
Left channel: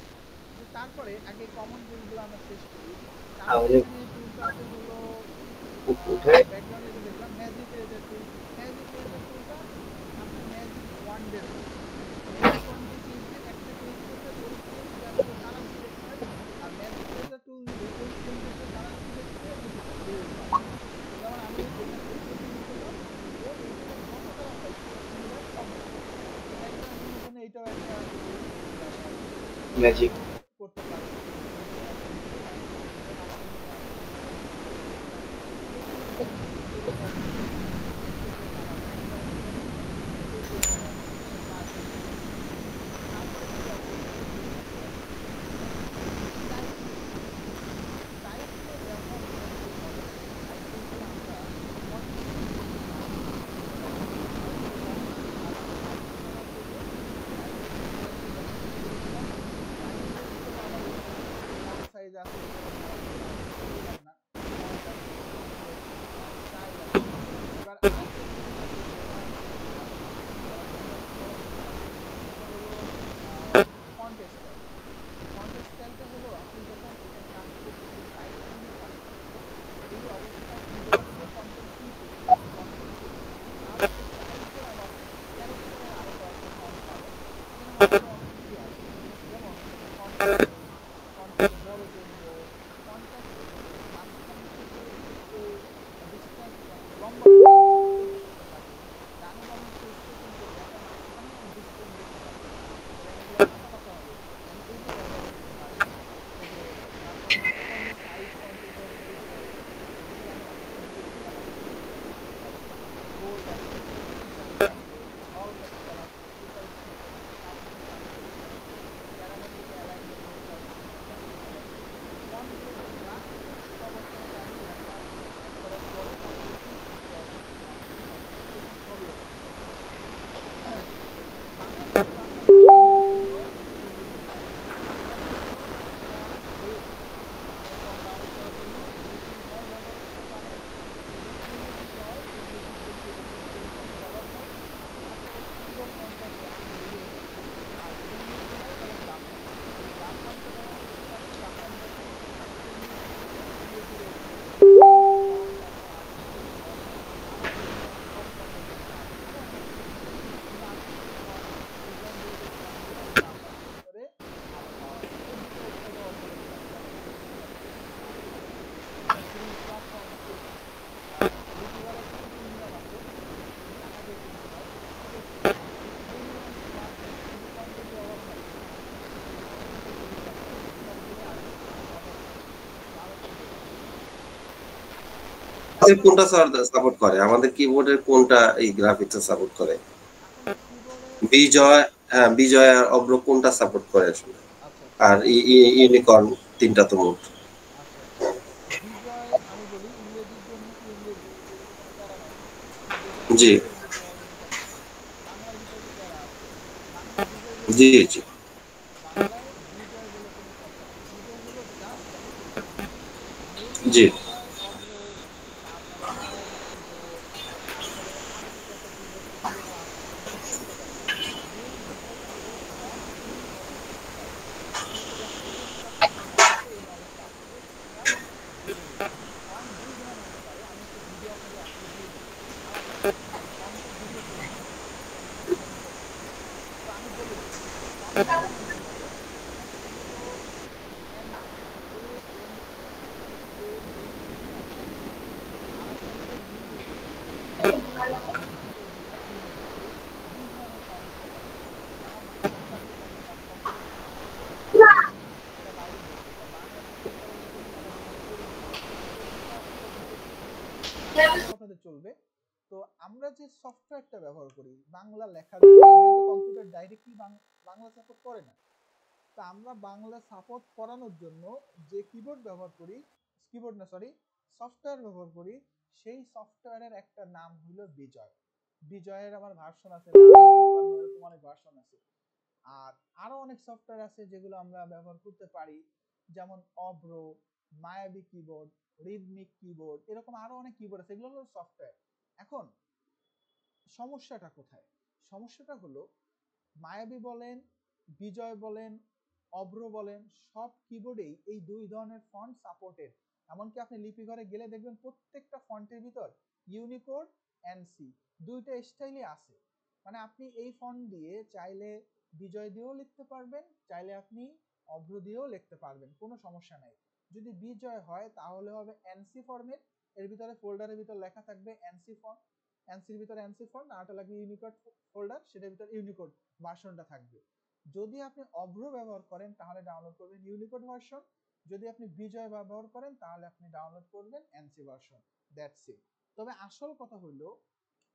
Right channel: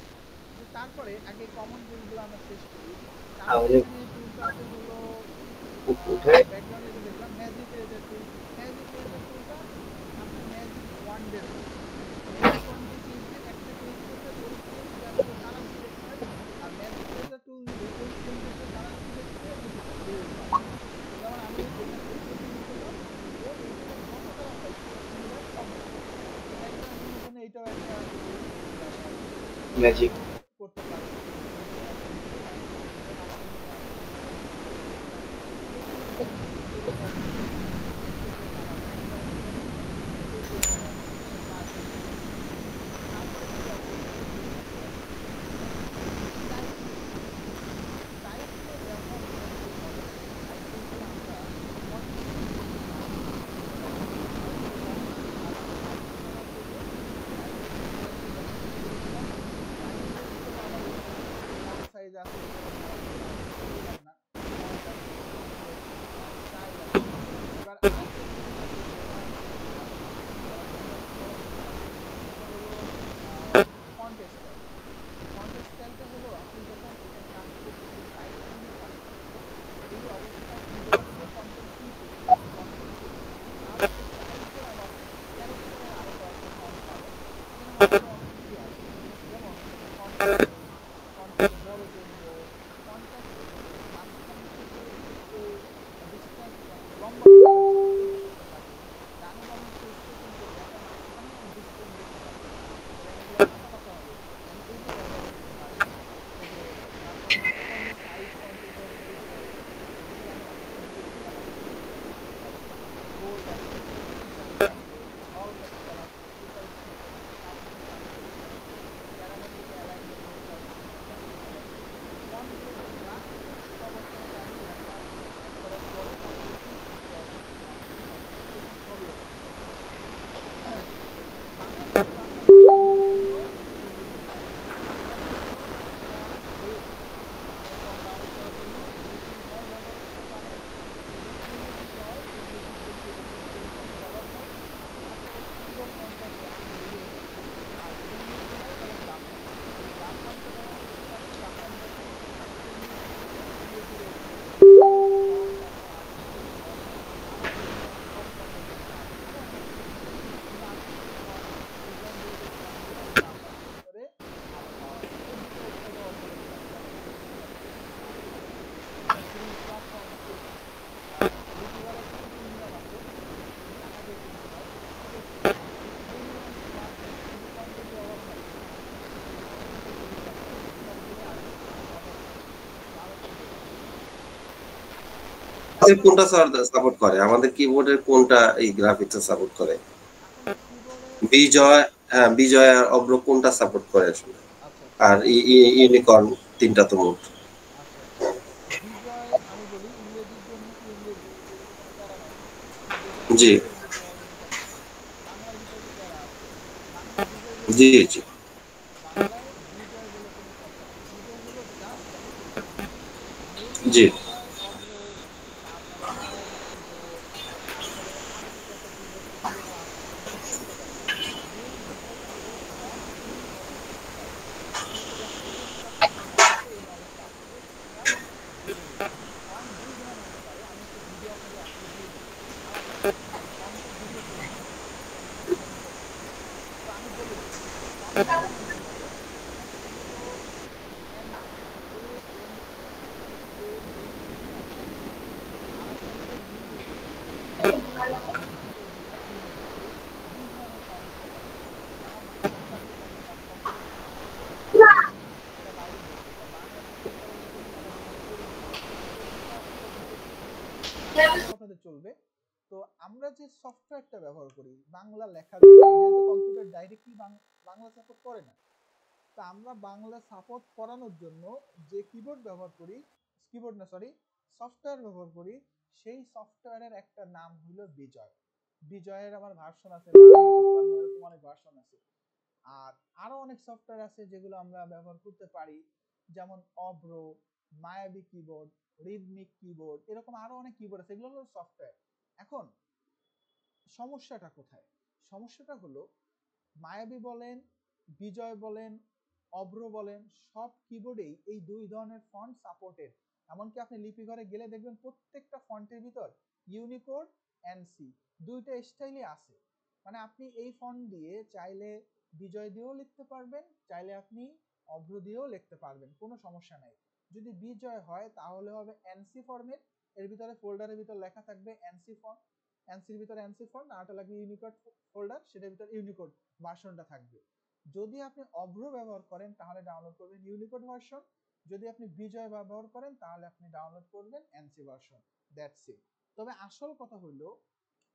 তারপরে আগে কমন টুলগুলো আমরা শেষ করি। তারপরে এখানে টুলস আছে হলো ব্যাকগ্রাউন্ডে দেখলাম ম্যাজিক ম্যাজিক ইরেজার টুল, ম্যাজিক ইরেজার টুলটা আপনার ম্যাজিক ওয়ান্ডের ম্যাজিক ওয়ান্ডে ক্লিক দিয়ে একটা ক্লিক করলে ওই পেজটা পুরো কালার সিলেক্ট হয়, আর ম্যাজিক ইরেজার টুল দিলে ওই পেজটা কালার সিলেক্ট করে ডিলিট হয়। যেমন আমি এখানে ডিলিট করলাম, ও এইখানে যত কালার পাইছে এগুলো সব একটা জন্য এইটাও একটা ম্যাজিক করতে পারে। কোনটা সাপোর্ট করে, আমাদের কিবোর্ডের কোনটা এই গ্রাফিক্স সাপোর্ট করে? বিজয়, হ্যাঁ বিজয় আর অব্র কোনটা সাপোর্ট করে আসলে? আর ইউনিকর্ন তিনটা তো মোট। বিজয় আমি বলি ইংরেজির জন্য ইংরেজি, এগুলো কোনো প্যারা নাই। জি বাংলার ভিতরে প্যারা আছে, বাংলায় বিজয় বলে জি জি বাংলায় বিজয় বলে কোনো কথা নাই। বিজয় হলো জাস্ট মেইন জি বিজয়, অব্র, তারপরে মায়াবী কিবোর্ড, তারপরে আরো দুটো একটা কিবোর্ড এগুলো আছে, এগুলো করতে পারে। মেইন বিষয় হলো ফন্ট ইউনিকর্ন করতে পারে। আপনি যখন কিবোর্ডটা সাপোর্ট এই নলেজটা আসবে তখন বুঝে নেবেন। ফন্ট দুই ধরনের হতে পারে, আমি একটা ভিডিও আপনাদের আজকে দিয়ে দিব আলাদা, ফন্টের ভিডিও করে দিব, ফন্ট কিভাবে করতে হয়। তো আমি বলে দিই ফন্ট দুই ধরনের হতে পারে, একটা হলো AMAN, আর একটা হলো UNICOD। UNICOD দুই ধরনের ফন্ট হতে পারে। যেমন একটা হলো দেখেন কম্পিউটার স্ক্রিনে একটা ফন্ট আছে, এটা বাইরে বলছি, এটা বাংলাতে চেক করার মতো কিন্তু আমার মনে পড়ে না, তো এটা আপনারা বুঝে নেবেন। বাংলা কথাতে চলবে। তো আমরা যে সফটওয়্যারটা ব্যবহার করি বাংলা লেখার জন্য, যেহেতু কম্পিউটার ডাইরেক্টলি বাংলা সাপোর্ট করে না, তো আমরা বাংলা সাপোর্ট করানোর জন্য যে কিবোর্ড ব্যবহার করি, কিবোর্ড না সরি সফটওয়্যার ব্যবহার করি, সেই সফটওয়্যারের একটা নাম হলো বিজয়। বিজয়ের আমার ভার্সন আছে, এরকম অনেক ভার্সন আছে। আর আরো অনেক সফটওয়্যার আছে যেগুলো আমরা ব্যবহার করতে পারি, যেমন অব্র, মায়াবী কিবোর্ড, রিদমিক কিবোর্ড, এরকম আরো অনেক কিবোর্ড আছে, এগুলো হলো সফটওয়্যার। এখন সমস্যাটা কোথায়? সমস্যাটা হলো মায়াবী বলেন, বিজয় বলেন, অব্র বলেন, সব কিবোর্ডেই এই দুই ধরনের ফন্ট সাপোর্টেড। এমনকি আপনি লিপিঘরে গেলে দেখবেন প্রত্যেকটা ফন্টের ভিতর ইউনিকোড এনসি দুইটা স্টাইলই আছে। মানে আপনি এই ফন্ট দিয়ে চাইলে বিজয় দিয়েও লিখতে পারবেন, চাইলে আপনি অভ্র দিয়েও লিখতে পারবেন, কোনো সমস্যা নাই। যদি বিজয় হয় তাহলে হবে এনসি ফর্মেট, এর ভিতরে ফোল্ডারের ভিতর লেখা থাকবে এনসি ফন্ট, এনসির ভিতরে এনসি ফন্ট, আরটা লাগবে ইউনিকোড ফোল্ডার, সেটার ভিতরে ইউনিকোড ভার্সনটা থাকবে। যদি আপনি অভ্র ব্যবহার করেন তাহলে ডাউনলোড করবেন ইউনিকোড ভার্সন, যদি আপনি বিজয় ব্যবহার করেন তাহলে আপনি ডাউনলোড করবেন এনসি ভার্সন, দ্যাটস ইট। তবে আসল কথা হলো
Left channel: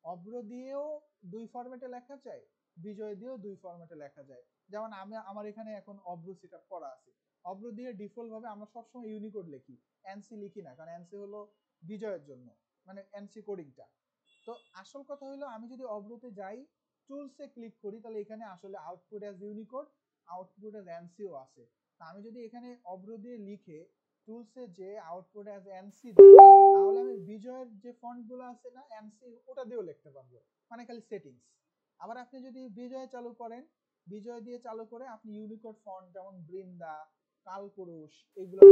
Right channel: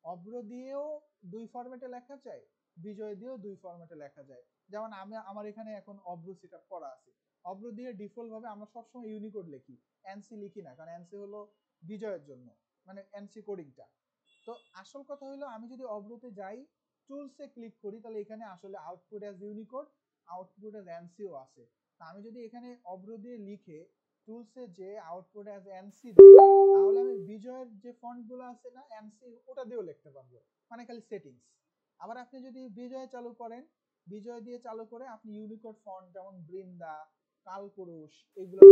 অভ্র দিয়েও দুই ফরম্যাটে লেখা যায়, বিজয় দিয়েও দুই ফরম্যাটে লেখা যায়। যেমন আমি আমার এখানে এখন অভ্র সেটআপ করা আছে, অভ্র দিয়ে ডিফল্ট ভাবে আমরা সবসময় ইউনিকোড লিখি, এনসি লিখি না, কারণ এনসি হলো বিজয়ের জন্য, মানে এনসি কোডিংটা। তো আসল কথা হলো আমি যদি অভ্রতে যাই, টুলসে ক্লিক করি, তাহলে এখানে আসলে output as Unicode, output as NCO আছে। তা আমি যদি এখানে অভ্র দিয়ে লিখে টুলসে যে আউটপুট অ্যাজ এনসি দিই, তাহলে আমি বিজয়ের যে ফন্টগুলো আছে না এনসি, ওটা দিয়েও লিখতে পারবো, মানে খালি সেটিংস। আবার আপনি যদি বিজয় চালু করেন, বিজয় দিয়ে চালু করে আপনি ইউনিকোড ফন্ট যেমন বৃন্দা, কালপুরুষ এগুলো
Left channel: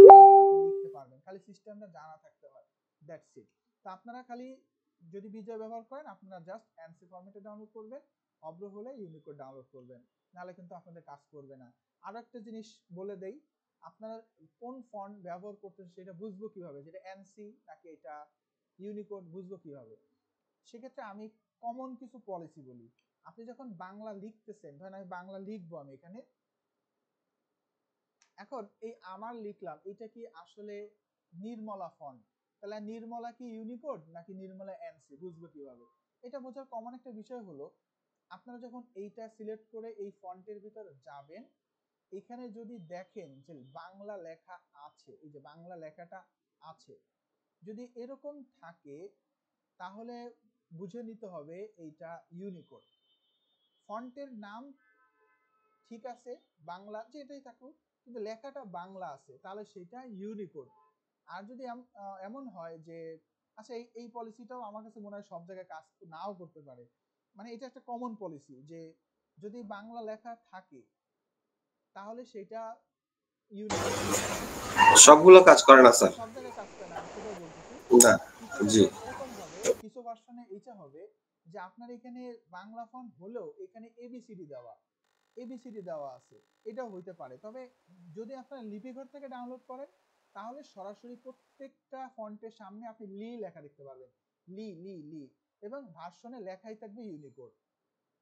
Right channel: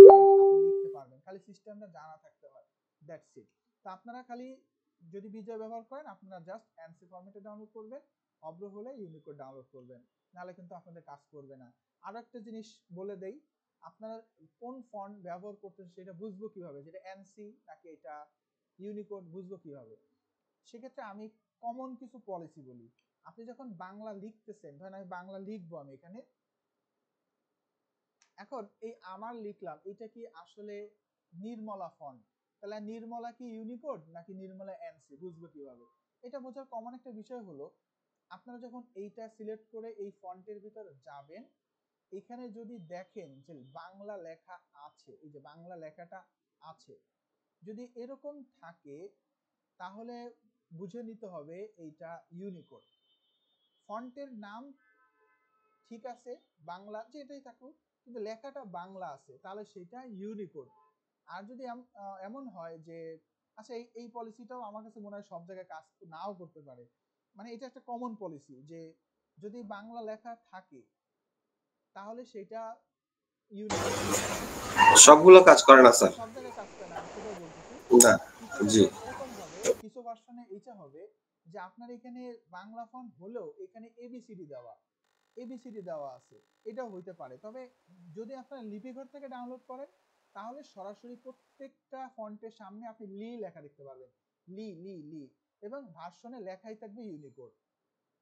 আপনি লিখতে পারবেন, খালি সিস্টেমটা জানা থাকতে হয়, দ্যাটস ইট। তো আপনারা খালি যদি বিজয় ব্যবহার করেন আপনারা জাস্ট এনসি ফরম্যাটে ডাউনলোড করবেন, অভ্র হলে ইউনিকোড ডাউনলোড করবেন, নাহলে কিন্তু আপনাদের কাজ করবে না। আরো একটা জিনিস বলে দেই, আপনারা কোন ফন্ট ব্যবহার করতেছেন সেটা বুঝবো কিভাবে, যেটা এনসি নাকি এটা ইউনিকোড বুঝবো কিভাবে? সেক্ষেত্রে আমি কমন কিছু পলিসি বলি। আপনি যখন বাংলা লিখতেছেন, ধরেন আমি বাংলা লিখবো, আমি এখানে এখন এই আমার লিখলাম, এটা কি আসলে নির্মলা ফন্ট, তাহলে নির্মলা কি ইউনিকোড নাকি নির্মলা এনসি বুঝবো কিভাবে? এটা বোঝার কমন একটা বিষয় হলো, আপনারা যখন এইটা সিলেক্ট করে এই ফন্টের ভিতরে যাবেন, এখানে যদি দেখেন যে বাংলা লেখা আছে, এই যে বাংলা লেখাটা আছে, যদি এরকম থাকে তাহলে বুঝে নিতে হবে এইটা ইউনিকোড। ফন্টের নাম ঠিক আছে বাংলা যেটাই থাকুক, কিন্তু লেখাটা বাংলা আছে, তাহলে সেটা ইউনিকোড। আর যদি এমন হয় যে আচ্ছা এই পলিসিটাও আমার কাছে মনে হয় সব জায়গায় কাজ নাও করতে পারে, মানে এটা একটা কমন পলিসি যে যদি বাংলা লেখা থাকে তাহলে সেটা ইউনিকোড। সবগুলো কাজ করে না স্যার, সব জায়গায় কাজ করে না, আমি সেটাই বলতেছি না। জি, এরকম ভাবে কিছু ভার্সনে এটা হবে যে আপনার এখানে বাংলা ফন্ট হলেও এখানে এবিসিডি দেওয়া আছে, এটাও হইতে পারে। তবে যদি আপনারা লিপিঘর থেকে ডাউনলোড করেন তাহলে সরাসরি প্রত্যেকটা ফন্টের সামনে আপনি লি লেখা দেখতে পারবেন, লি লি লি, এবং ভার্সনে লেখাই থাকবে ইউনিকোড।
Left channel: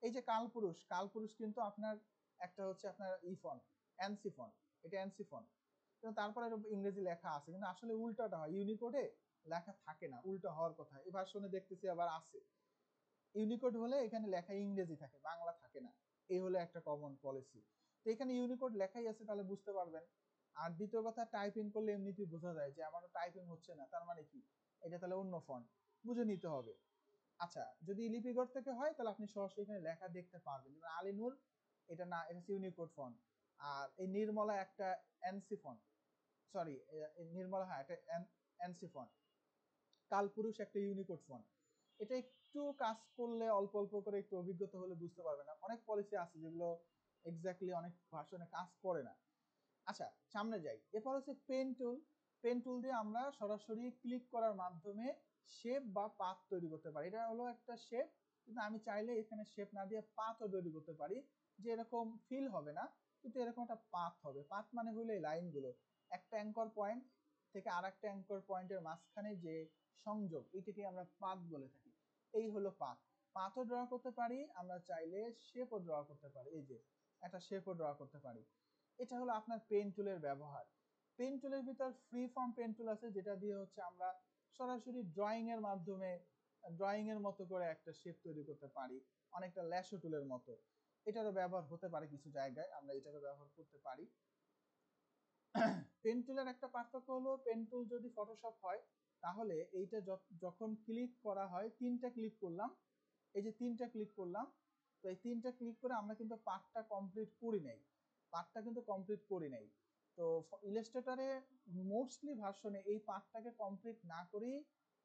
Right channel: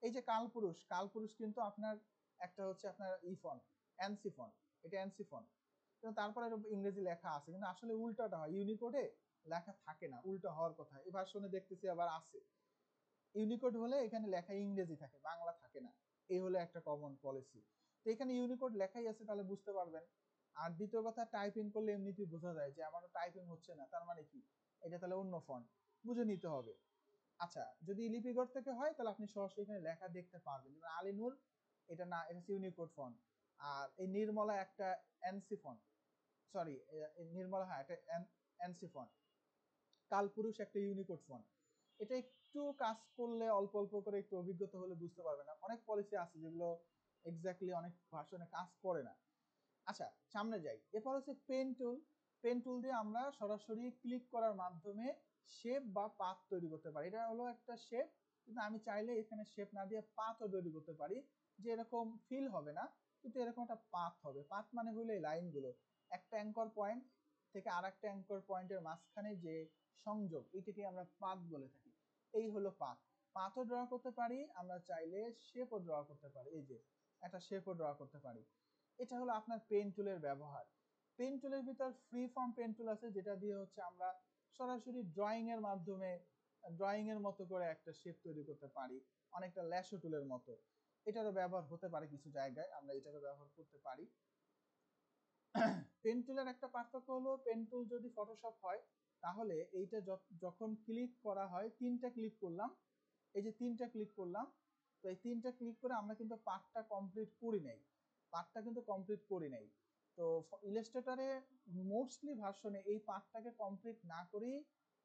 এই যে কালপুরুষ কিন্তু আপনার একটা হচ্ছে আপনার ফন্ট এনসি ফন্ট, এটা এনসি ফন্ট, কিন্তু তারপরে ইংরেজি লেখা আছে, কিন্তু আসলে উল্টাটা হয়, ইউনিকোডে লেখা থাকে না, উল্টা হওয়ার কথা। এই ভার্সনে দেখতেছি আবার আছে, ইউনিকোড হলে এখানে লেখা ইংরেজি থাকে, বাংলা থাকে না, এই হলো একটা কমন পলিসি। তো এখানে ইউনিকোড লেখাই আছে, তাহলে বুঝতে পারবেন। আর দ্বিতীয় কথা, টাইপিং করলে এমনিতেই বোঝা যায় যে আমারও টাইপিং হচ্ছে না, তার মানে কি এটা তাহলে অন্য ফন্ট, বুঝে নিতে হবে। আচ্ছা, যদি লিপিঘর থেকে হয় তাহলে আপনি সরাসরি এখানে লেখা দেখতে পারবেন, যেমন আলিনুর এটা না, এটা ইউনিকোড ফন্ট। আর এই নির্মলা একটা এনসি ফন্ট, সরি নির্মলা, হ্যাঁ এটা এনসি ফন্ট। কালপুরুষ একটা ইউনিকোড ফন্ট। এটা একটু কাজ করলে অল্প অল্প করে একটু অভিজ্ঞতা হলে বুঝতে পারবেন না, অনেক পলিসি আছে যেগুলো এক্স্যাক্টলি অনেক ভার্সনে কাজ করে না। আচ্ছা সামনে যাই, এরপর হচ্ছে পেন টুল দিয়ে আমরা সরাসরি ক্লিক করার মাধ্যমে শেপ বা পাথ তৈরি করতে পারি। এটা হলো একটা শেপ, কিন্তু আমি চাইলে এখানে শেপ না দিয়ে পাথও তৈরি করতে পারি, যে এরকম ফিল হবে না, কিন্তু এরকম একটা পাথ হবে। পাথ মানে হলো এই লাইনগুলো, একটা অ্যাঙ্কর পয়েন্ট থেকে আরেকটা অ্যাঙ্কর পয়েন্টের মাঝখানে যে সংযোগ, এটাকে আমরা পাথ বলে থাকি। এই হলো পাথও ড্র করতে পারি, আমরা চাইলে শেপও ড্র করতে পারি, এই যে একটা শেপও ড্র করতে পারি। এটা হলো আপনার পেন টুলের ব্যবহার। পেন টুলের ভিতর ফ্রি ফর্ম পেন টুল আছে, যেটা দিয়ে হচ্ছে আমরা সরাসরি ড্রয়িং এর মাধ্যমে ড্রয়িং এর মতো করে একটা শেপ তৈরি করতে পারি, অনেকটা ল্যাশো টুলের মতো। এটারও ব্যবহার হতে পারে কিছু জায়গায়, আমরা এটারও ব্যবহার করতে পারি। পেন টুলের একটা পার্থক্য হলো, পেন টুল যদি ফটোশপ হয় তাহলে এইটা যখন ক্লিক করা হয়, তিনটা ক্লিক করলাম, এই যে তিনটা ক্লিক করলাম, তো এই তিনটা ক্লিক করে আমরা কিন্তু পার্টটা কমপ্লিট করি নাই। তো ইলাস্ট্রেটরে মোস্টলি ভার্সনে এই পার্টটাকে কমপ্লিট না করেই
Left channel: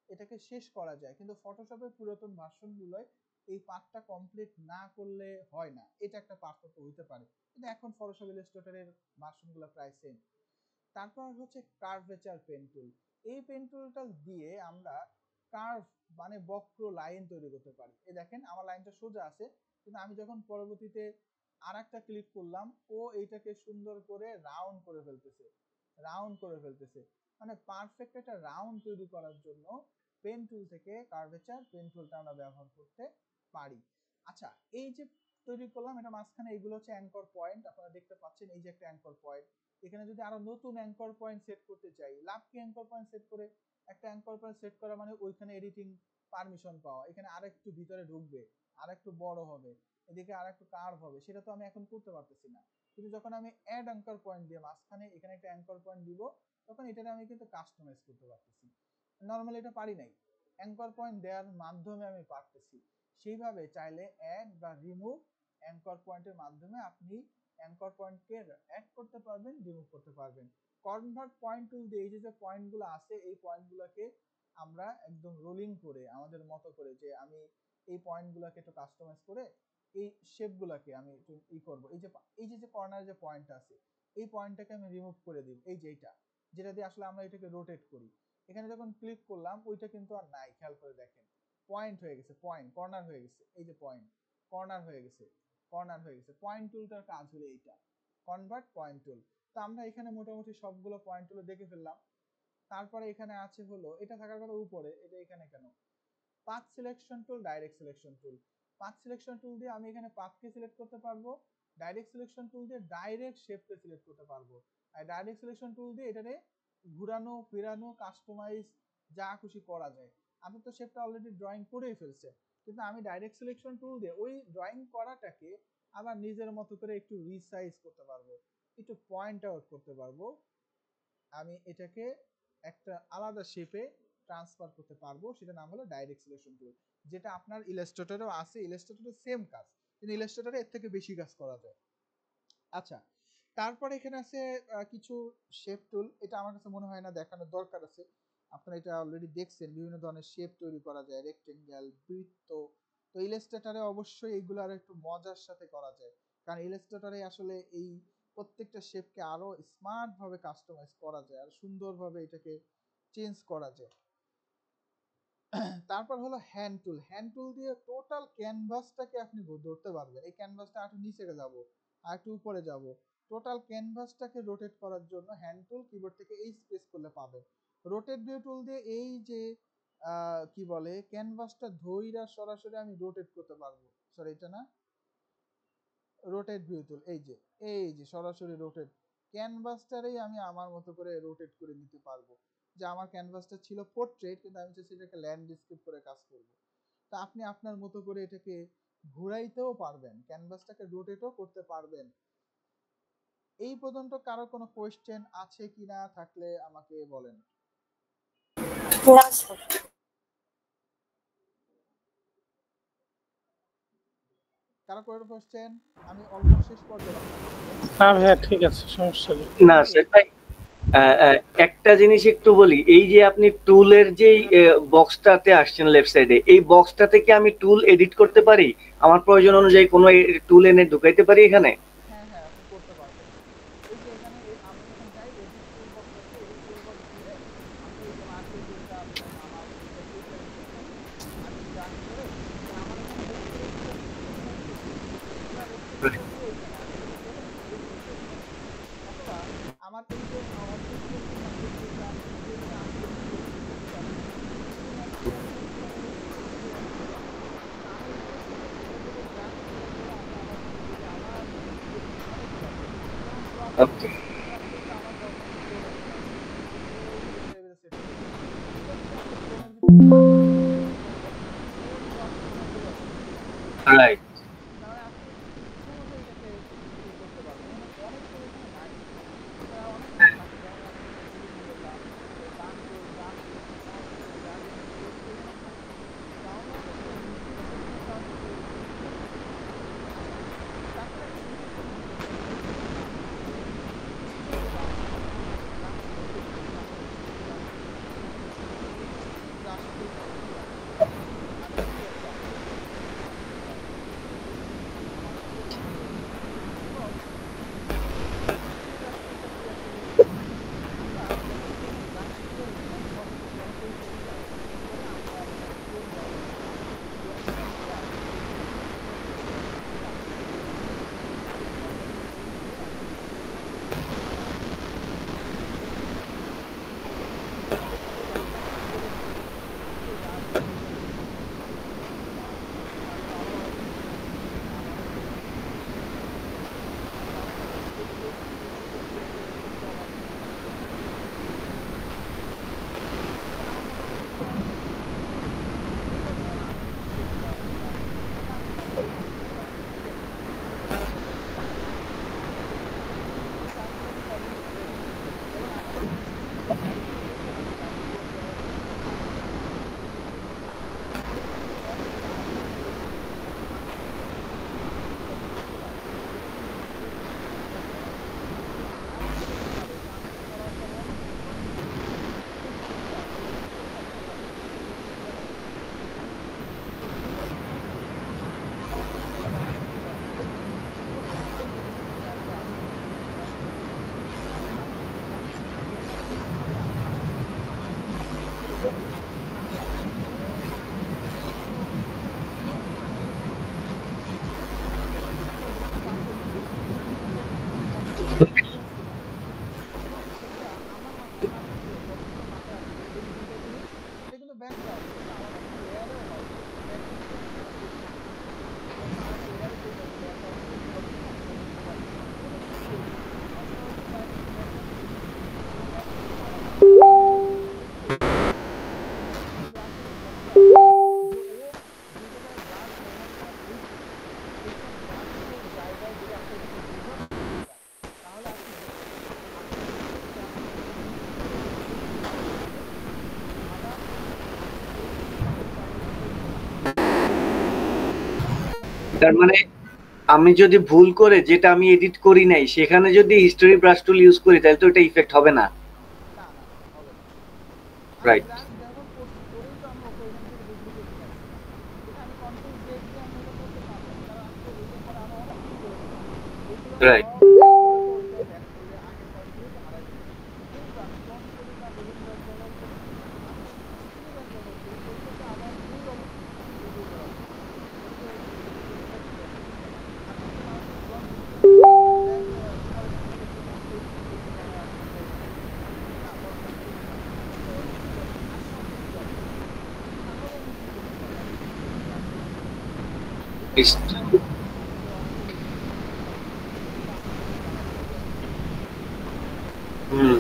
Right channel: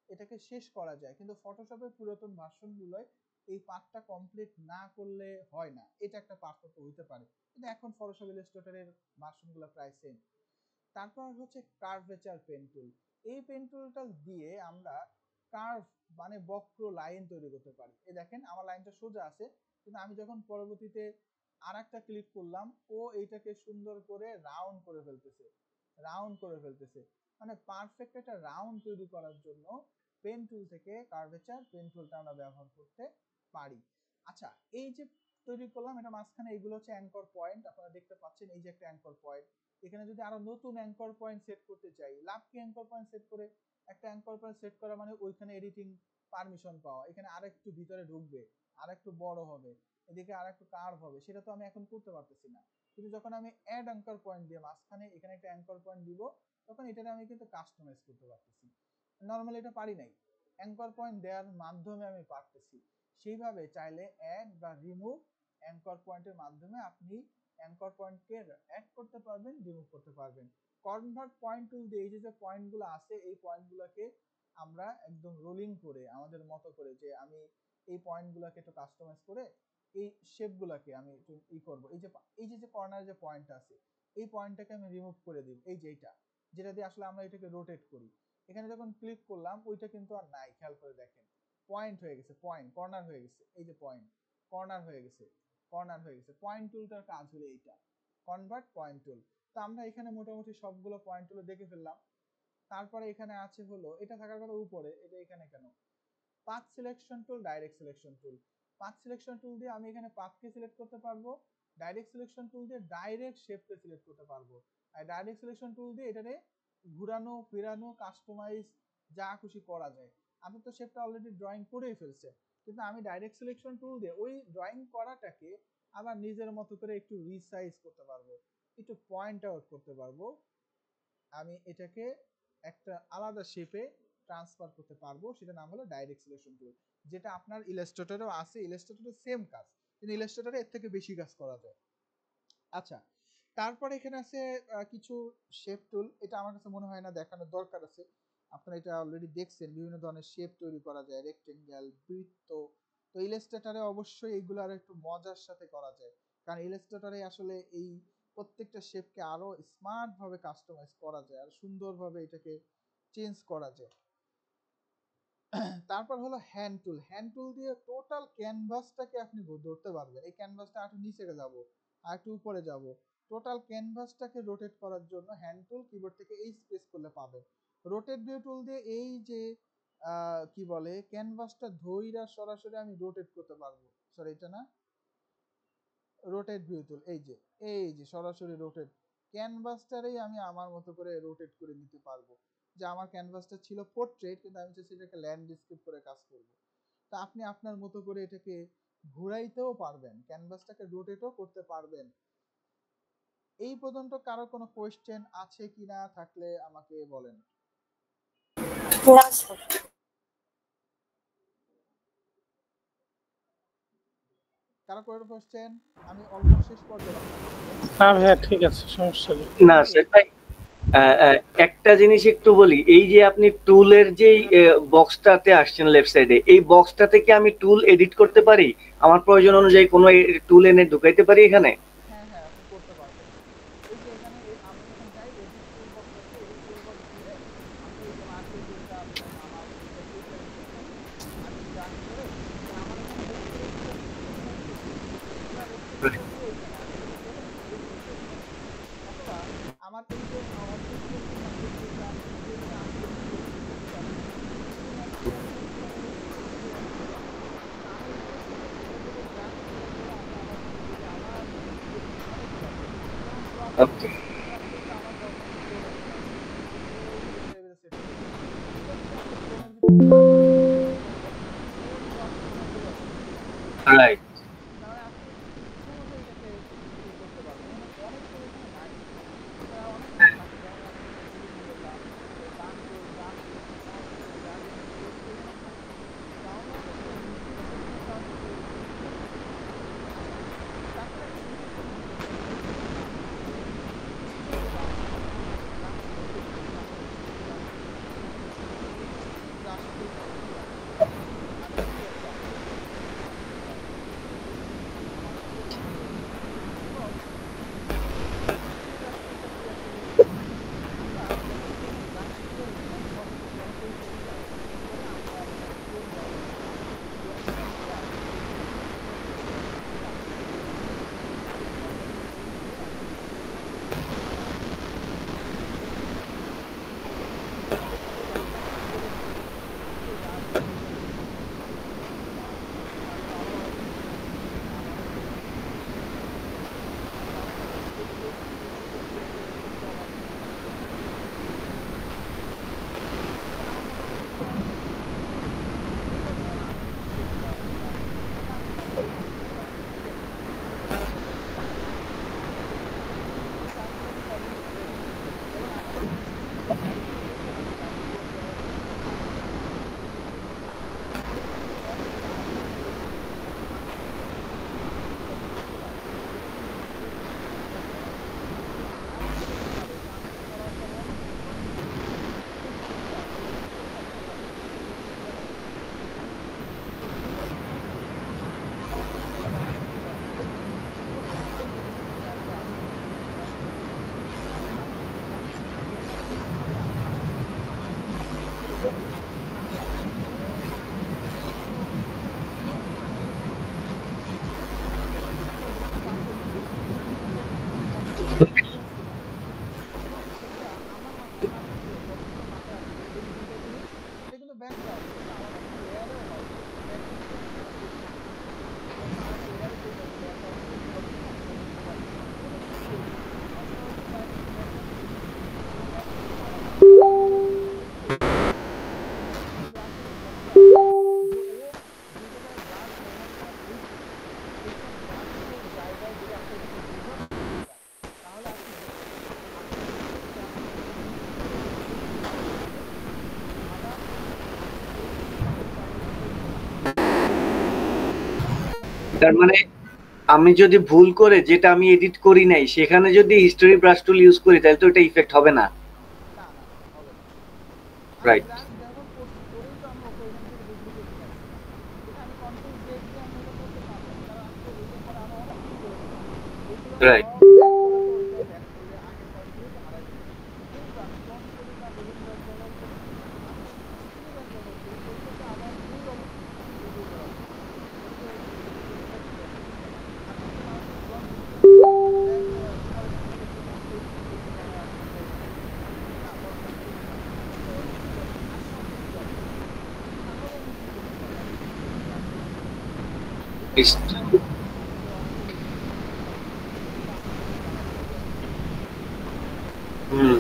এটাকে শেষ করা যায়, কিন্তু ফটোশপের পুরাতন ভার্সনগুলোয় এই পার্টটা কমপ্লিট না করলে হয় না, এটা একটা পার্থক্য হতে পারে, কিন্তু এখন ফটোশপ ইলাস্ট্রেটরের ভার্সনগুলো প্রায় সেম। তারপর হচ্ছে কার্ভেচার পেন টুল। এই পেন টুলটা দিয়ে আমরা কার্ভ মানে বক্র লাইন তৈরি করতে পারি। এই দেখেন আমার লাইনটা সোজা আছে, কিন্তু আমি যখন পরবর্তীতে আরেকটা ক্লিক করলাম ও এইটাকে সুন্দর করে রাউন্ড করে ফেলতেছে। মানে পারফেক্ট একটা রাউন্ড তৈরি করার জন্য পেন টুল থেকে কার্ভেচার পেন টুলটা আমরা ব্যবহার করতে পারি। আচ্ছা, এই যে তৈরি করলাম এটা মাঝখানে এইগুলো হচ্ছে অ্যাঙ্কর পয়েন্ট, আপনারা দেখতে পাচ্ছেন এই যে একটা অ্যাঙ্কর পয়েন্ট। এখানে যদি আরো নতুন অ্যাঙ্কর পয়েন্ট সেট করতে চাই, লাভ কি অ্যাঙ্কর পয়েন্ট সেট করে একটা অ্যাঙ্কর পয়েন্ট সেট করা মানে ওইখানে এডিটিং পারমিশন পাওয়া, এখানে আরেকটু ভিতরে ঢুকবে, আরেকটু বড় হবে, এদিকে আরেকটু কার্ভ হবে, সেটা তো আমি এখন করতে পারতেছি না। কিন্তু যখন আমি অ্যাড অ্যাঙ্কর পয়েন্ট দিয়ে মাঝখানে এখানে একটা অ্যাঙ্কর পয়েন্ট দিব, তখন এটাকে আমি কিন্তু কাস্টমাইজ করতে পারতেছি। নর্মালি এটা পারি নাই, অ্যাঙ্কর পয়েন্ট দেওয়ার মাধ্যমে আমি পারতেছি। সেইভাবে চাইলে অ্যাড বা রিমুভ অ্যাঙ্কর পয়েন্টের মাধ্যমে আপনি অ্যাঙ্কর পয়েন্টকে অ্যাড করতে পারবেন, রিমুভ করতে পারবেন। কনভার্ট পয়েন্ট টুল দিয়ে এই যে পয়েন্টগুলো আছে এই পয়েন্টগুলোকে আমরা একদম রোলিং করে আমাদের মতো করে, যে আমি এই পয়েন্টগুলোকে একটু কাস্টমাইজ করে এই শেপগুলোকে আমি একটু করব। এই যে কর্নার যে পয়েন্ট আছে এই পয়েন্টটাকে আমি রিমুভ করে দিই, এই যে যেটা দিয়ে আসলে আমরা এটাকে রোটেট করি। এখানে যখন ক্লিক করলাম ওইটা কিন্তু আর নাই, খেয়াল করে দেখেন পয়েন্ট হয়ে গেছে, পয়েন্ট কর্নার হয়ে গেছে, এই যে পয়েন্ট কর্নার হয়ে গেছে। পয়েন্ট টুলটার কাজ হলো এইটা, কনভার্ট পয়েন্ট টুল। তো আমরা এখানে মোটামুটি সবগুলো পয়েন্ট টুল দেখে ফেললাম। তারপরে এখানে আছে হলো, এটা থাকার কথা উপরে, এটা এখানে কেন? Path selection tool, direct selection tool. Path selection tool দিয়ে আমি এখানে পাথকে সিলেক্ট করতে পারবো, ডাইরেক্ট সিলেকশন টুল দিয়ে ডাইরেক্ট শেপকে সিলেক্ট করতে পারবো। আর ডাইরেক্ট সিলেকশন টুল দিয়ে এটারে ঘুরানো ফেরানো কাস্টমাইজ যা খুশি করা যায়। আপনি তো শেপটা অলরেডি ড্রয়িং করেই ফেলছে, কিন্তু আমি ডাইরেক্ট সিলেকশন টুল দিয়ে ওই ড্রয়িং করাটাকে আবার নিজের মতো করে একটু রিসাইজ করতে পারবো, একটু পয়েন্ট আউট করতে পারবো। আমি এটাকে একটা আলাদা শেপে ট্রান্সফার করতে পারবো, সেটা নাম হলো ডাইরেক্ট সিলেকশন টুল, যেটা আপনার ইলাস্ট্রেটরেও আছে। ইলাস্ট্রেটরে সেম কাজ, কিন্তু ইলাস্ট্রেটরে এর থেকে বেশি কাজ করা যায়। আচ্ছা, তারপরে এখানে আছে কিছু শেপ টুল, এটা আমার কাছে মনে হয় না দেখানোর দরকার আছে, আপনারা এটা অলরেডি দেখছেন। বিভিন্ন ধরনের শেপ তৈরি করা যায়, রেক্টেঙ্গেল, বৃত্ত। তো ইলাস্ট্রেটরে অবশ্যই এইগুলো আর একটু মজার সাথে করা যায়, কারণ ইলাস্ট্রেটরে আসলে এই প্রত্যেকটা শেপকে আরো স্মার্ট ভাবে কাস্টমাইজ করা যায়, আর সুন্দরভাবে এটাকে চেঞ্জ করা যায়। তারপর হলো হ্যান্ড টুল। হ্যান্ড টুল দিয়ে টোটাল ক্যানভাসটাকে আপনি ধরতে পারবেন। এই ক্যানভাসটা একটু নিচে যাব আর একটু উপরে যাব, টোটাল ক্যানভাসটাকে রোটেট করার জন্য হ্যান্ড টুল কিবোর্ড থেকে এই স্পেস করলে পাবেন। রোটেট ভিউ টুল দিয়ে এই যে কি বলে ক্যানভাসটা ধইরা সরাসরি আমি রোটেট করতে পারবো। সরি, এটা না, রোটেট ভিউ টুল, এই যে সরাসরি রোটেট ক্যানভাসটারই আমি আমার মতো করে রোটেট করে নিতে পারবো। যে আমার ক্যানভাসটা ছিল পোর্ট্রেট, কিন্তু আমি চাইছি এটাকে ল্যান্ডস্কেপ করে কাজ করব। তা আপনি আপনার মতো করে এটাকে ঘুরাইতেও পারবেন, ক্যানভাসটাকে রোটেটও করতে পারবেন। এই পর্যন্ত কারো কোনো কোয়েশ্চেন আছে কিনা, থাকলে আমাকে বলেন। না স্যার। কারো কোনো কোয়েশ্চেন? আমি অলমোস্ট শেষ পর্যায়ে। হ্যাঁ ঠিক আছে, সমস্যা নেই। না স্যার ভাই, একটা জিনিস একটু বলি, এই যে আপনি টুলের যে বক্সটাতে আসছেন লেফট সাইডে, এই বক্সটা থেকে আমি টুল এডিট করতে পারি, আমার প্রয়োজন অনুযায়ী কোনো টুল এনে ঢুকাইতে পারি এখানে? হ্যাঁ আপনি করতে পারবেন। এই যে এখানে আমি যখন যাই এডিট টুল বক্স আছে, এই টুল বক্স দিয়ে আপনি এই যে মার্কেট টুলটা আমার আমি জানি করে আমার আমার এই যে ওকে, রাইট। তার মানে আমি যদি ভুল করে যেটা আমি এডিট করি নাই সেখানে যদি হিস্টোরি ব্রাশ টুল ইউজ করি তাহলে তো এটা ইফেক্ট হবে না। না না না হবে না। আমি রাইট। ব্রাশ ব্যবহার করছি, করেই তো আমি ওকে ওইখান থেকে ডুপ্লিকেট নিয়ে আসছি। এটা আমি কন্ট্রোল জেড দিয়ে আমি এটা করতে পারতাম, কারণ আমি তো এটার পরে আরো অনেক কিছু করেছিলাম। ওইগুলো রাইট। সব ব্যাক করে তো ওইটাই ব্যাক করলে আগের কাজগুলো তো হারাই যেত। কিন্তু আমি ক্লোন করি না, হিলিং ব্রাশ ব্যবহার করি, আমি হিস্ট্রি ব্রাশ ব্যবহার করি, ওইটাকে আবার মূল অবস্থায় আমি রিভিউ করার জন্য। ওই যে যেটা ছিল সিস্টেম, আমি এখন আমাকে ক্লোন দিচ্ছি, দেন ফর এক্সাম্পল একটু নামটা একটু এখানে আসতে চাইছি, না ফর এক্সাম্পল এখানে আসতে চাইছি, তো ঠিক আছে আসলাম কিন্তু যাবে। তাহলে আমি কি করতে পারি? আমি হিস্ট্রি ব্রাশ করতে পারি। এটা আমার আমাদের অনেকের এখানে এটা আপনাদের জানার প্রয়োজন আছে। হুম,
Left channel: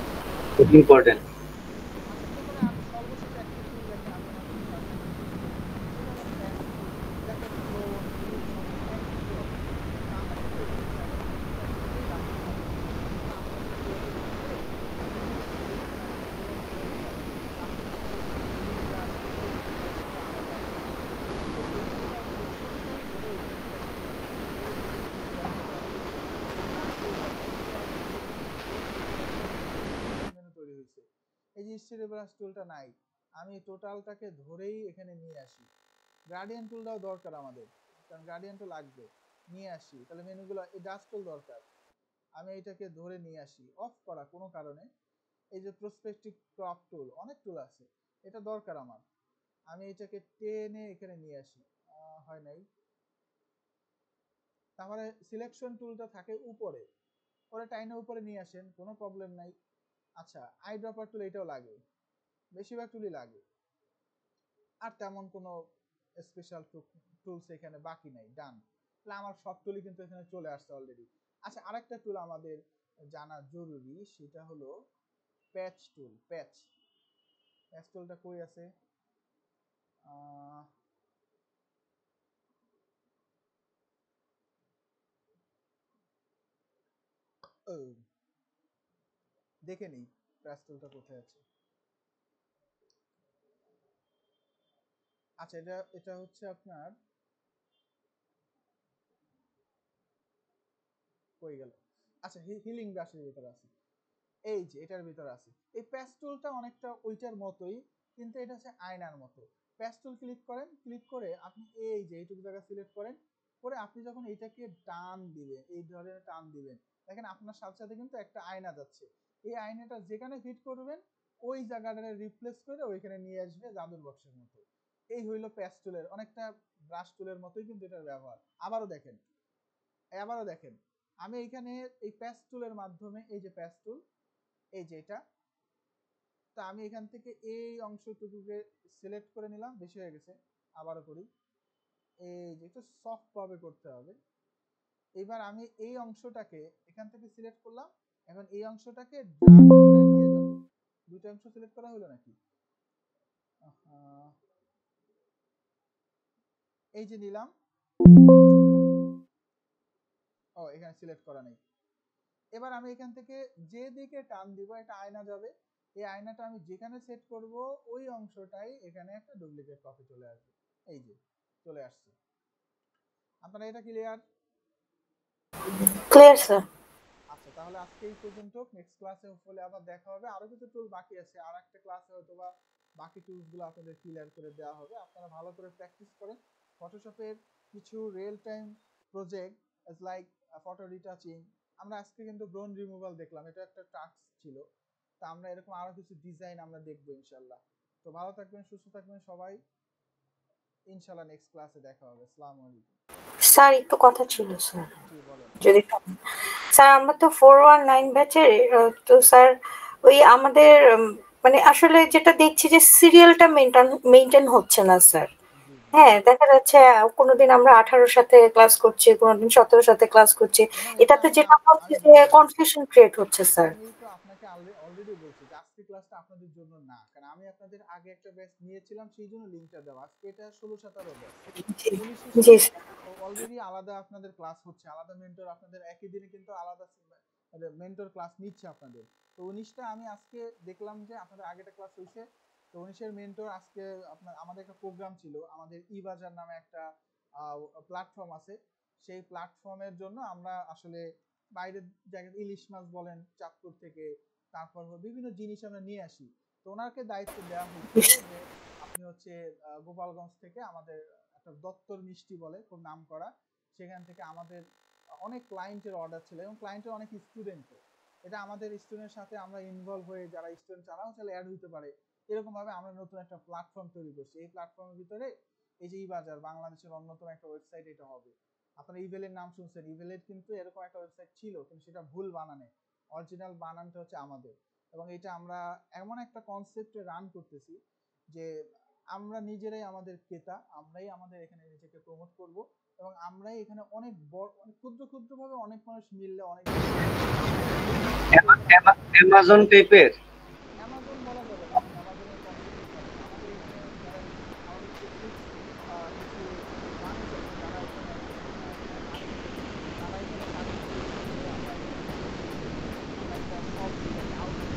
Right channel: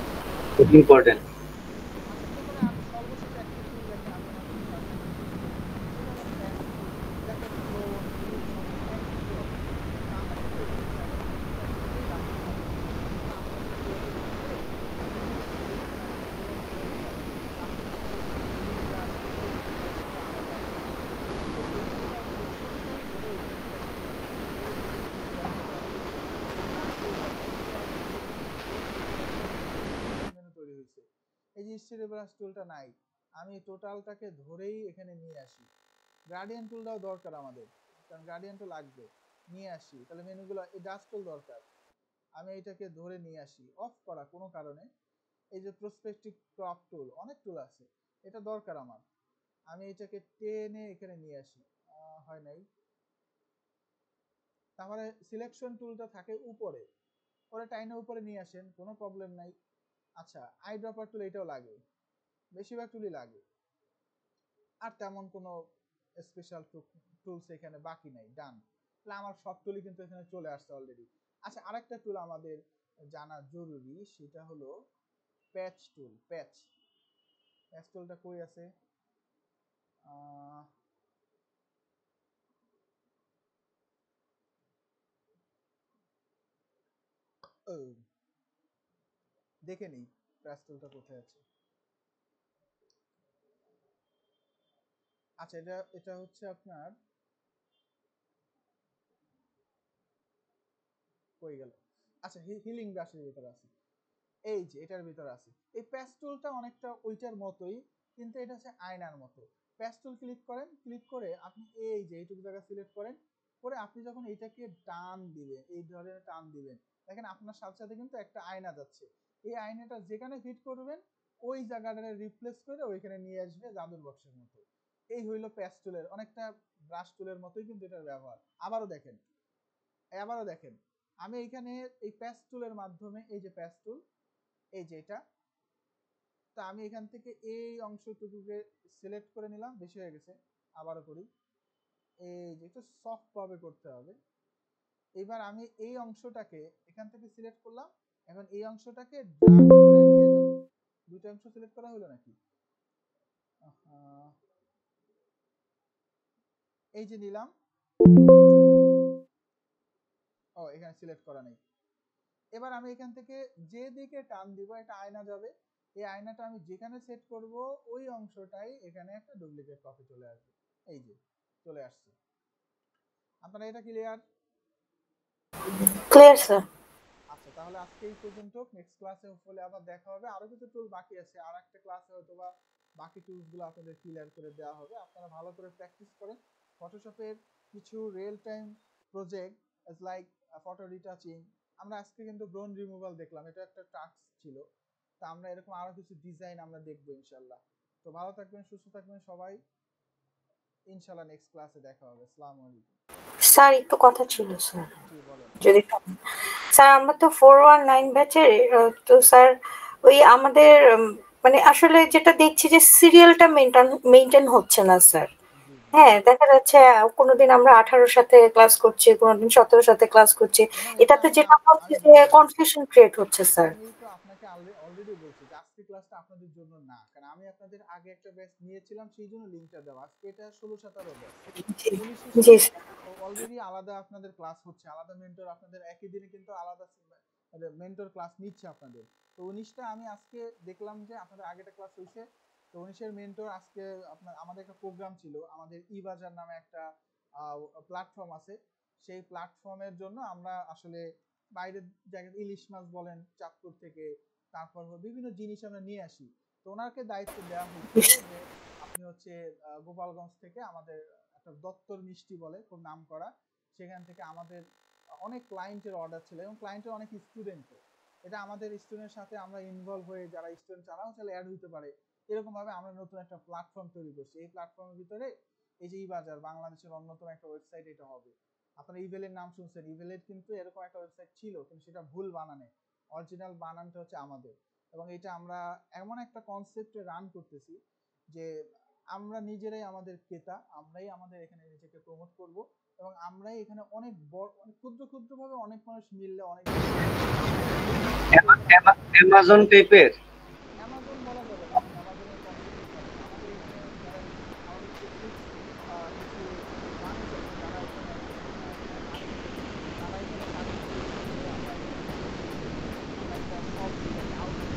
আচ্ছা খুব ইম্পর্টেন্ট। আচ্ছা, এরপরে আমি সর্বশেষ একটা টুল দেখেন আমি আমাদের ক্লাসে ইউজ করছি, সেটা হলো পেস্ট টুল। এটাকে ক্লোন ডিলিশন একই প্রসেস। তা আমরা কিন্তু এখানে চাইলে পেস্টটা দিলেই রাখতে পারি, অথবা আমরা ক্রিয়েটিভ মোডে এই ক্লোন করে নিতে পারি। আপনি চাইলে এখানে হিলিং ব্রাশ এই পেস্টটা আলাদা করে দিবেন। তো এই টুলটা প্রত্যেকটাই ধরে এখানে পেস্ট করে দিবেন, করে দিলে কিন্তু দেখা যাবে আমরা এই একটা মেনু দেখেন, এই একটা মেনু তিনটা মেনু তৈরি হয়েছে। এই যে হিস্টরি ব্রাশ টুলটা নাই, আমি টোটালটাকে ধরেই এখানে নিয়ে আসি। গ্রাডিয়েন্ট টুলটাও দরকার আমাদের, কারণ গ্রাডিয়েন্ট তো লাগবে, নিয়ে আসি। তাহলে মেনুগুলো এই ডাস্ট টুল দরকার, আমি এটাকে ধরে নিয়ে আসি। অফ করা কোনো কারণে এই যে প্রসপেক্টিভ ক্রপ টুল, অনেক টুল আছে, এটা দরকার আমার, আমি এটাকে টেনে এখানে নিয়ে আসি। হয় নাই। তারপরে সিলেকশন টুলটা থাকে উপরে, ওরা টাইনে উপরে নিয়ে আসেন, কোনো প্রবলেম নাই। আচ্ছা, আই ড্রপার টুল এটাও লাগে, বেশিরভাগ টুলই লাগে, আর তেমন কোনো স্পেশাল টুলস এখানে বাকি নাই। ডান, তাহলে আমার সব টুলই কিন্তু এখানে চলে আসছে অলরেডি। আচ্ছা, আরেকটা টুল আমাদের জানা জরুরি, সেটা হলো প্যাচ টুল। প্যাচ প্যাচ টুলটা কই আছে? দেখে নিই প্যাচ টুলটা কোথায় আছে। আচ্ছা, এটা হচ্ছে আপনার কই গেল? আচ্ছা, হিলিং ব্রাশের ভিতরে আছে, এই যে এটার ভিতরে আছে। এই প্যাচ টুলটা অনেকটা ওইটার মতোই, কিন্তু এটা হচ্ছে আয়নার মতো। প্যাচ টুল ক্লিক করেন, ক্লিক করে আপনি এই যে এইটুকু জায়গা সিলেক্ট করেন, করে আপনি যখন এইটাকে টান দিবেন, এই ধরনের টান দিবেন, দেখেন আপনার সাথে সাথে কিন্তু একটা আয়না যাচ্ছে। এই আয়নাটা যেখানে ফিট করবেন ওই জায়গাটা রিপ্লেস করে ওইখানে নিয়ে আসবে জাদুর বক্সের মতো। এই হইলো প্যাচ টুলের, অনেকটা ব্রাশ টুলের মতোই কিন্তু এটার ব্যবহার। আবারও দেখেন আমি এইখানে এই প্যাচ টুলের মাধ্যমে, এই যে প্যাচ টুল, এই যে এটা, তো আমি এখান থেকে এই অংশটুকুকে সিলেক্ট করে নিলাম, বেশি হয়ে গেছে, আবারও করি। এই যে একটু সফট ভাবে করতে হবে। এবার আমি এই অংশটাকে এখান থেকে সিলেক্ট করলাম, এখন এই অংশটাকে ড্র্যাগ করে নিয়ে যাব। দুটো অংশ সিলেক্ট করা হলো নাকি? এই যে নিলাম, ও এখানে সিলেক্ট করা নেই। এবার আমি এখান থেকে যে দিকে টান দিব এটা আয়না যাবে, এই আয়নাটা আমি যেখানে সেট করব ওই অংশটাই এখানে একটা ডুপ্লিকেট কপি চলে আসবে। এই যে চলে আসছে। আপনারা এটা ক্লিয়ার? Clear sir. আচ্ছা, তাহলে আজকে এই পর্যন্ত। নেক্সট ক্লাসে হলে আবার দেখা হবে, আরো কিছু টুল বাকি আছে, আর একটা ক্লাসে হয়তো বা বাকি টুলস গুলো আপনাদের ক্লিয়ার করে দেওয়া হবে। আপনারা ভালো করে প্র্যাকটিস করেন। ফটোশপের কিছু real time project like photo retouching, আমরা আজকে কিন্তু ব্রোন রিমুভাল দেখলাম, এটা একটা টাস্ক ছিল। তা আমরা এরকম আরো কিছু ডিজাইন আমরা দেখবো ইনশাল্লাহ। তো ভালো থাকবেন, সুস্থ থাকবেন সবাই, ইনশাল্লাহ নেক্সট ক্লাসে দেখা হবে। আসসালামু আলাইকুম। স্যার একটু কথা ছিল স্যার, জি বলেন। যদি স্যার আমরা তো 419 ব্যাচের, তো স্যার ওই আমাদের মানে আসলে যেটা দেখছি যে সিরিয়ালটা মেইনটেইন হচ্ছে না স্যার। জি জি, হ্যাঁ, দেখা যাচ্ছে কোনোদিন আমরা 18 সাথে ক্লাস করছি, কোনোদিন 17 সাথে ক্লাস করছি। ম্যাডাম এটা এটাতে আমি যেটা হচ্ছে আমি যে বলবো, কনফিউশন ক্রিয়েট হচ্ছে স্যার। আমি তো আপনাকে অলরেডি বলছি যে আজকে ক্লাসটা আপনাদের জন্য না, কারণ আমি আপনাদের আগে একটা ব্যাচ নিয়েছিলাম, সেই জন্য লিংকটা দেওয়া। আজকে এটা 16-17 ব্যাচ, জি 19 জি সাথে স্যার। অলরেডি আলাদা আপনাদের ক্লাস হচ্ছে, আলাদা মেন্টর আপনাদের একই দিনে কিন্তু আলাদা মেন্টর ক্লাস নিচ্ছে আপনাদের। তো 19টা আমি আজকে দেখলাম যে আপনাদের আগেটা ক্লাস হয়েছে, তো 19-এর মেন্টর আজকে আপনার আমাদের একটা প্রোগ্রাম ছিল, আমাদের ই বাজার নামে একটা প্ল্যাটফর্ম আছে, সেই প্ল্যাটফর্মের জন্য আমরা আসলে বাইরের জায়গায় ইলিশ মাছ বলেন চাঁদপুর থেকে, তারপর বিভিন্ন জিনিস আমরা নিয়ে আসি। তো ওনাকে দায়িত্ব দেওয়া হয়েছিল যে আপনি হচ্ছে গোপালগঞ্জ থেকে আমাদের একটা দত্তর মিষ্টি বলে খুব নাম করা, সেখান থেকে আমাদের অনেক ক্লায়েন্টের অর্ডার ছিল এবং ক্লায়েন্টের অনেক স্টুডেন্টও, এটা আমাদের স্টুডেন্টের সাথে আমরা ইনভলভ হয়ে যারা স্টুডেন্ট তারাও চাইলে অ্যাড হতে পারে, এরকম ভাবে আমরা নতুন একটা প্ল্যাটফর্ম তৈরি করছি। এই প্ল্যাটফর্মের ভিতরে এই যে বাজার বাংলাদেশের অন্যতম একটা ওয়েবসাইট এটা হবে। আপনারা ইভেলের নাম শুনছেন, ইভেলের কিন্তু এরকম একটা ওয়েবসাইট ছিল কিন্তু সেটা ভুল বানানে, অরিজিনাল বানানটা হচ্ছে আমাদের। এবং এটা আমরা এমন একটা কনসেপ্টে রান করতেছি যে আমরা নিজেরাই আমাদের ক্রেতা, আমরাই আমাদের এখানে নিজেকে প্রমোট করব এবং আমরাই এখানে অনেক বড় অনেক ক্ষুদ্র ক্ষুদ্র ভাবে অনেক মানুষ মিললে অনেক অ্যামাজন টাইপের অ্যামাজন বলা যাবে না, অ্যামাজনের কম্পিটিশন আমাদের এখানে যারা আমাদের কিছু মানুষ আছে যারা এখানে তারা এখানে কাজ করে, আমরা একটা শপ আউটলেট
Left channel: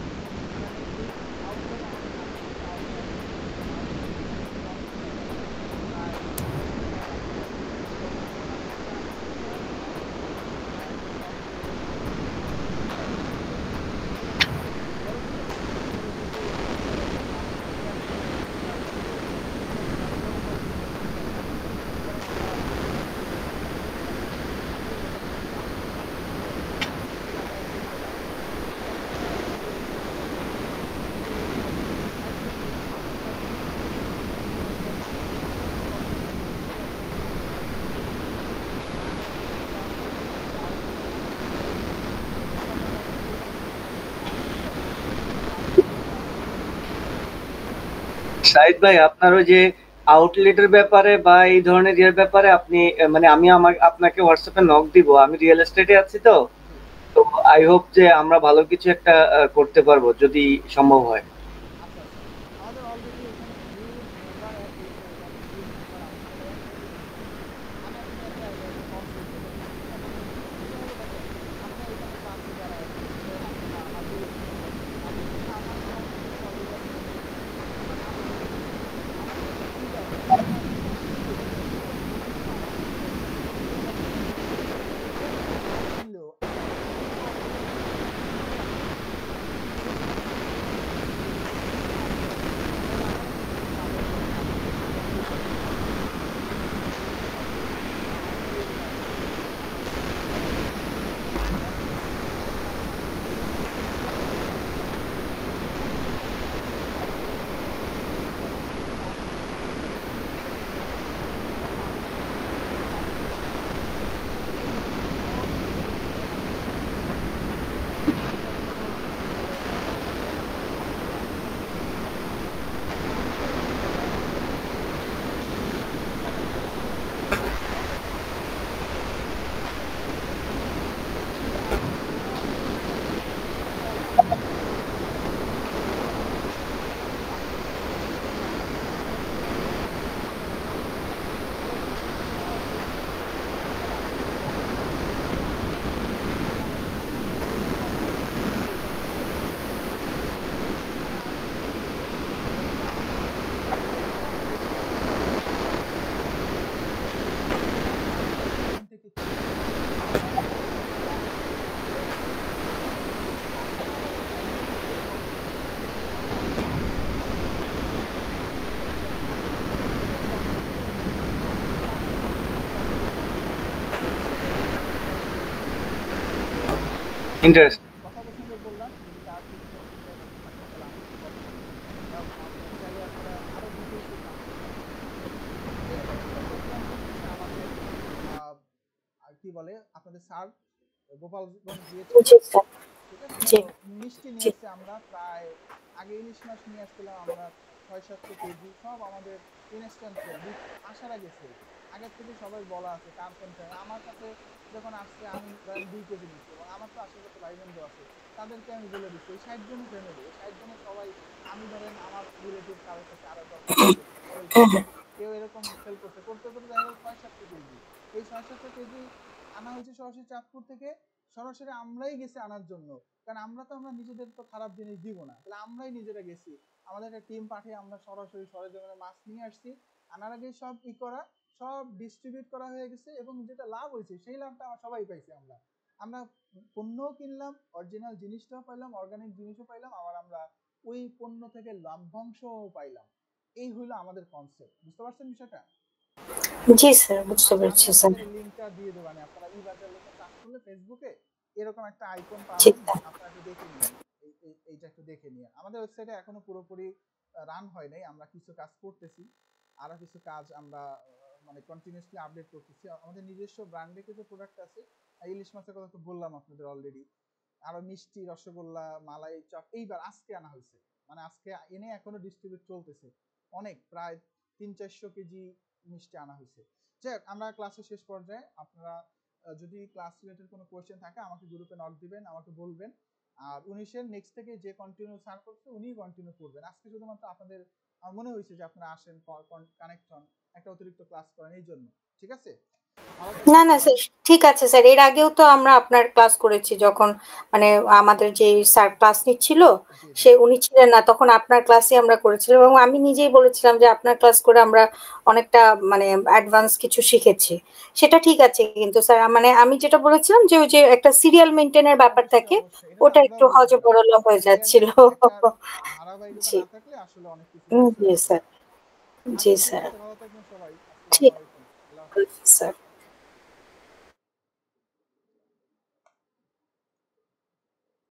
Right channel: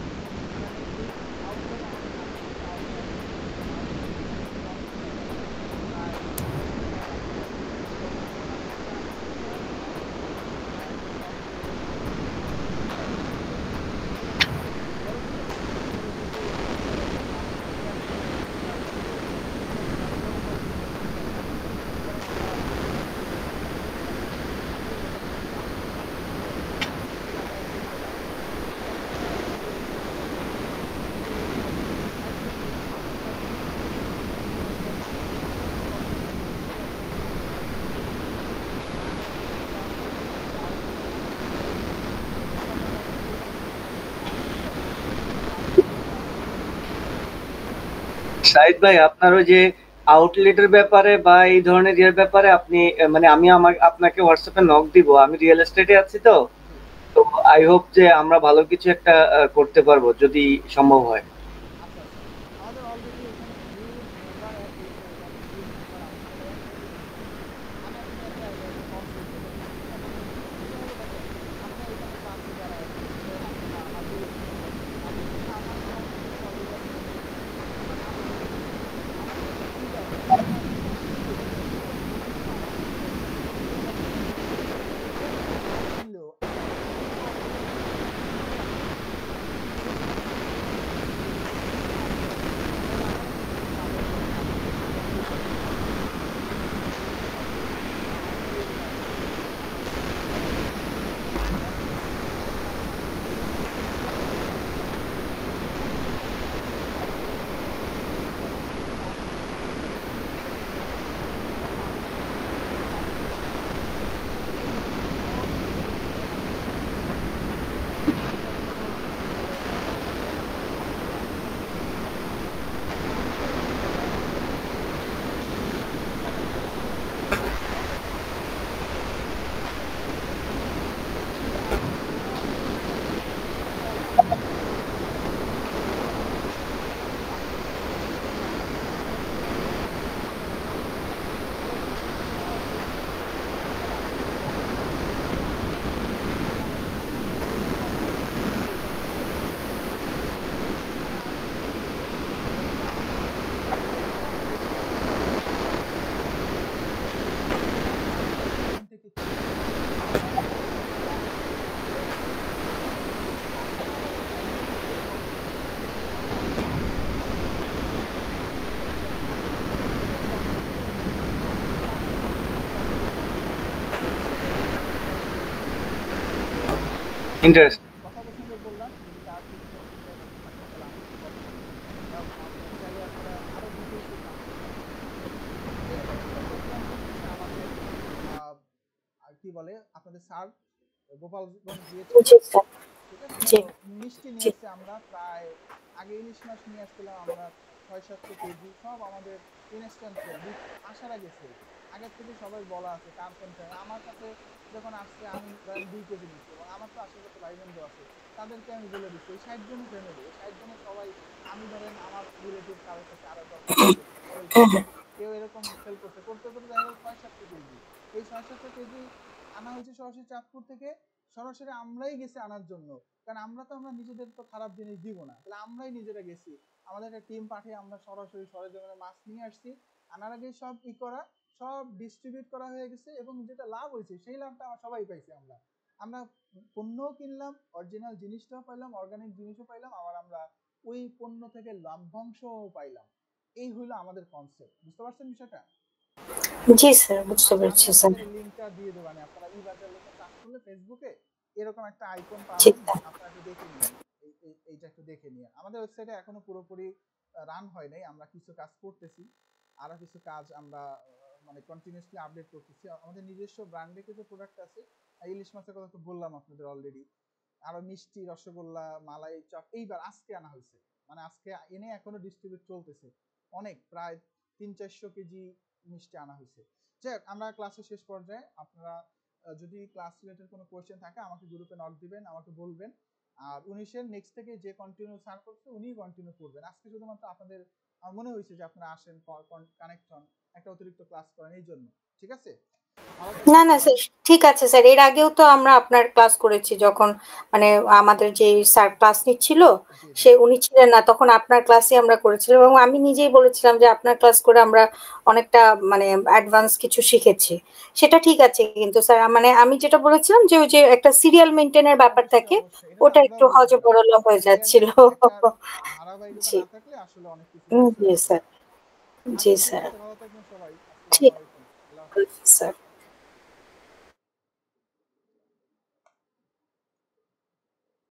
সাইদ ভাই, আপনার ওই যে আউটলেটের ব্যাপারে বা এই ধরনের ইয়ের ব্যাপারে আপনি মানে আমি আপনাকে হোয়াটসঅ্যাপে নক দিব। আমি রিয়েল এস্টেটে আছি তো, তো আই হোপ যে আমরা ভালো কিছু একটা করতে পারবো যদি সম্ভব হয়। আমাদের অলরেডি এখানে নিউ মেম্বার অ্যাড হয়েছে এবং নিউ মেম্বার আমাদের অ্যাড হয়ে গেছে। আমি আপনাকে একটা কনসেপ্ট বলে দিচ্ছি, ঠিক আছে? এটা হলো দেখেন, আমরা এখানে ক্লাসে যারা অ্যাসিস্ট্যান্ট বা হাবিব আপনি কিন্তু আমার সাথে কলেজ আছে, মানে আমাদের একটা ফিড আছে, আমরা কিন্তু কিন্তু আমাদের কিনলেও আমরা কিন্তু অলরেডি ইন্টারেস্ট কথা প্রসঙ্গে বললাম যদি তার কিছু অসুবিধা থাকে তাহলে আমাকে কথা বলবেন এবং চাইলে আপনারা আরো ডিটেলসে জানতে পারেন। এরকম একটা প্রোগ্রাম হচ্ছে আমাদের কি বলে আপনাদের স্যার গোপালগঞ্জ গিয়েছিল, জি স্যার। ঠিক আছে? জি তো মিষ্টি নিয়ে জি আসছে, আমরা প্রায় আগে ইলিশ মাছ নিয়ে আসছিলাম আমরা 600-700 কেজি, সব আমাদের ইনস্ট্যান্ট সেল আসার আগে সেল, আগের থেকে সবাই বলা আছে কার কোনটা। আমার কাছে যখন আসছে আমি ধরেন 2 কেজি নিচ্ছি এবং আমার তো আশেপাশে ভাই বন্ধু আছে, তাদেরকে আমি বলে দিচ্ছি এই 60 জনের ফ্যামিলি, এই 60 জনের সবাই, আমি ধরেন আমার রিলেটিভ কারোর কাছে আরো 10 কেজি সবাই কিনছে, কেউ এরকম সেল করতে করতে করতে দেখা গেল 600-700 কেজি। এই 600-700 কেজি আনা হয়েছে সরাসরি চাঁদপুর থেকে, সরাসরি আমরাই গেছি আনার জন্য, কারণ আমরা নিজেদের তো খারাপ জিনিস দিব না, তাহলে আমরাই নিজেরা গেছি, আমাদের একটা টিম পাঠিয়ে আমরা সরাসরি সরেজমিনে মাছ নিয়ে আসছি, আনার আগে সব করা, সব ডিস্ট্রিবিউট করা হয়ে গেছে এবং যেটা লাভ হয়েছে সেই লাভটা আমরা সবাই পাইছি। আমরা পণ্যও কিনলাম, অরিজিনাল জিনিসটাও পাইলাম, অর্গানিক জিনিসও পাইলাম, আবার আমরা ওই পণ্য থেকে লাভ্যাংশও পাইলাম। এই হলো আমাদের কনসেপ্ট। বুঝতে পারছেন বিষয়টা? জি স্যার, বুঝতে পেরেছি স্যার। লিংকটা দিয়ে দেব, মানে আপনারা ই-বাজার লেখা সার্চ করলে ফেসবুকে এরকম একটা আইকন জি পাবেন, স্যার। আপনারা একটু দেখে নিন। এইটা একটু দেখে নিন। আমাদের ওয়েবসাইটে এখনো পুরোপুরি রান হয় নাই, আমরা কিছু কাজ করতেছি, আরো কিছু কাজ আমরা মানে কন্টিনিউয়াসলি আপডেট করতেছি। আমাদের নিজস্ব ব্র্যান্ডে কিছু প্রোডাক্ট আছে, ইলিশ মাছের কথা তো বললাম আপনাদের অলরেডি। আরো মিষ্টি, রসগোল্লা, মালাই চপ এইবার আজকে আনা হয়েছে, মানে আজকে এনে এখনো ডিস্ট্রিবিউট চলতেছে। অনেক, প্রায় 300-400 কেজি মিষ্টি আনা হয়েছে। যাই আমরা ক্লাসের শেষ পর্যায়ে, আপনারা যদি ক্লাস রিলেটেড কোনো কোয়েশ্চেন থাকে আমাকে গ্রুপে নক দিবেন, আমাকে বলবেন। আর 19-এর নেক্সট থেকে যে কন্টিনিউ স্যার করছে উনিই কন্টিনিউ করবেন। আজকে শুধুমাত্র আপনাদের আমার মনে হয়েছে যে আপনারা আসেন, কানেক্ট হন, একটা অতিরিক্ত ক্লাস করেন, এই জন্য। ঠিক আছে? না না স্যার, ঠিক আছে স্যার। এর আগেও তো আমরা আপনার ক্লাস করেছি, যখন মানে আমাদের যে স্যার ক্লাস নিচ্ছিল সে উনি ছিলেন না, তখন আপনার ক্লাসই আমরা করেছিলাম এবং আমি নিজেই বলেছিলাম যে আপনার ক্লাস করে আমরা অনেকটা মানে অ্যাডভান্স কিছু শিখেছি। সেটা ঠিক আছে, কিন্তু স্যার মানে আমি যেটা বলেছিলাম যে ওই যে একটা সিরিয়াল মেইনটেইনের ব্যাপার থাকে, ওটা একটু হযবরল হয়ে যাচ্ছিল। জি জি স্যার, জি স্যার, ঠিক স্যার।